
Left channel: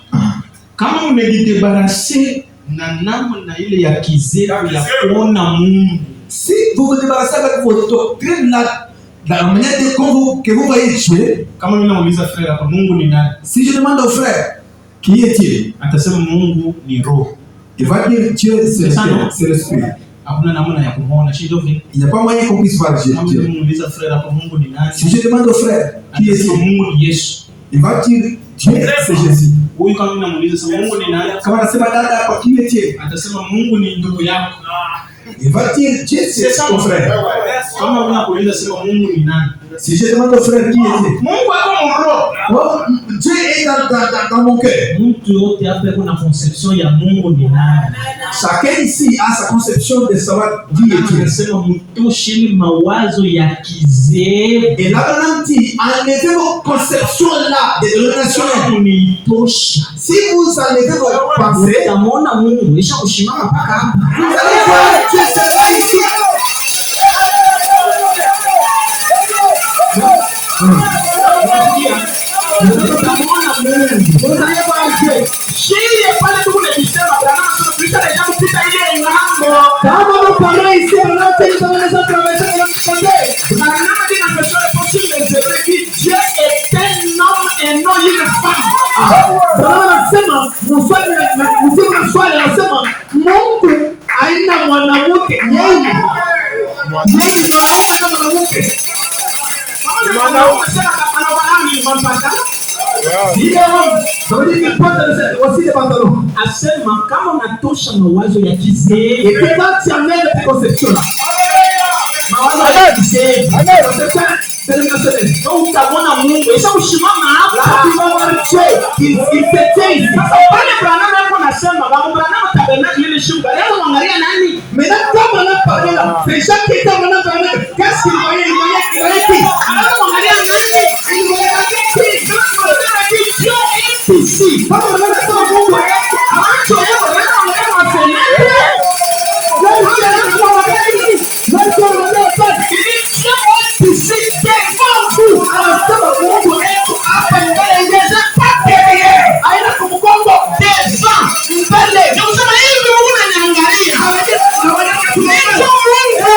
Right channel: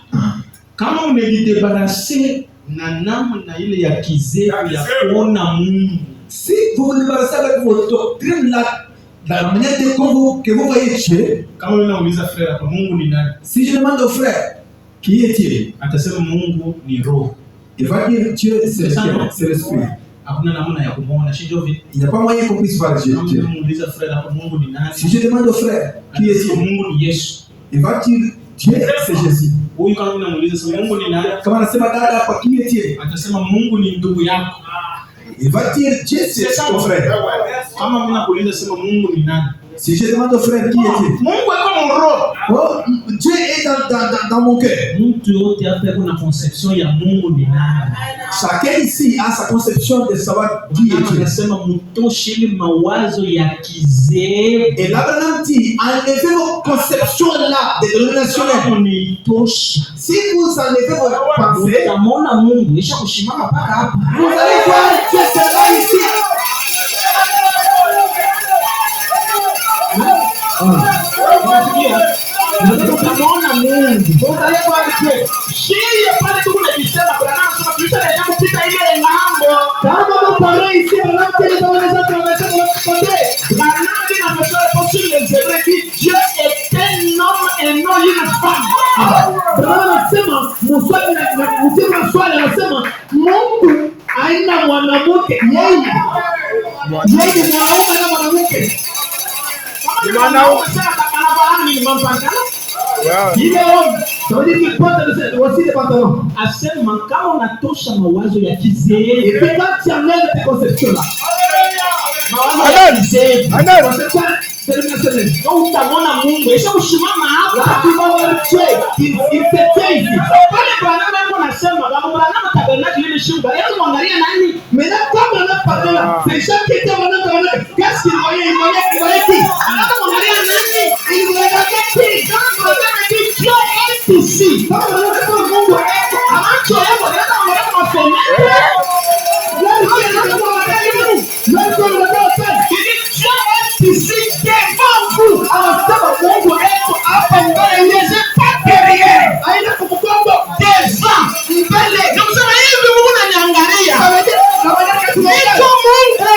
Kama umejidébarrasser na namna ile ya kizefu ya kuona Mungu. Si vous vous débarrassez avec votre doctrine là, dans la manière que vous voyez Dieu, Kama mimi nauliza frère hapa, Mungu ni nani? si je demande au frère, qui est-il? Atasema Mungu ni roho. Il va dire Dieu, c'est l'esprit. Hakuna namna ya kumuona, si ndio vile? Il n'y a pas moyen qu'on puisse voir Dieu. Kama mimi nauliza frère hapa, Mungu ni nani? Si je demande au frère, qui Atasema est-il? Mungu ni Yesu. Il va dire Dieu, c'est Jésus. Huyu kama mimi namuuliza Mungu ni nani? Kama anasema dada hapa, qui est-il? Atasema Mungu ni ndugu yako. Il va dire Dieu, c'est ton frère. Kama mimi nakuuliza sema Mungu ni nani? Si je demande au frère, qui est-il? Mungu ako roho. Oh, Dieu est dans mon cœur. Mtu yote hapa kuna conception ya Mungu ni nani? Chacun ici a sa conception de savoir qui est Dieu. Anasema mtosheni mawazo ya kizefu. Et là, dit, enlevez vos conceptions là, dénominationnelles. Unitosha. Si vous enlevez vos pensées, Utamwona Mungu isha kushimama mpaka hapa. vous allez voir Dieu se bat ici. Utamwona Mungu. Vous allez voir Dieu. Shie pale tu unajisema bwana sasa tuita ile kupita ile ngambo. Kama vous parlez ici, on a fait les hommes de traverser de l'autre côté. Bwana dit dans verset possible les Hébreux dit Dieu est un homme et non une femme. Bwana anasema, mswali anasema, Mungu haina mwanamke, yeye ni mwanaume na mwanamke. Kama mwanaume sema kama ni mpaka. Il est homme, ça veut dire qu'il porte aussi des pantalons. Asema kama unatosha mawazo ya kizefu. Et puis quand tu enlèves tes conceptions là, Mawazo ya kizefu. conception dénominationnelle, Donc utamwona Mungu isha kushimama là hapa. tu vas voir Dieu, il se tient ici. Pale Branham hapo nasema babu Branham tabernacle ile shuka. Leo mwangalia nani? Maintenant quand on a parlé là, c'est chaque qui était maintenant tabernacle. Qu'est-ce qu'il voyait? Il voyait qui? Leo mwangalia nani? Il voyait qui? Dieu est ici. Parce que là, c'est Mungu. Acho yako leo mwangalia mafenete. Dieu est ici devant vous. Anasema Mungu eko hapa mbele yetu. Devant mbele. Ndio sema hivi Mungu ananiangalia. Niko Mungu.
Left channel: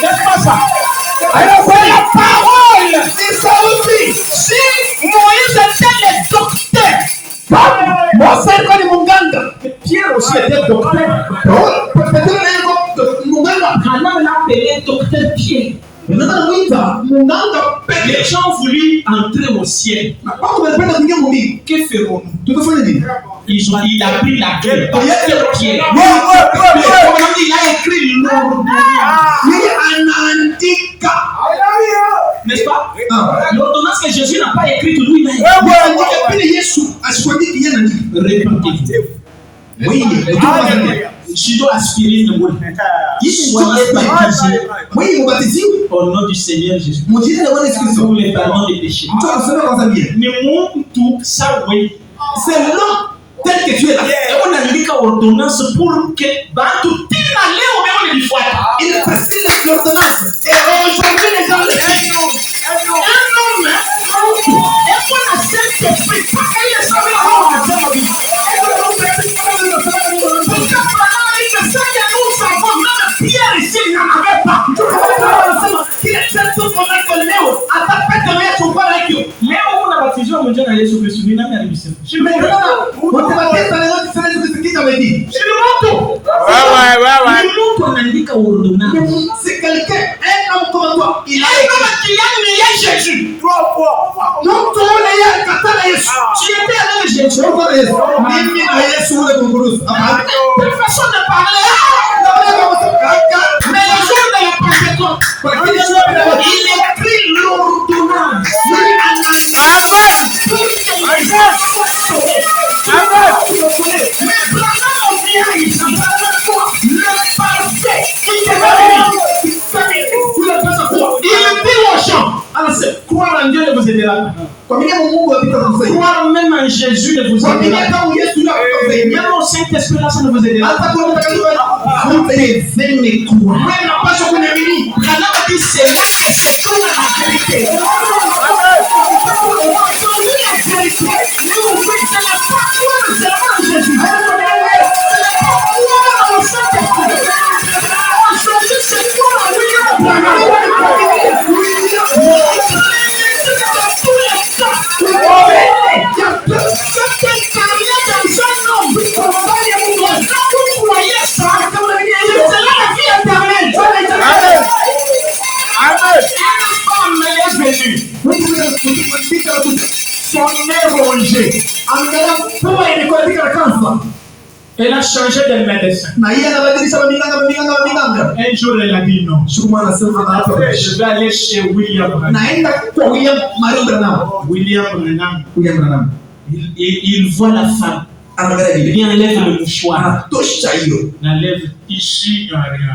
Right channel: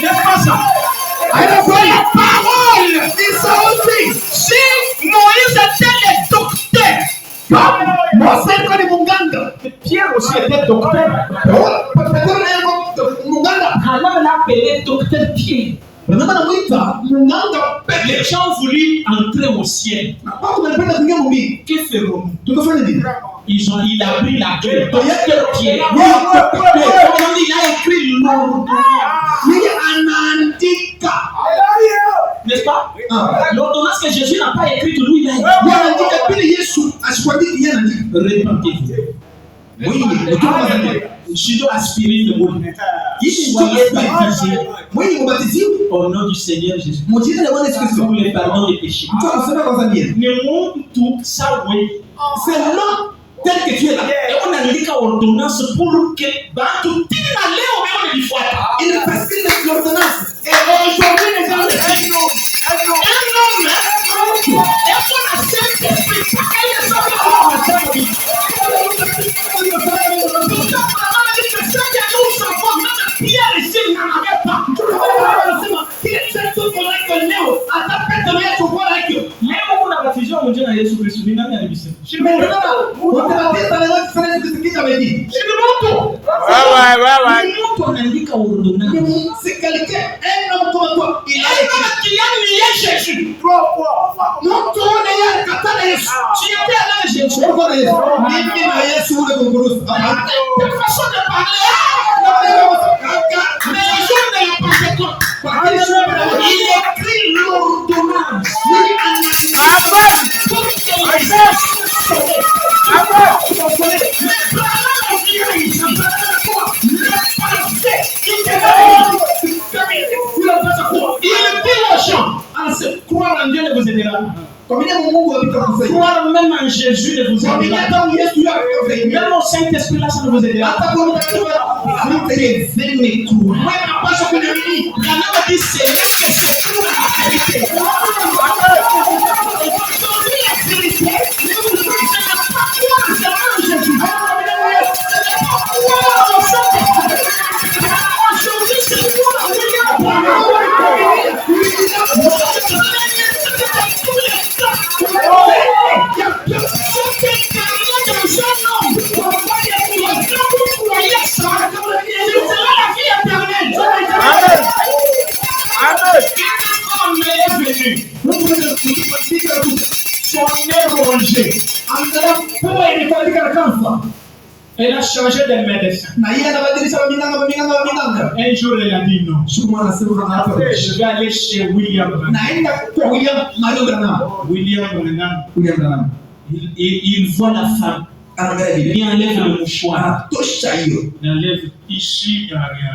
N'est-ce pas ça? La parole. Si Moïse était le docteur, Pierre aussi était docteur. Alors l'a appelé docteur Pierre. Les gens voulaient entrer au ciel. Que ferons-nous? Il a pris la clé. Docteur Pierre. Il a écrit l'ordonnance. N'est-ce pas? L'ordonnance que Jésus n'a pas écrite, lui, il a écrit. Répentez-vous. Oui, je dois aspirer le monde. Soyez baptisés au nom du Seigneur Jésus pour les pardons des péchés. Mais mon tout, ça, oui. C'est non tel que tu es là. On a dit ordonnance pour que Bantu Tina Léo me le fois. Il prescrit l'ordonnance. Et aujourd'hui, les gens le font. Un homme, et on a cette esprit. Pas qu'elle est sortie à l'homme, on a cette vie. Pierre ici n'en avait pas. Leo kuna batizo wa mjana Yesu Kristo ni nani alibisema? Mtu anaandika ordonnance. C'est quelqu'un, un homme comme toi. Il a écrit. Jésus. Non, tout le monde est Jésus. Tu étais avec Jésus. Quelle façon de parler. Mais le jour de la Pentecôte, pas. Croire même en Jésus ne vous aidera pas. Même au Saint-Esprit là, ça ne vous aidera pas. Vous devez me croire. Branham dit c'est là que se trouve la vérité. Aujourd'hui, la vérité, c'est la parole de Jésus. C'est la parole au Saint-Esprit. Aujourd'hui, c'est quoi William Branham? Il y a personne qui est carrière dans un homme. Quand vous croyez ça, c'est là la vie éternelle. Une femme est venue. Son nez rongé. Elle a changé de médecin. Un jour, elle a dit non. Je vais aller chez William Branham. William Branham. Il voit la femme. Il enlève le mouchoir. N'enlève ici, il n'y a rien.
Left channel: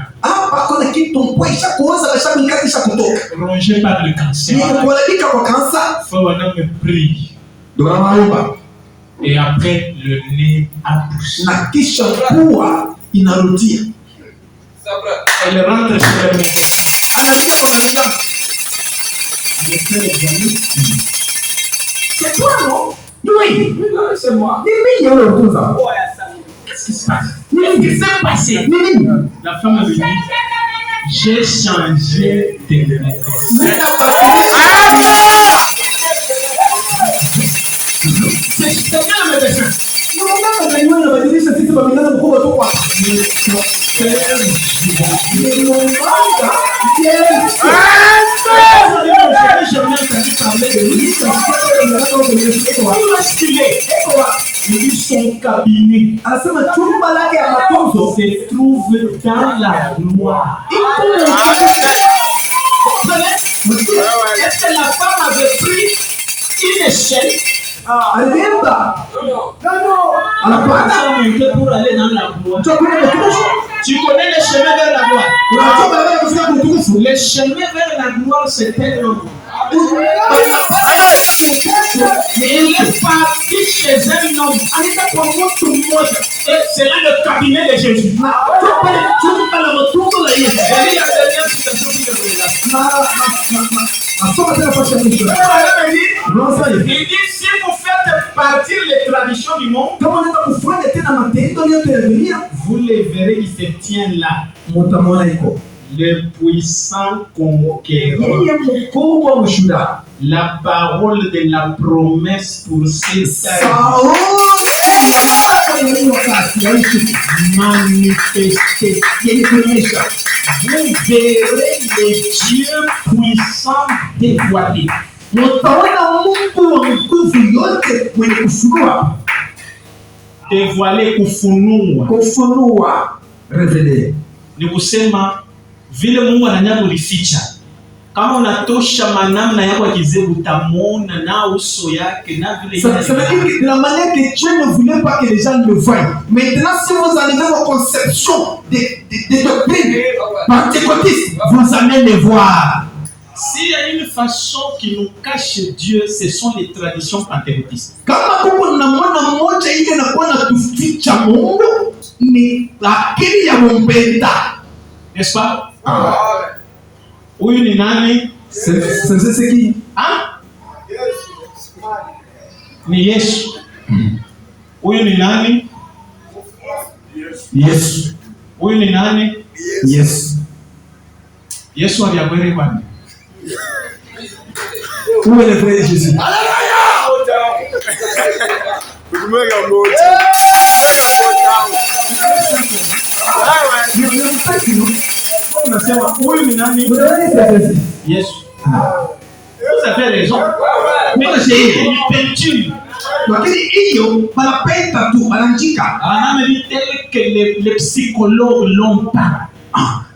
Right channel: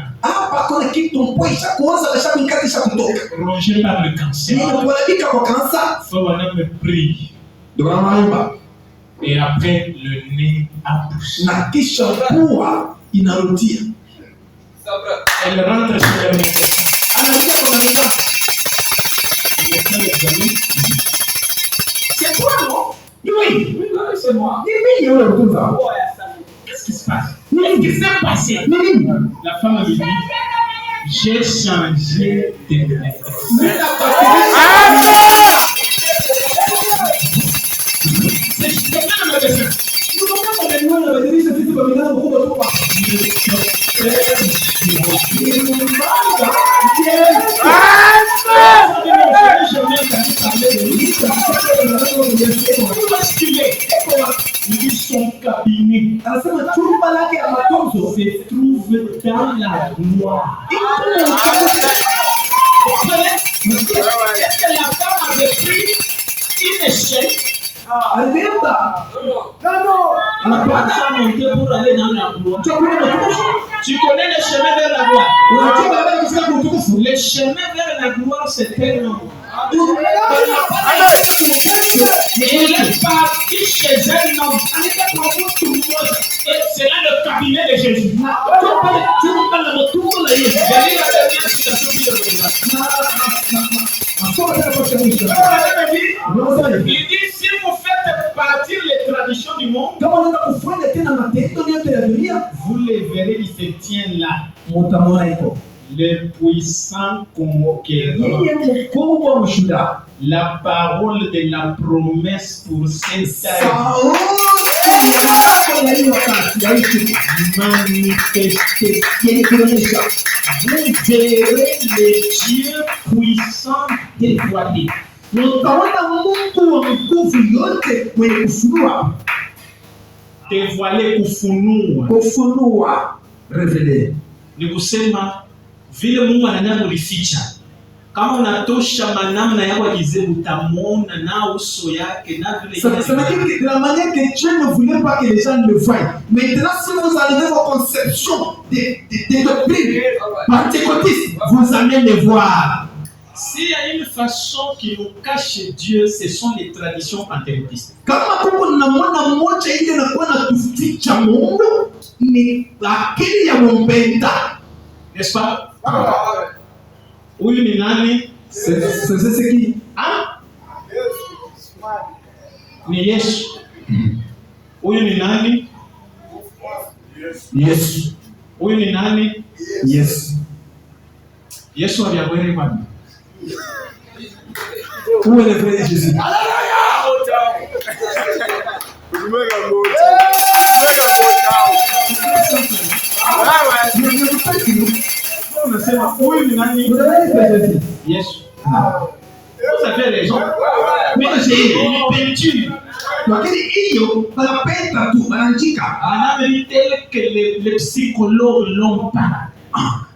Rongé par le cancer. Faut me prie. Et après, le nez a poussé. Elle rentre chez le médecin. Il fait l'examen. C'est toi, non? Oui, c'est moi. Qu'est-ce qui se passe? Qu'est-ce qui s'est passé? La femme lui dit, j'ai changé de médecin. C'est quel médecin? Il dit son cabinet se trouve dans la gloire. Est-ce que la femme avait pris une échelle? Pour aller dans la gloire. Tu connais le chemin vers la gloire. Le chemin vers la gloire, c'est un homme. Il est parti chez un homme. C'est là le cabinet de Jésus. Il dit si vous faites partir les traditions du monde, Vous les verrez, il se tient là. Le puissant conquérant. La parole de la promesse pour cette année. Manifesté. Vous verrez les dieux puissants dévoilés. Dévoilé kufunua. Ni kusema vile Mungu anataka kulificha. Kama unatosha manamna yako akizebu utamwona na uso yake na vile ça veut dire que de la manière que Dieu ne voulait pas que les gens le voient. Maintenant, si vous arrivez aux conceptions des doctrines pentecôtistes, vous allez les voir. S'il y a une façon qui nous cache Dieu, ce sont les traditions pentecôtistes. Kama kuna namna moja ile inakuwa natuficha Mungu ni akili ya Mumbenda. N'est-ce pas? Huyu ni nani? C'est qui? Ah? Ni Yesu. Huyu ni nani? Yesu. Huyu ni nani? Yesu. Yesu aliabwere kwani? Où est le vrai Jésus? Unasema huyu ni nani? Yesu. Vous avez raison. Mais j'ai une peinture. Lakini hiyo wanapenda tu wanaandika. Anameli tel que les psychologues l'ont pas.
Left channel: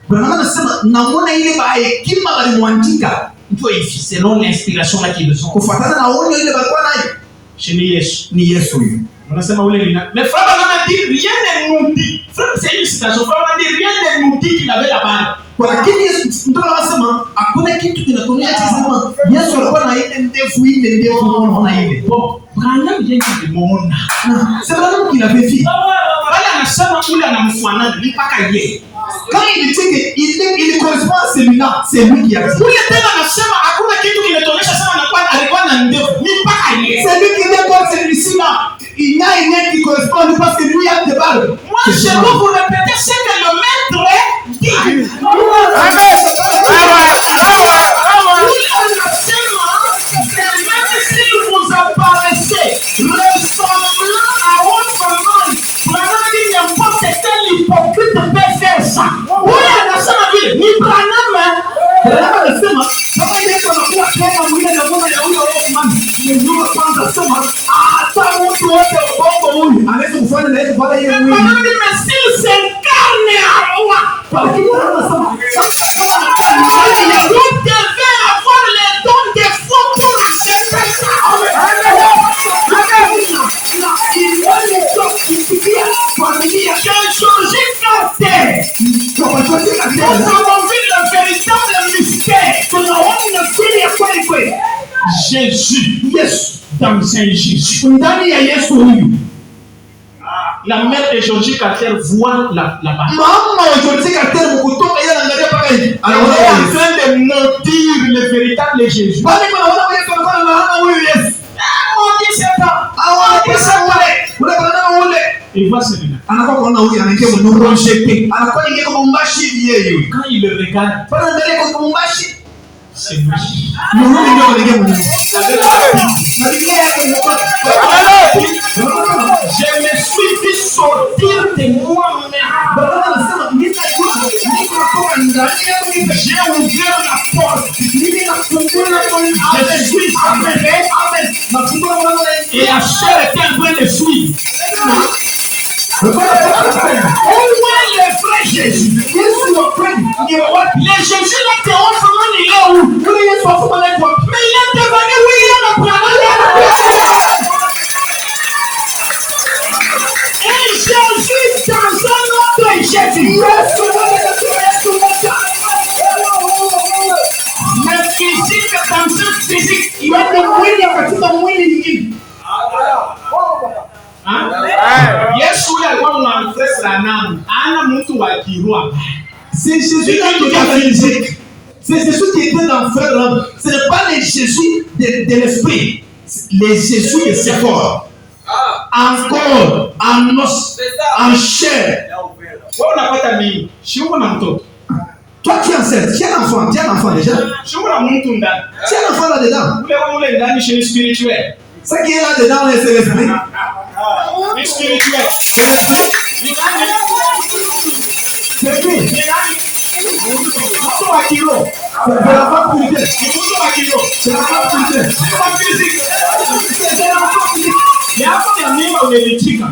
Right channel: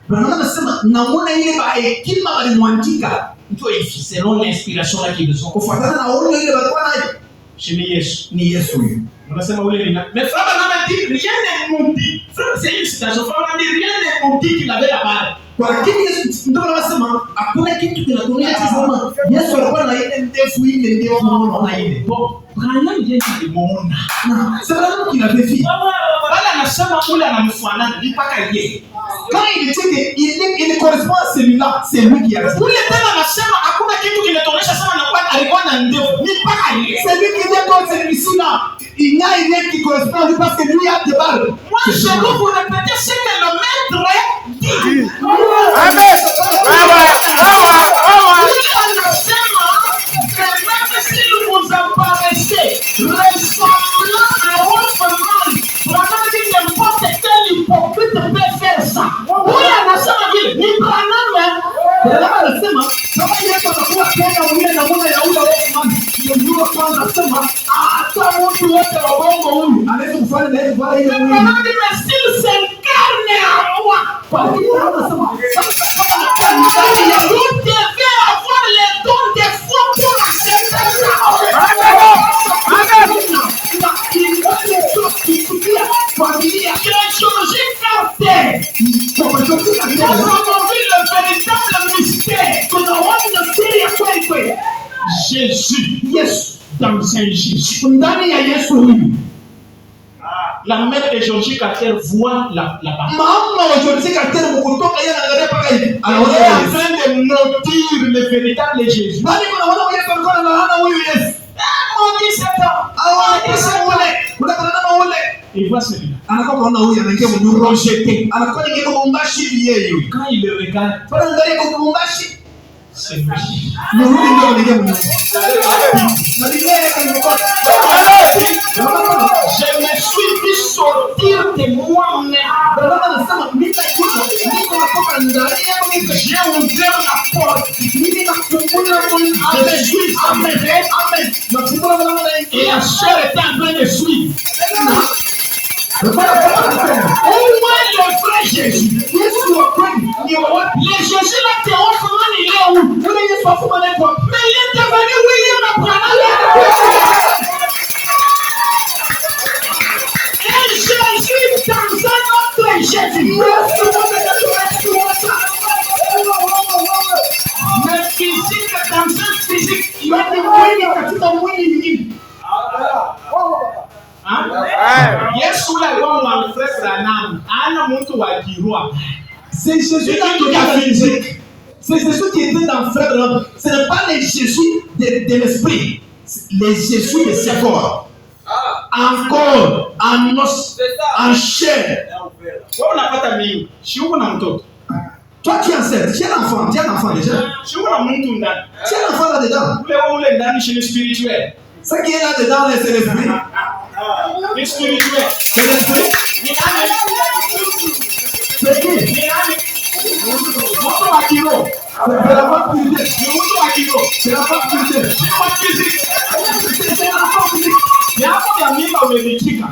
Branham anasema naona ile hekima walimwandika ndio hivi selon l'inspiration la qu'ils ont. Kufuatana na onyo ile walikuwa nayo. Ni Yesu. Ni Yesu huyu. Unasema ule ni nani? Mais frère Branham dit rien ne nous dit. Frère c'est une citation. Frère Branham dit rien ne nous dit qu'il avait la balle. Lakini Yesu ndio pale wasema hakuna kitu kinatuonyesha kusema Yesu alikuwa na ile ndefu unaona ile. Bon, Branham vient de demande. C'est vraiment qu'il avait fait. Bali anasema ule anamfanana ni mpaka yeye. Quand il dit qu'il correspond à celui-là, c'est lui qui a dit. Ule tena anasema hakuna kitu kinatuonyesha sema alikuwa na ndefu ni mpaka yeye. C'est lui qui dit comme celui-ci là. Il y a une qui correspond à lui parce que lui a des balles. Moi, je vais vous répéter ce que le maître dit. S'il vous apparaissait ressemblant à votre man, Branham dit n'importe quel hypocrite peut faire ça. Oui, anasema vile ni Branham. Branham anasema kama Yesu anakuwa tena mwile na mwana ya huyo man, ndio kwanza sema hata mtu wote wa bongo huyu anaweza kufanya na yeye baada ile mwili. Branham dit mais s'il s'incarne en moi, kwa hiyo anasema vous devez avoir les dons des fois pour accepter ça. J'ai changé caractère. Nous avons vu le véritable mystère. Jésus, yes, dans un Jésus. La mère de Georgie Carter voit là-bas. Elle est en train de noter le véritable Jésus. Il voit celui-là. Projeté. Quand il le regarde, c'est lui. Je me suis vu sortir de moi-même. J'ai ouvert la porte. Je suis enlevé. Et la chair était en train de suivre. Où est le vrai Jésus? Le Jésus là, t'es en ce moment, il est où? Mais il est devenu William Branham. Et Jésus dans un autre Jésus. Mais physique dans un physique. Il va Yesu alikuwa mnamfresh sana. Ana mtu wa kiroho. C'est Jésus qui a physique. C'est Jésus qui était dans le frère là. Ce n'est pas le Jésus de l'esprit. Le Jésus de ses corps. Encore en os, en chair. Wewe unapata mimi. Si uko na mtoto. Toi qui es enceinte, tu es un enfant déjà. Si uko na mtu ndani. Tu es un enfant là-dedans. Ule ndani chez le spirituel. Ce qui est là-dedans, c'est l'esprit. Le spirituel. C'est l'esprit. C'est qui? Mtu wa kiroho. C'est la femme purité. Mtu wa kiroho. C'est la femme purité. C'est la femme physique. Mais hapo ya mimba umelichika.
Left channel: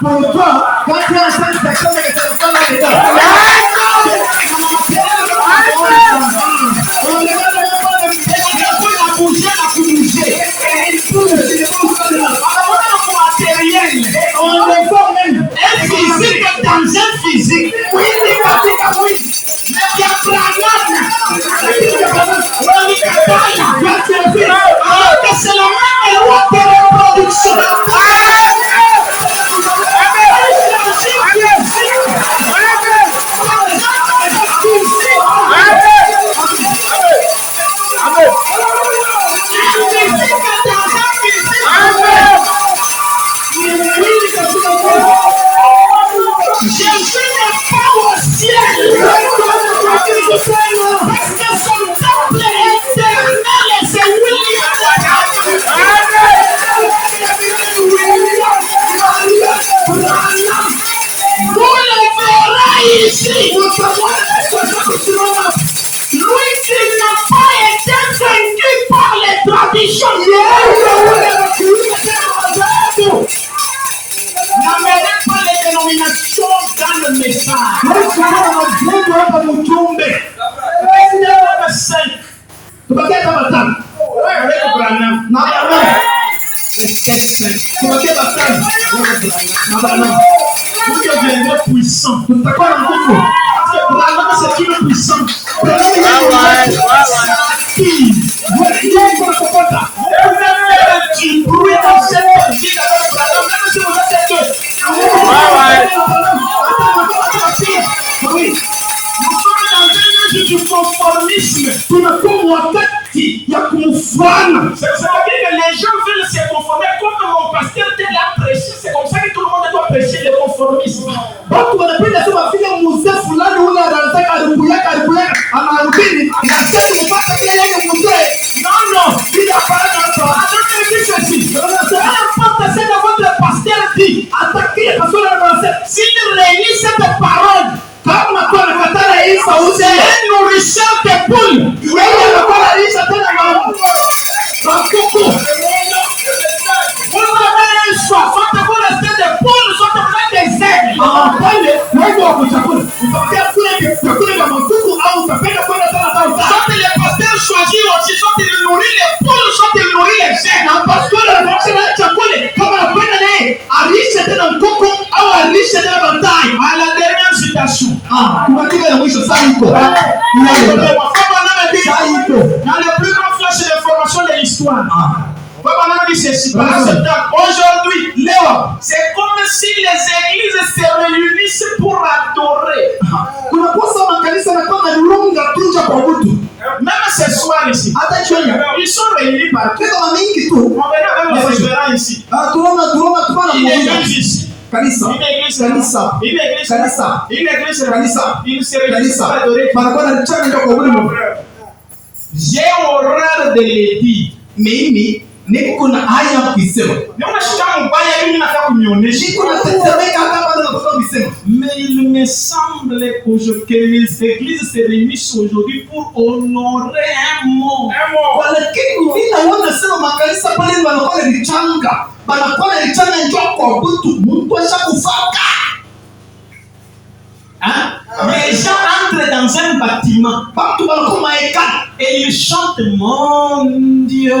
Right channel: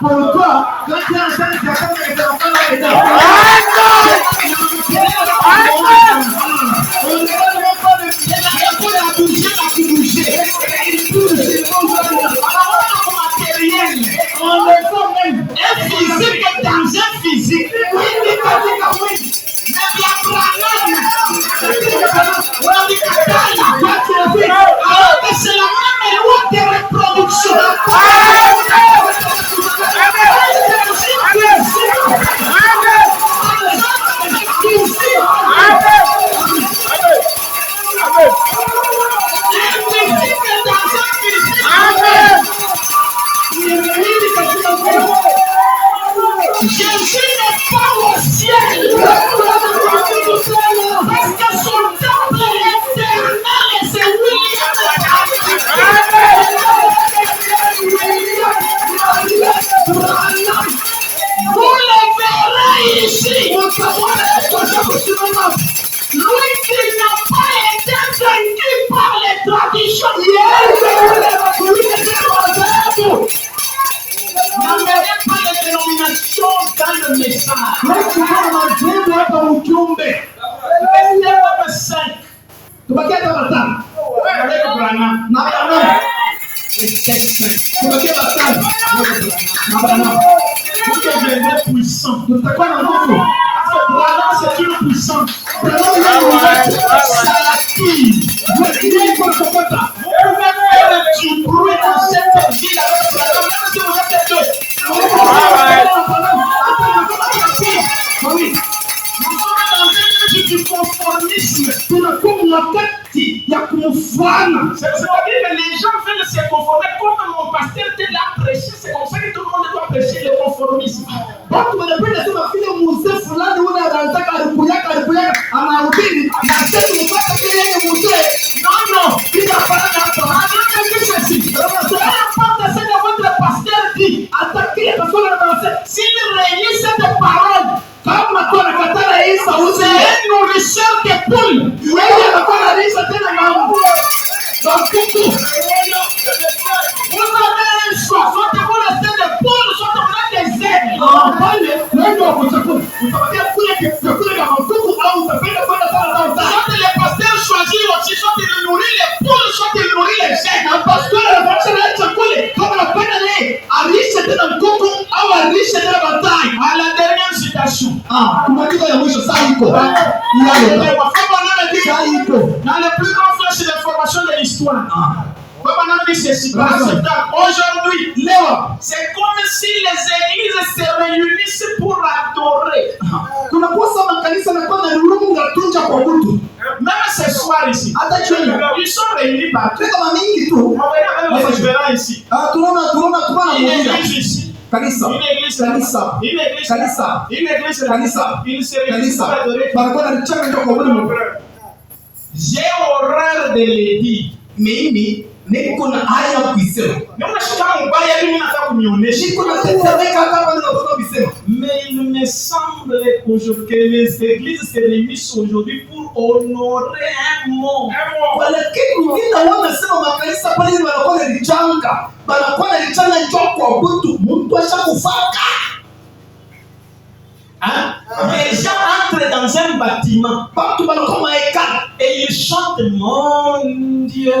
Pour toi, quand tu es enceinte, tu as comme que c'est la femme là-dedans. On ne va pas de bouger, la bouger. On le voit même. Un physique dans un physique. Oui, mais il y a Branham. Alors que c'est la même loi de reproduction. Jésus n'est pas au ciel. Parce que son temple est éternel et c'est vous le verrez ici. Lui qui n'a pas été vaincu par les traditions. N'amenez pas les dénominations dans le message. Vous deviendrez puissant. C'est une puissance. wakati ya kumfuana. C'est pour dire que les gens veulent se conformer comme mon pasteur tel a prêché. C'est comme ça que tout le monde doit prêcher le conformisme. Watu wanapenda sema vile mzee fulani ule anataka alipuyaka anarudi na sasa mpaka yeye yeye mzee. Non, bila parada hapa. Hata ceci. N'importe ce que votre pasteur dit, attaquez parce que s'il réunit cette parole, kama kwa katana hii sauti, ni nourrisseur de poule. Yeye anakuwa alisha tena mambo. Bakoko. Vous avez un choix, soit vous restez des poules, soit vous êtes des aigles. Pale, wewe wa kuchakula. Utapatia kule kama kuku au utapenda kwenda sana. Soit les pasteurs choisissent aussi, soit ils nourrissent les poules, soit ils nourrissent les aigles. Parce que la chakula, kama unapenda naye, alishe tena mkuku au alishe tena batai. À la dernière citation. Kumatika ya mwisho saa iko. Dans le plus grand flash d'information de l'histoire. Aujourd'hui, c'est comme si les églises se réunissent pour adorer. Même ce soir ici, ils sont réunis par tout. On verra même les différents ici. Une église ici. Une église pour adorer. J'ai horreur de les dire. Mimi niko na haya kuisema. Naona shida mbaya mimi nataka kunionyesha. Niko na tetemeka hata pale nataka kuisema. Mais il me semble que les églises se réunissent aujourd'hui pour honorer un mot. Lakini mimi naona sema makanisa pale wanakuwa na lichanga. Wanakuwa na lichanga njoo kwa mtu. Mtu ashakufaka. Les gens entrent dans un bâtiment et ils chantent mon Dieu. Et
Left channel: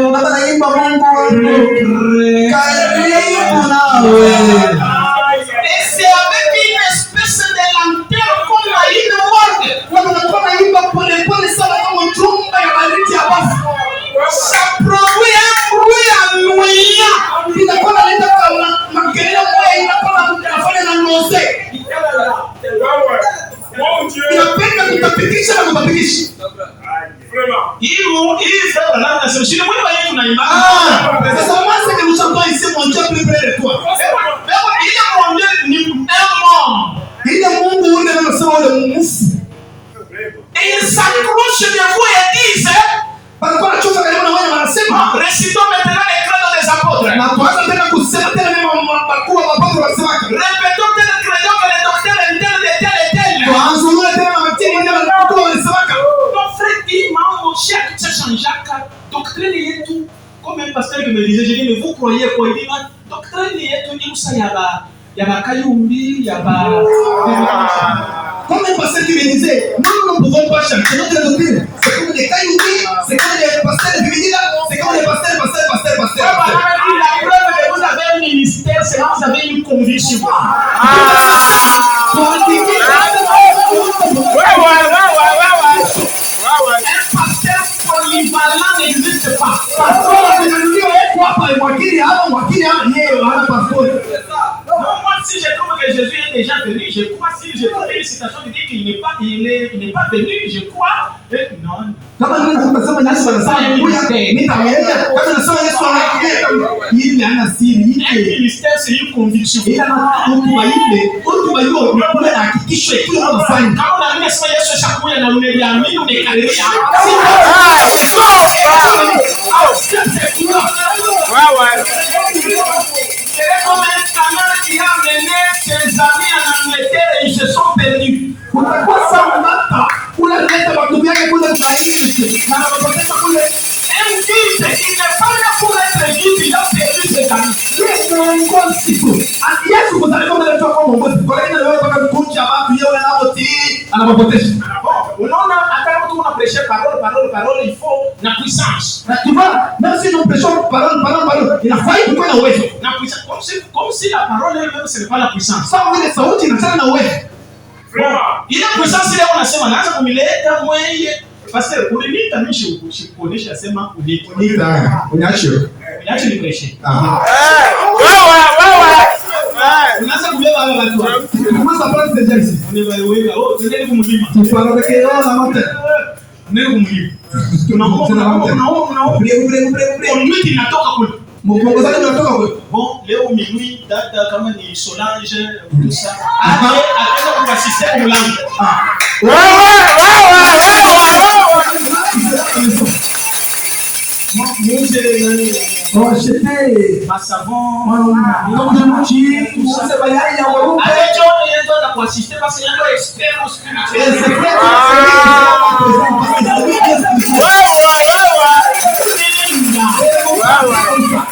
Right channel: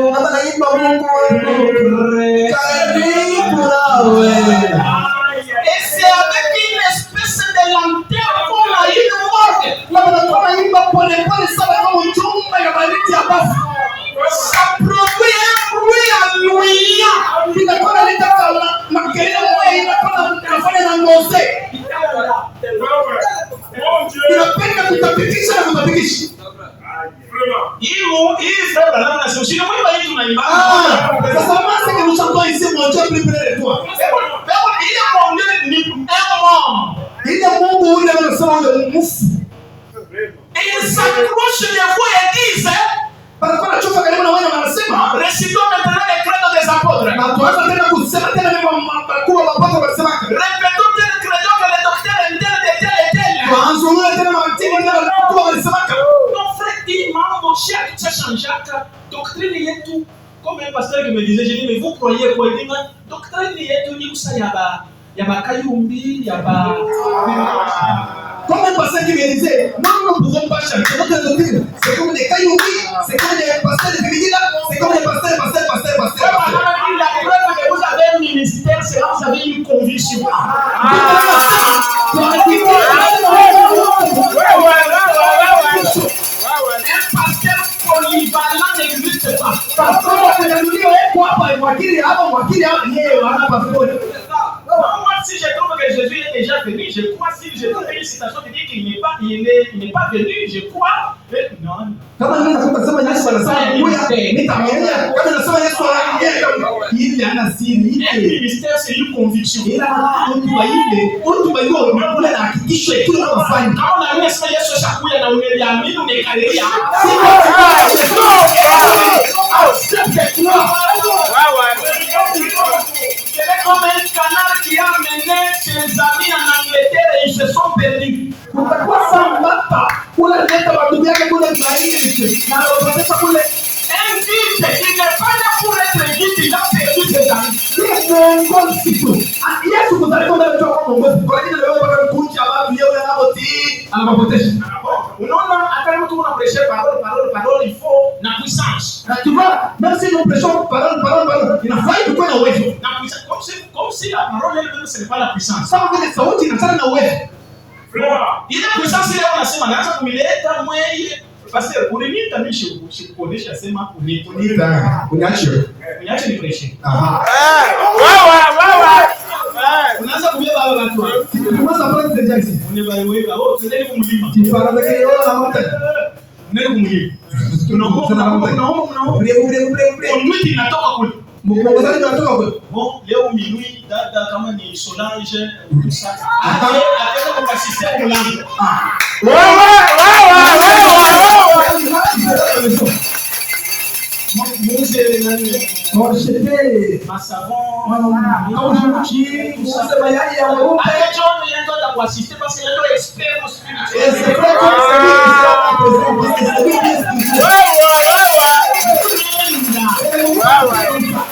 c'est avec une espèce de lanterne comme une morgue. Ça produit un bruit ennuyant. Et ils s'accrochent de vous et disent récitons maintenant les credos des apôtres. Répétons tel credo que les docteurs internes de tel et tel. Mon frère dit, maman, mon cher, tout ça change. Doctrine est tout. Comme un pasteur qui me disait, je dis, mais vous croyez quoi? Il dit, doctrine est tout. Il dit, il y a Kayumbi, il y a comme un pasteur qui me disait, nous ne pouvons pas chanter notre doctrine. C'est comme des Kayumbi, c'est comme des pasteurs de Bibili, c'est comme des pasteurs. La preuve que vous avez un ministère, c'est que vous avez une conviction. Un pasteur polyvalent n'existe pas. Non, moi, si je trouve que Jésus est déjà venu, je crois. Si je trouve une citation qui dit qu'il n'est pas venu, je crois. Non. Un ministère, c'est une conviction. Quand on a mis ça, chaque fois, on a mis c'est comme un canard qui a amené ses amis en Angleterre et ils se sont perdus. Un guide, il n'est pas là pour être guide, il a perdu ses amis. On a prêché parole, il faut la puissance. Tu vois, même si nous prêchons parole, il a fallu que nous ayons la puissance. Comme si la parole elle-même, ce n'est pas la puissance. Il a puissance ile unasema naanza kumileta mwenye pastor unaniita mimi kuonesha sema uniache ni prêcher. Unaanza kubeba wale watu. Commence à prendre déjà ici. On est wewe, oh, tendeni kumlima. Tu parles avec eux la matin. Neno mwili. Minuit inatoka kule. Bon, leo minuit dada kama ni Solange tout ça. Akaenda kwa système mlango.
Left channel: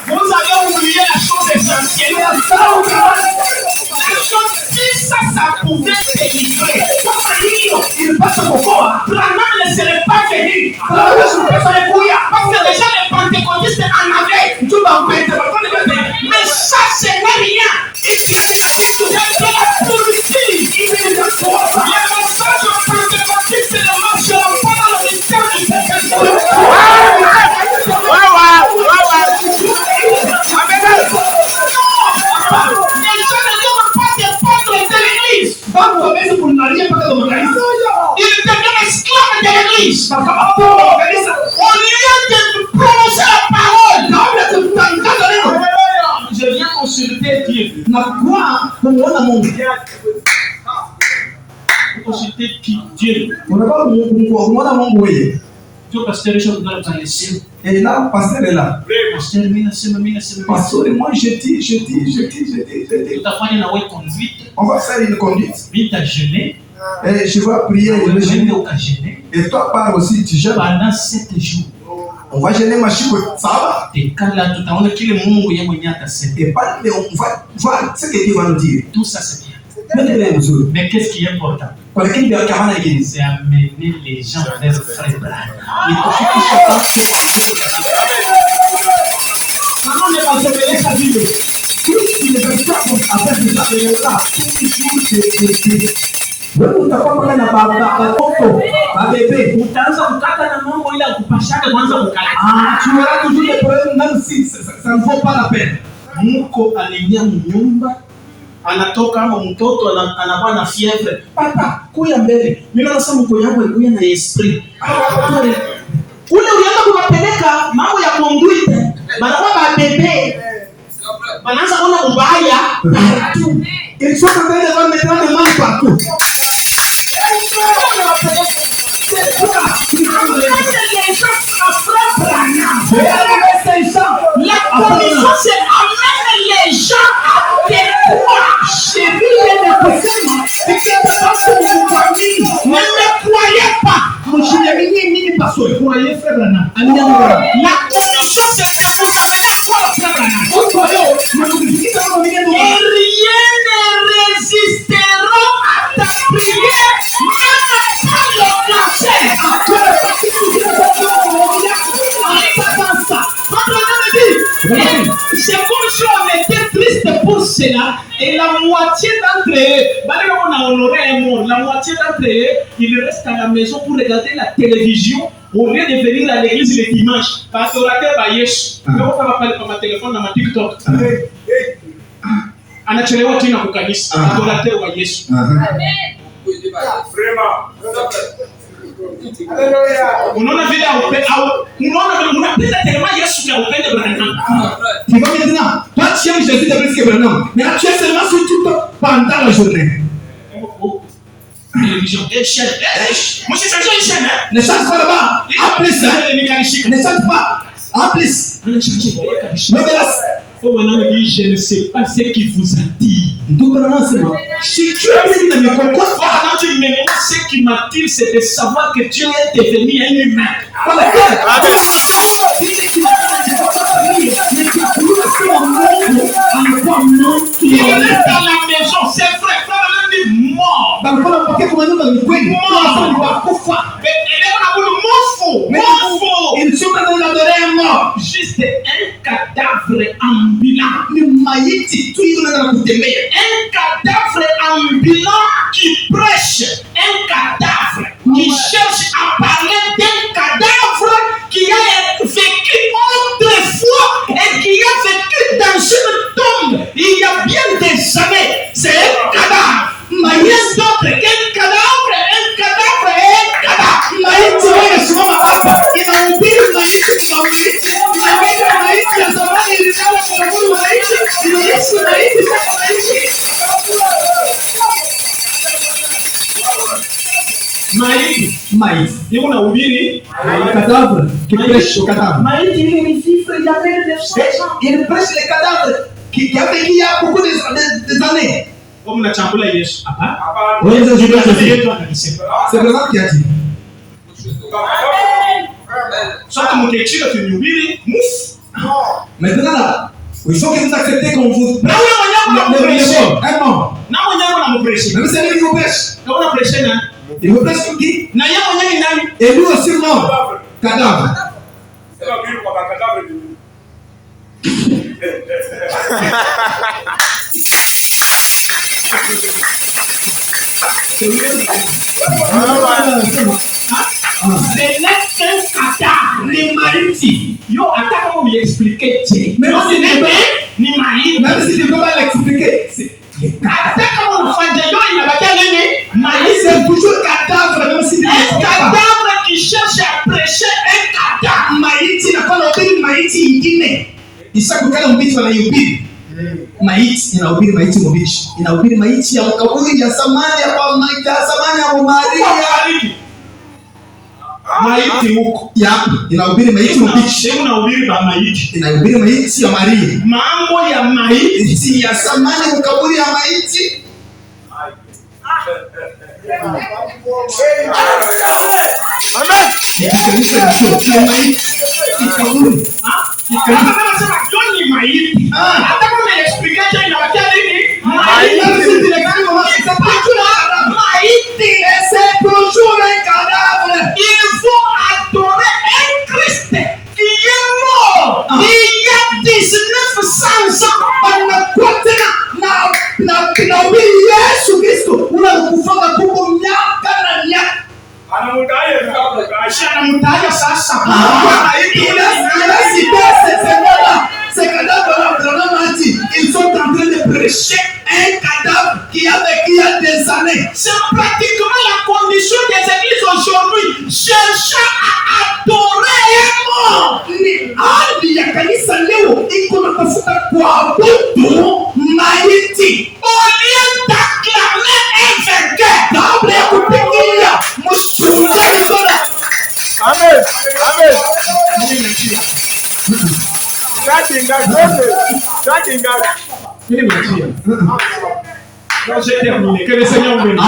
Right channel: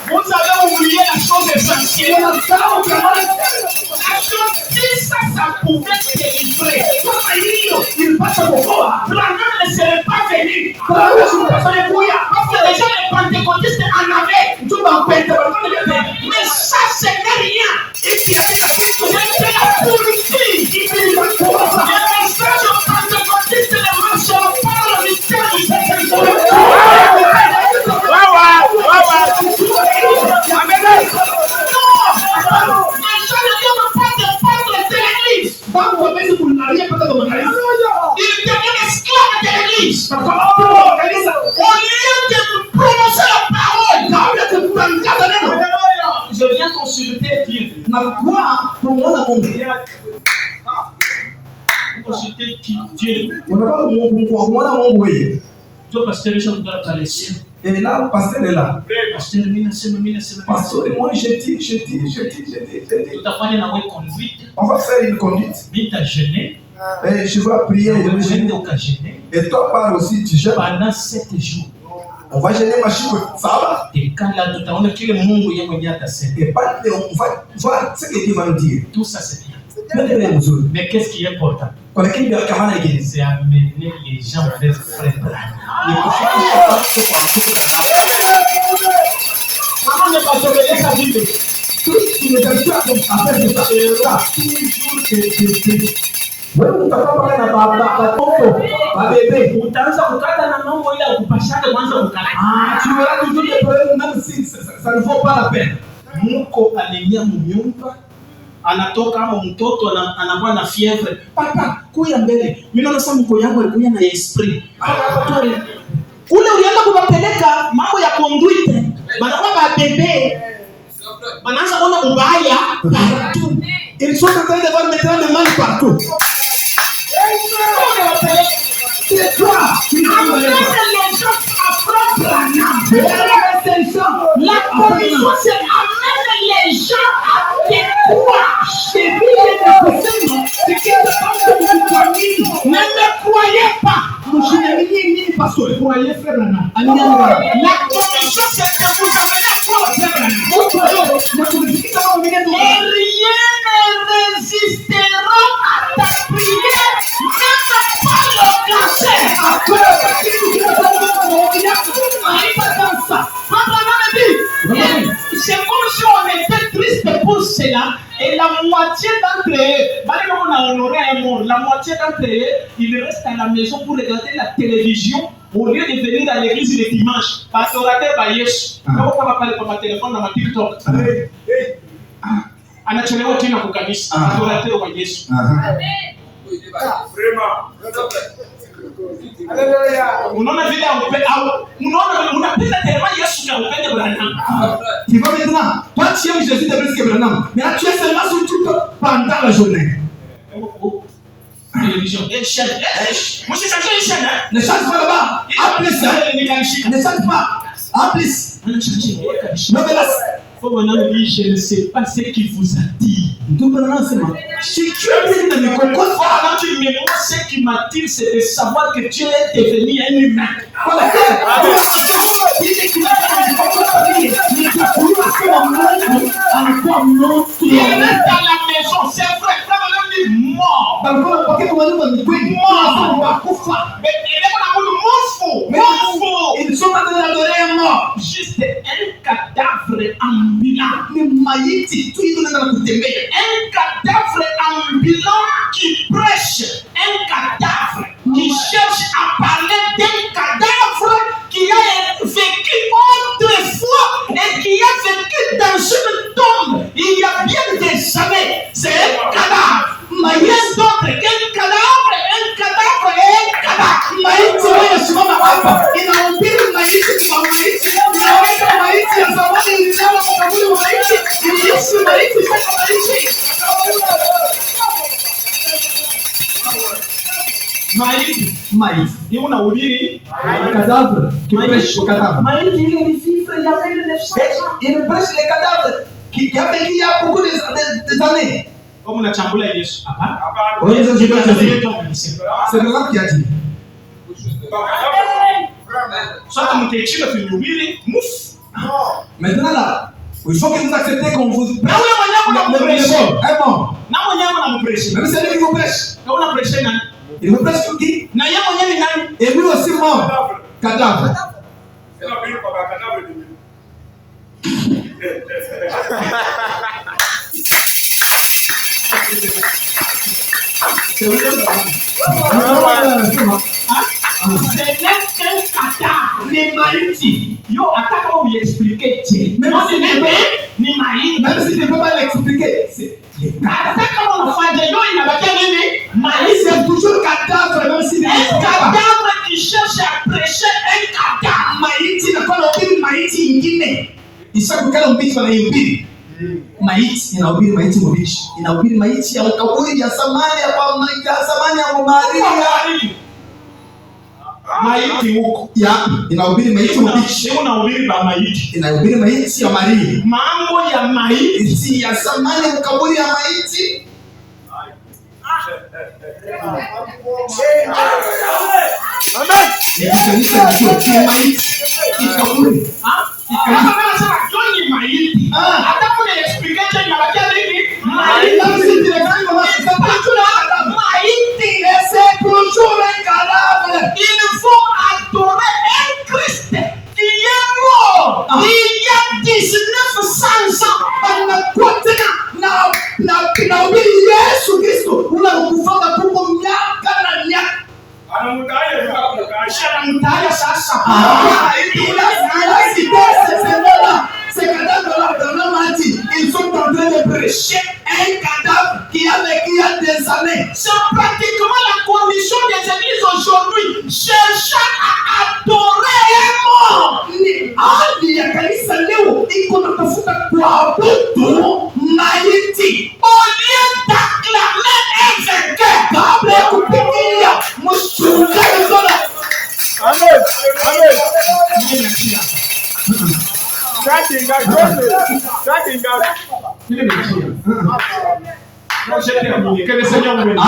Vous avez oublié la chose essentielle. La chose qui ça pouvait délivrer. Branham ne serait pas venu. Parce que déjà les pentecôtistes en avaient. Mais ça, ce n'est rien. C'est la politique. Les messages pentecôtistes ne marcheront pas dans le mystère du Saint-Esprit. Il devient esclave de l'église. Au lieu de prononcer la parole, je viens consulter Dieu. Consulter qui? Dieu. Toi, pasteur, je vais te laisser. Et là, pasteur est là. Pasteur, Pasteur, moi je dis. On va faire une conduite. Et je vais prier. Et toi, pars aussi, tu jeûnes. Pendant 7 jours. On va jeûner ma chouette. Ça va? Et pas, on va voir ce que Dieu va nous dire. Tout ça, c'est bien. Mais qu'est-ce qui est important? C'est amener les gens vers le frère Branham. Comment ne pas sauver sa Bible? Utaanza kukata na mambo ile kupashana kwanza kukata. Tu auras toujours des problèmes même si ça ne vaut pas la peine. Mko aliingia nyumba anatoka ama mtoto anakuwa na fievre. Papa, kuya mbele. Mimi naona sasa mko yangu alikuwa na esprit. Ule ulianza kupeleka mambo ya conduite. Banakuwa ba bébé. Banaanza kuona ubaya partout. Ils sont en train de voir maintenant le mal partout. C'est toi qui vas les gens après Branham. La commission c'est amener les gens à te croire. J'ai vu les personnes qui ne croyez pas. Croyez faire la La commission c'est de vous amener à croire faire la et rien ne résistera à ta prière, même pas le cancer. C'est comme si on était triste pour cela et la moitié d'entre eux, on a honoré un mort, la moitié d'entre eux, ils restent à la maison pour regarder la télévision au lieu de venir à l'église le dimanche. Parce que raté par Yesu. Je vais pas parler par ma téléphone dans ma TikTok. Anachelewa tena kwa kanisa. Adorateur wa Yesu. Unaona vile unapenda tellement Yesu na upende Branham. Tu vas maintenant, toi tu aimes Jésus de plus que Branham, mais tu es seulement sur tout pendant la journée. Télévision, chaîne. Moi j'ai changé une chaîne. Ne change pas là-bas. En plus, ne change pas. En plus. Je ne sais pas ce qui vous attire. Si tu es dans le concours, ce qui m'attire, c'est de savoir que Dieu est devenu un humain. Il est dans la maison, c'est vrai. Mort. Ils sont en train d'adorer un mort. Juste un cadavre ambulant. Un cadavre ambulant qui prêche. Un cadavre qui cherche à parler d'un cadavre qui a vécu autrefois et qui a vécu dans une tombe il y a bien des années. C'est un cadavre. Rien d'autre qu'un cadavre, un cadavre et un cadavre. Maïs. Et on a oublié. Cadavre. Qui prêche au cadavre. Maïs, il est vif, il a fait le 900 ans. Il prêche les cadavres qui a vécu il y a beaucoup d'années. Comme on a chamboulé Yesu. Oui, c'est vraiment qui a dit. Soit mon texte que tu nous dis, mouf. Maintenant là, il faut que vous acceptez qu'on vous. Non, on a prêché. Non, on a prêché. même c'est lui qui vous prêche. On a prêché, non? Il vous prêche pour qui? Et lui aussi mort. Cadavre. Ce n'est qu'un cadavre. Les maïtis. Yo, attends, comment vous expliquer? Mais non, ce n'est pas ni maïs. Même si je ne peux pas l'expliquer. C'est attends, comment on fait? Yo, il n'a pas gagné. Maïs, c'est toujours cadavre, même si un cadavre qui cherche à prêcher un cadavre. maiti na kwa hubiri maiti ingine. Isakukala mbichi wanayubiri. Maiti inahubiri maiti mbichi. Inahubiri maiti ya makaburi ya zamani ya kwa maiti ya zamani ya Maria. Maiti huko. Ya, inahubiri maiti mbichi. Hebu nahubiri ba maiti. Inahubiri maiti ya Maria. Mambo ya maiti ya zamani makaburi ya maiti. Amen. Kanisa la maiti. Ikaburi. Anasema John ni maiti. Hata kama explication inabakia nini? Maiti. Maiti. C'est toujours un cadavre. Il faut adorer un Christ qui est mort il y a 1900 ans. Na Yesu Kristo unakufanga kuko miaka na miaka. Anamtaja sasa. Ces cadavres-là, ils sont en train de prêcher un cadavre qui a vécu il y a des années. C'est pratiquement la condition des églises aujourd'hui. Cherchant à adorer un mort. Hadi ya kanisa leo iko na tafuta kuabudu maiti. Au lieu d'acclamer un vainqueur. Kabla ya kupigia mshujaa zola. Amen. Amen. J'ai terminé. Que le Seigneur vous bénisse.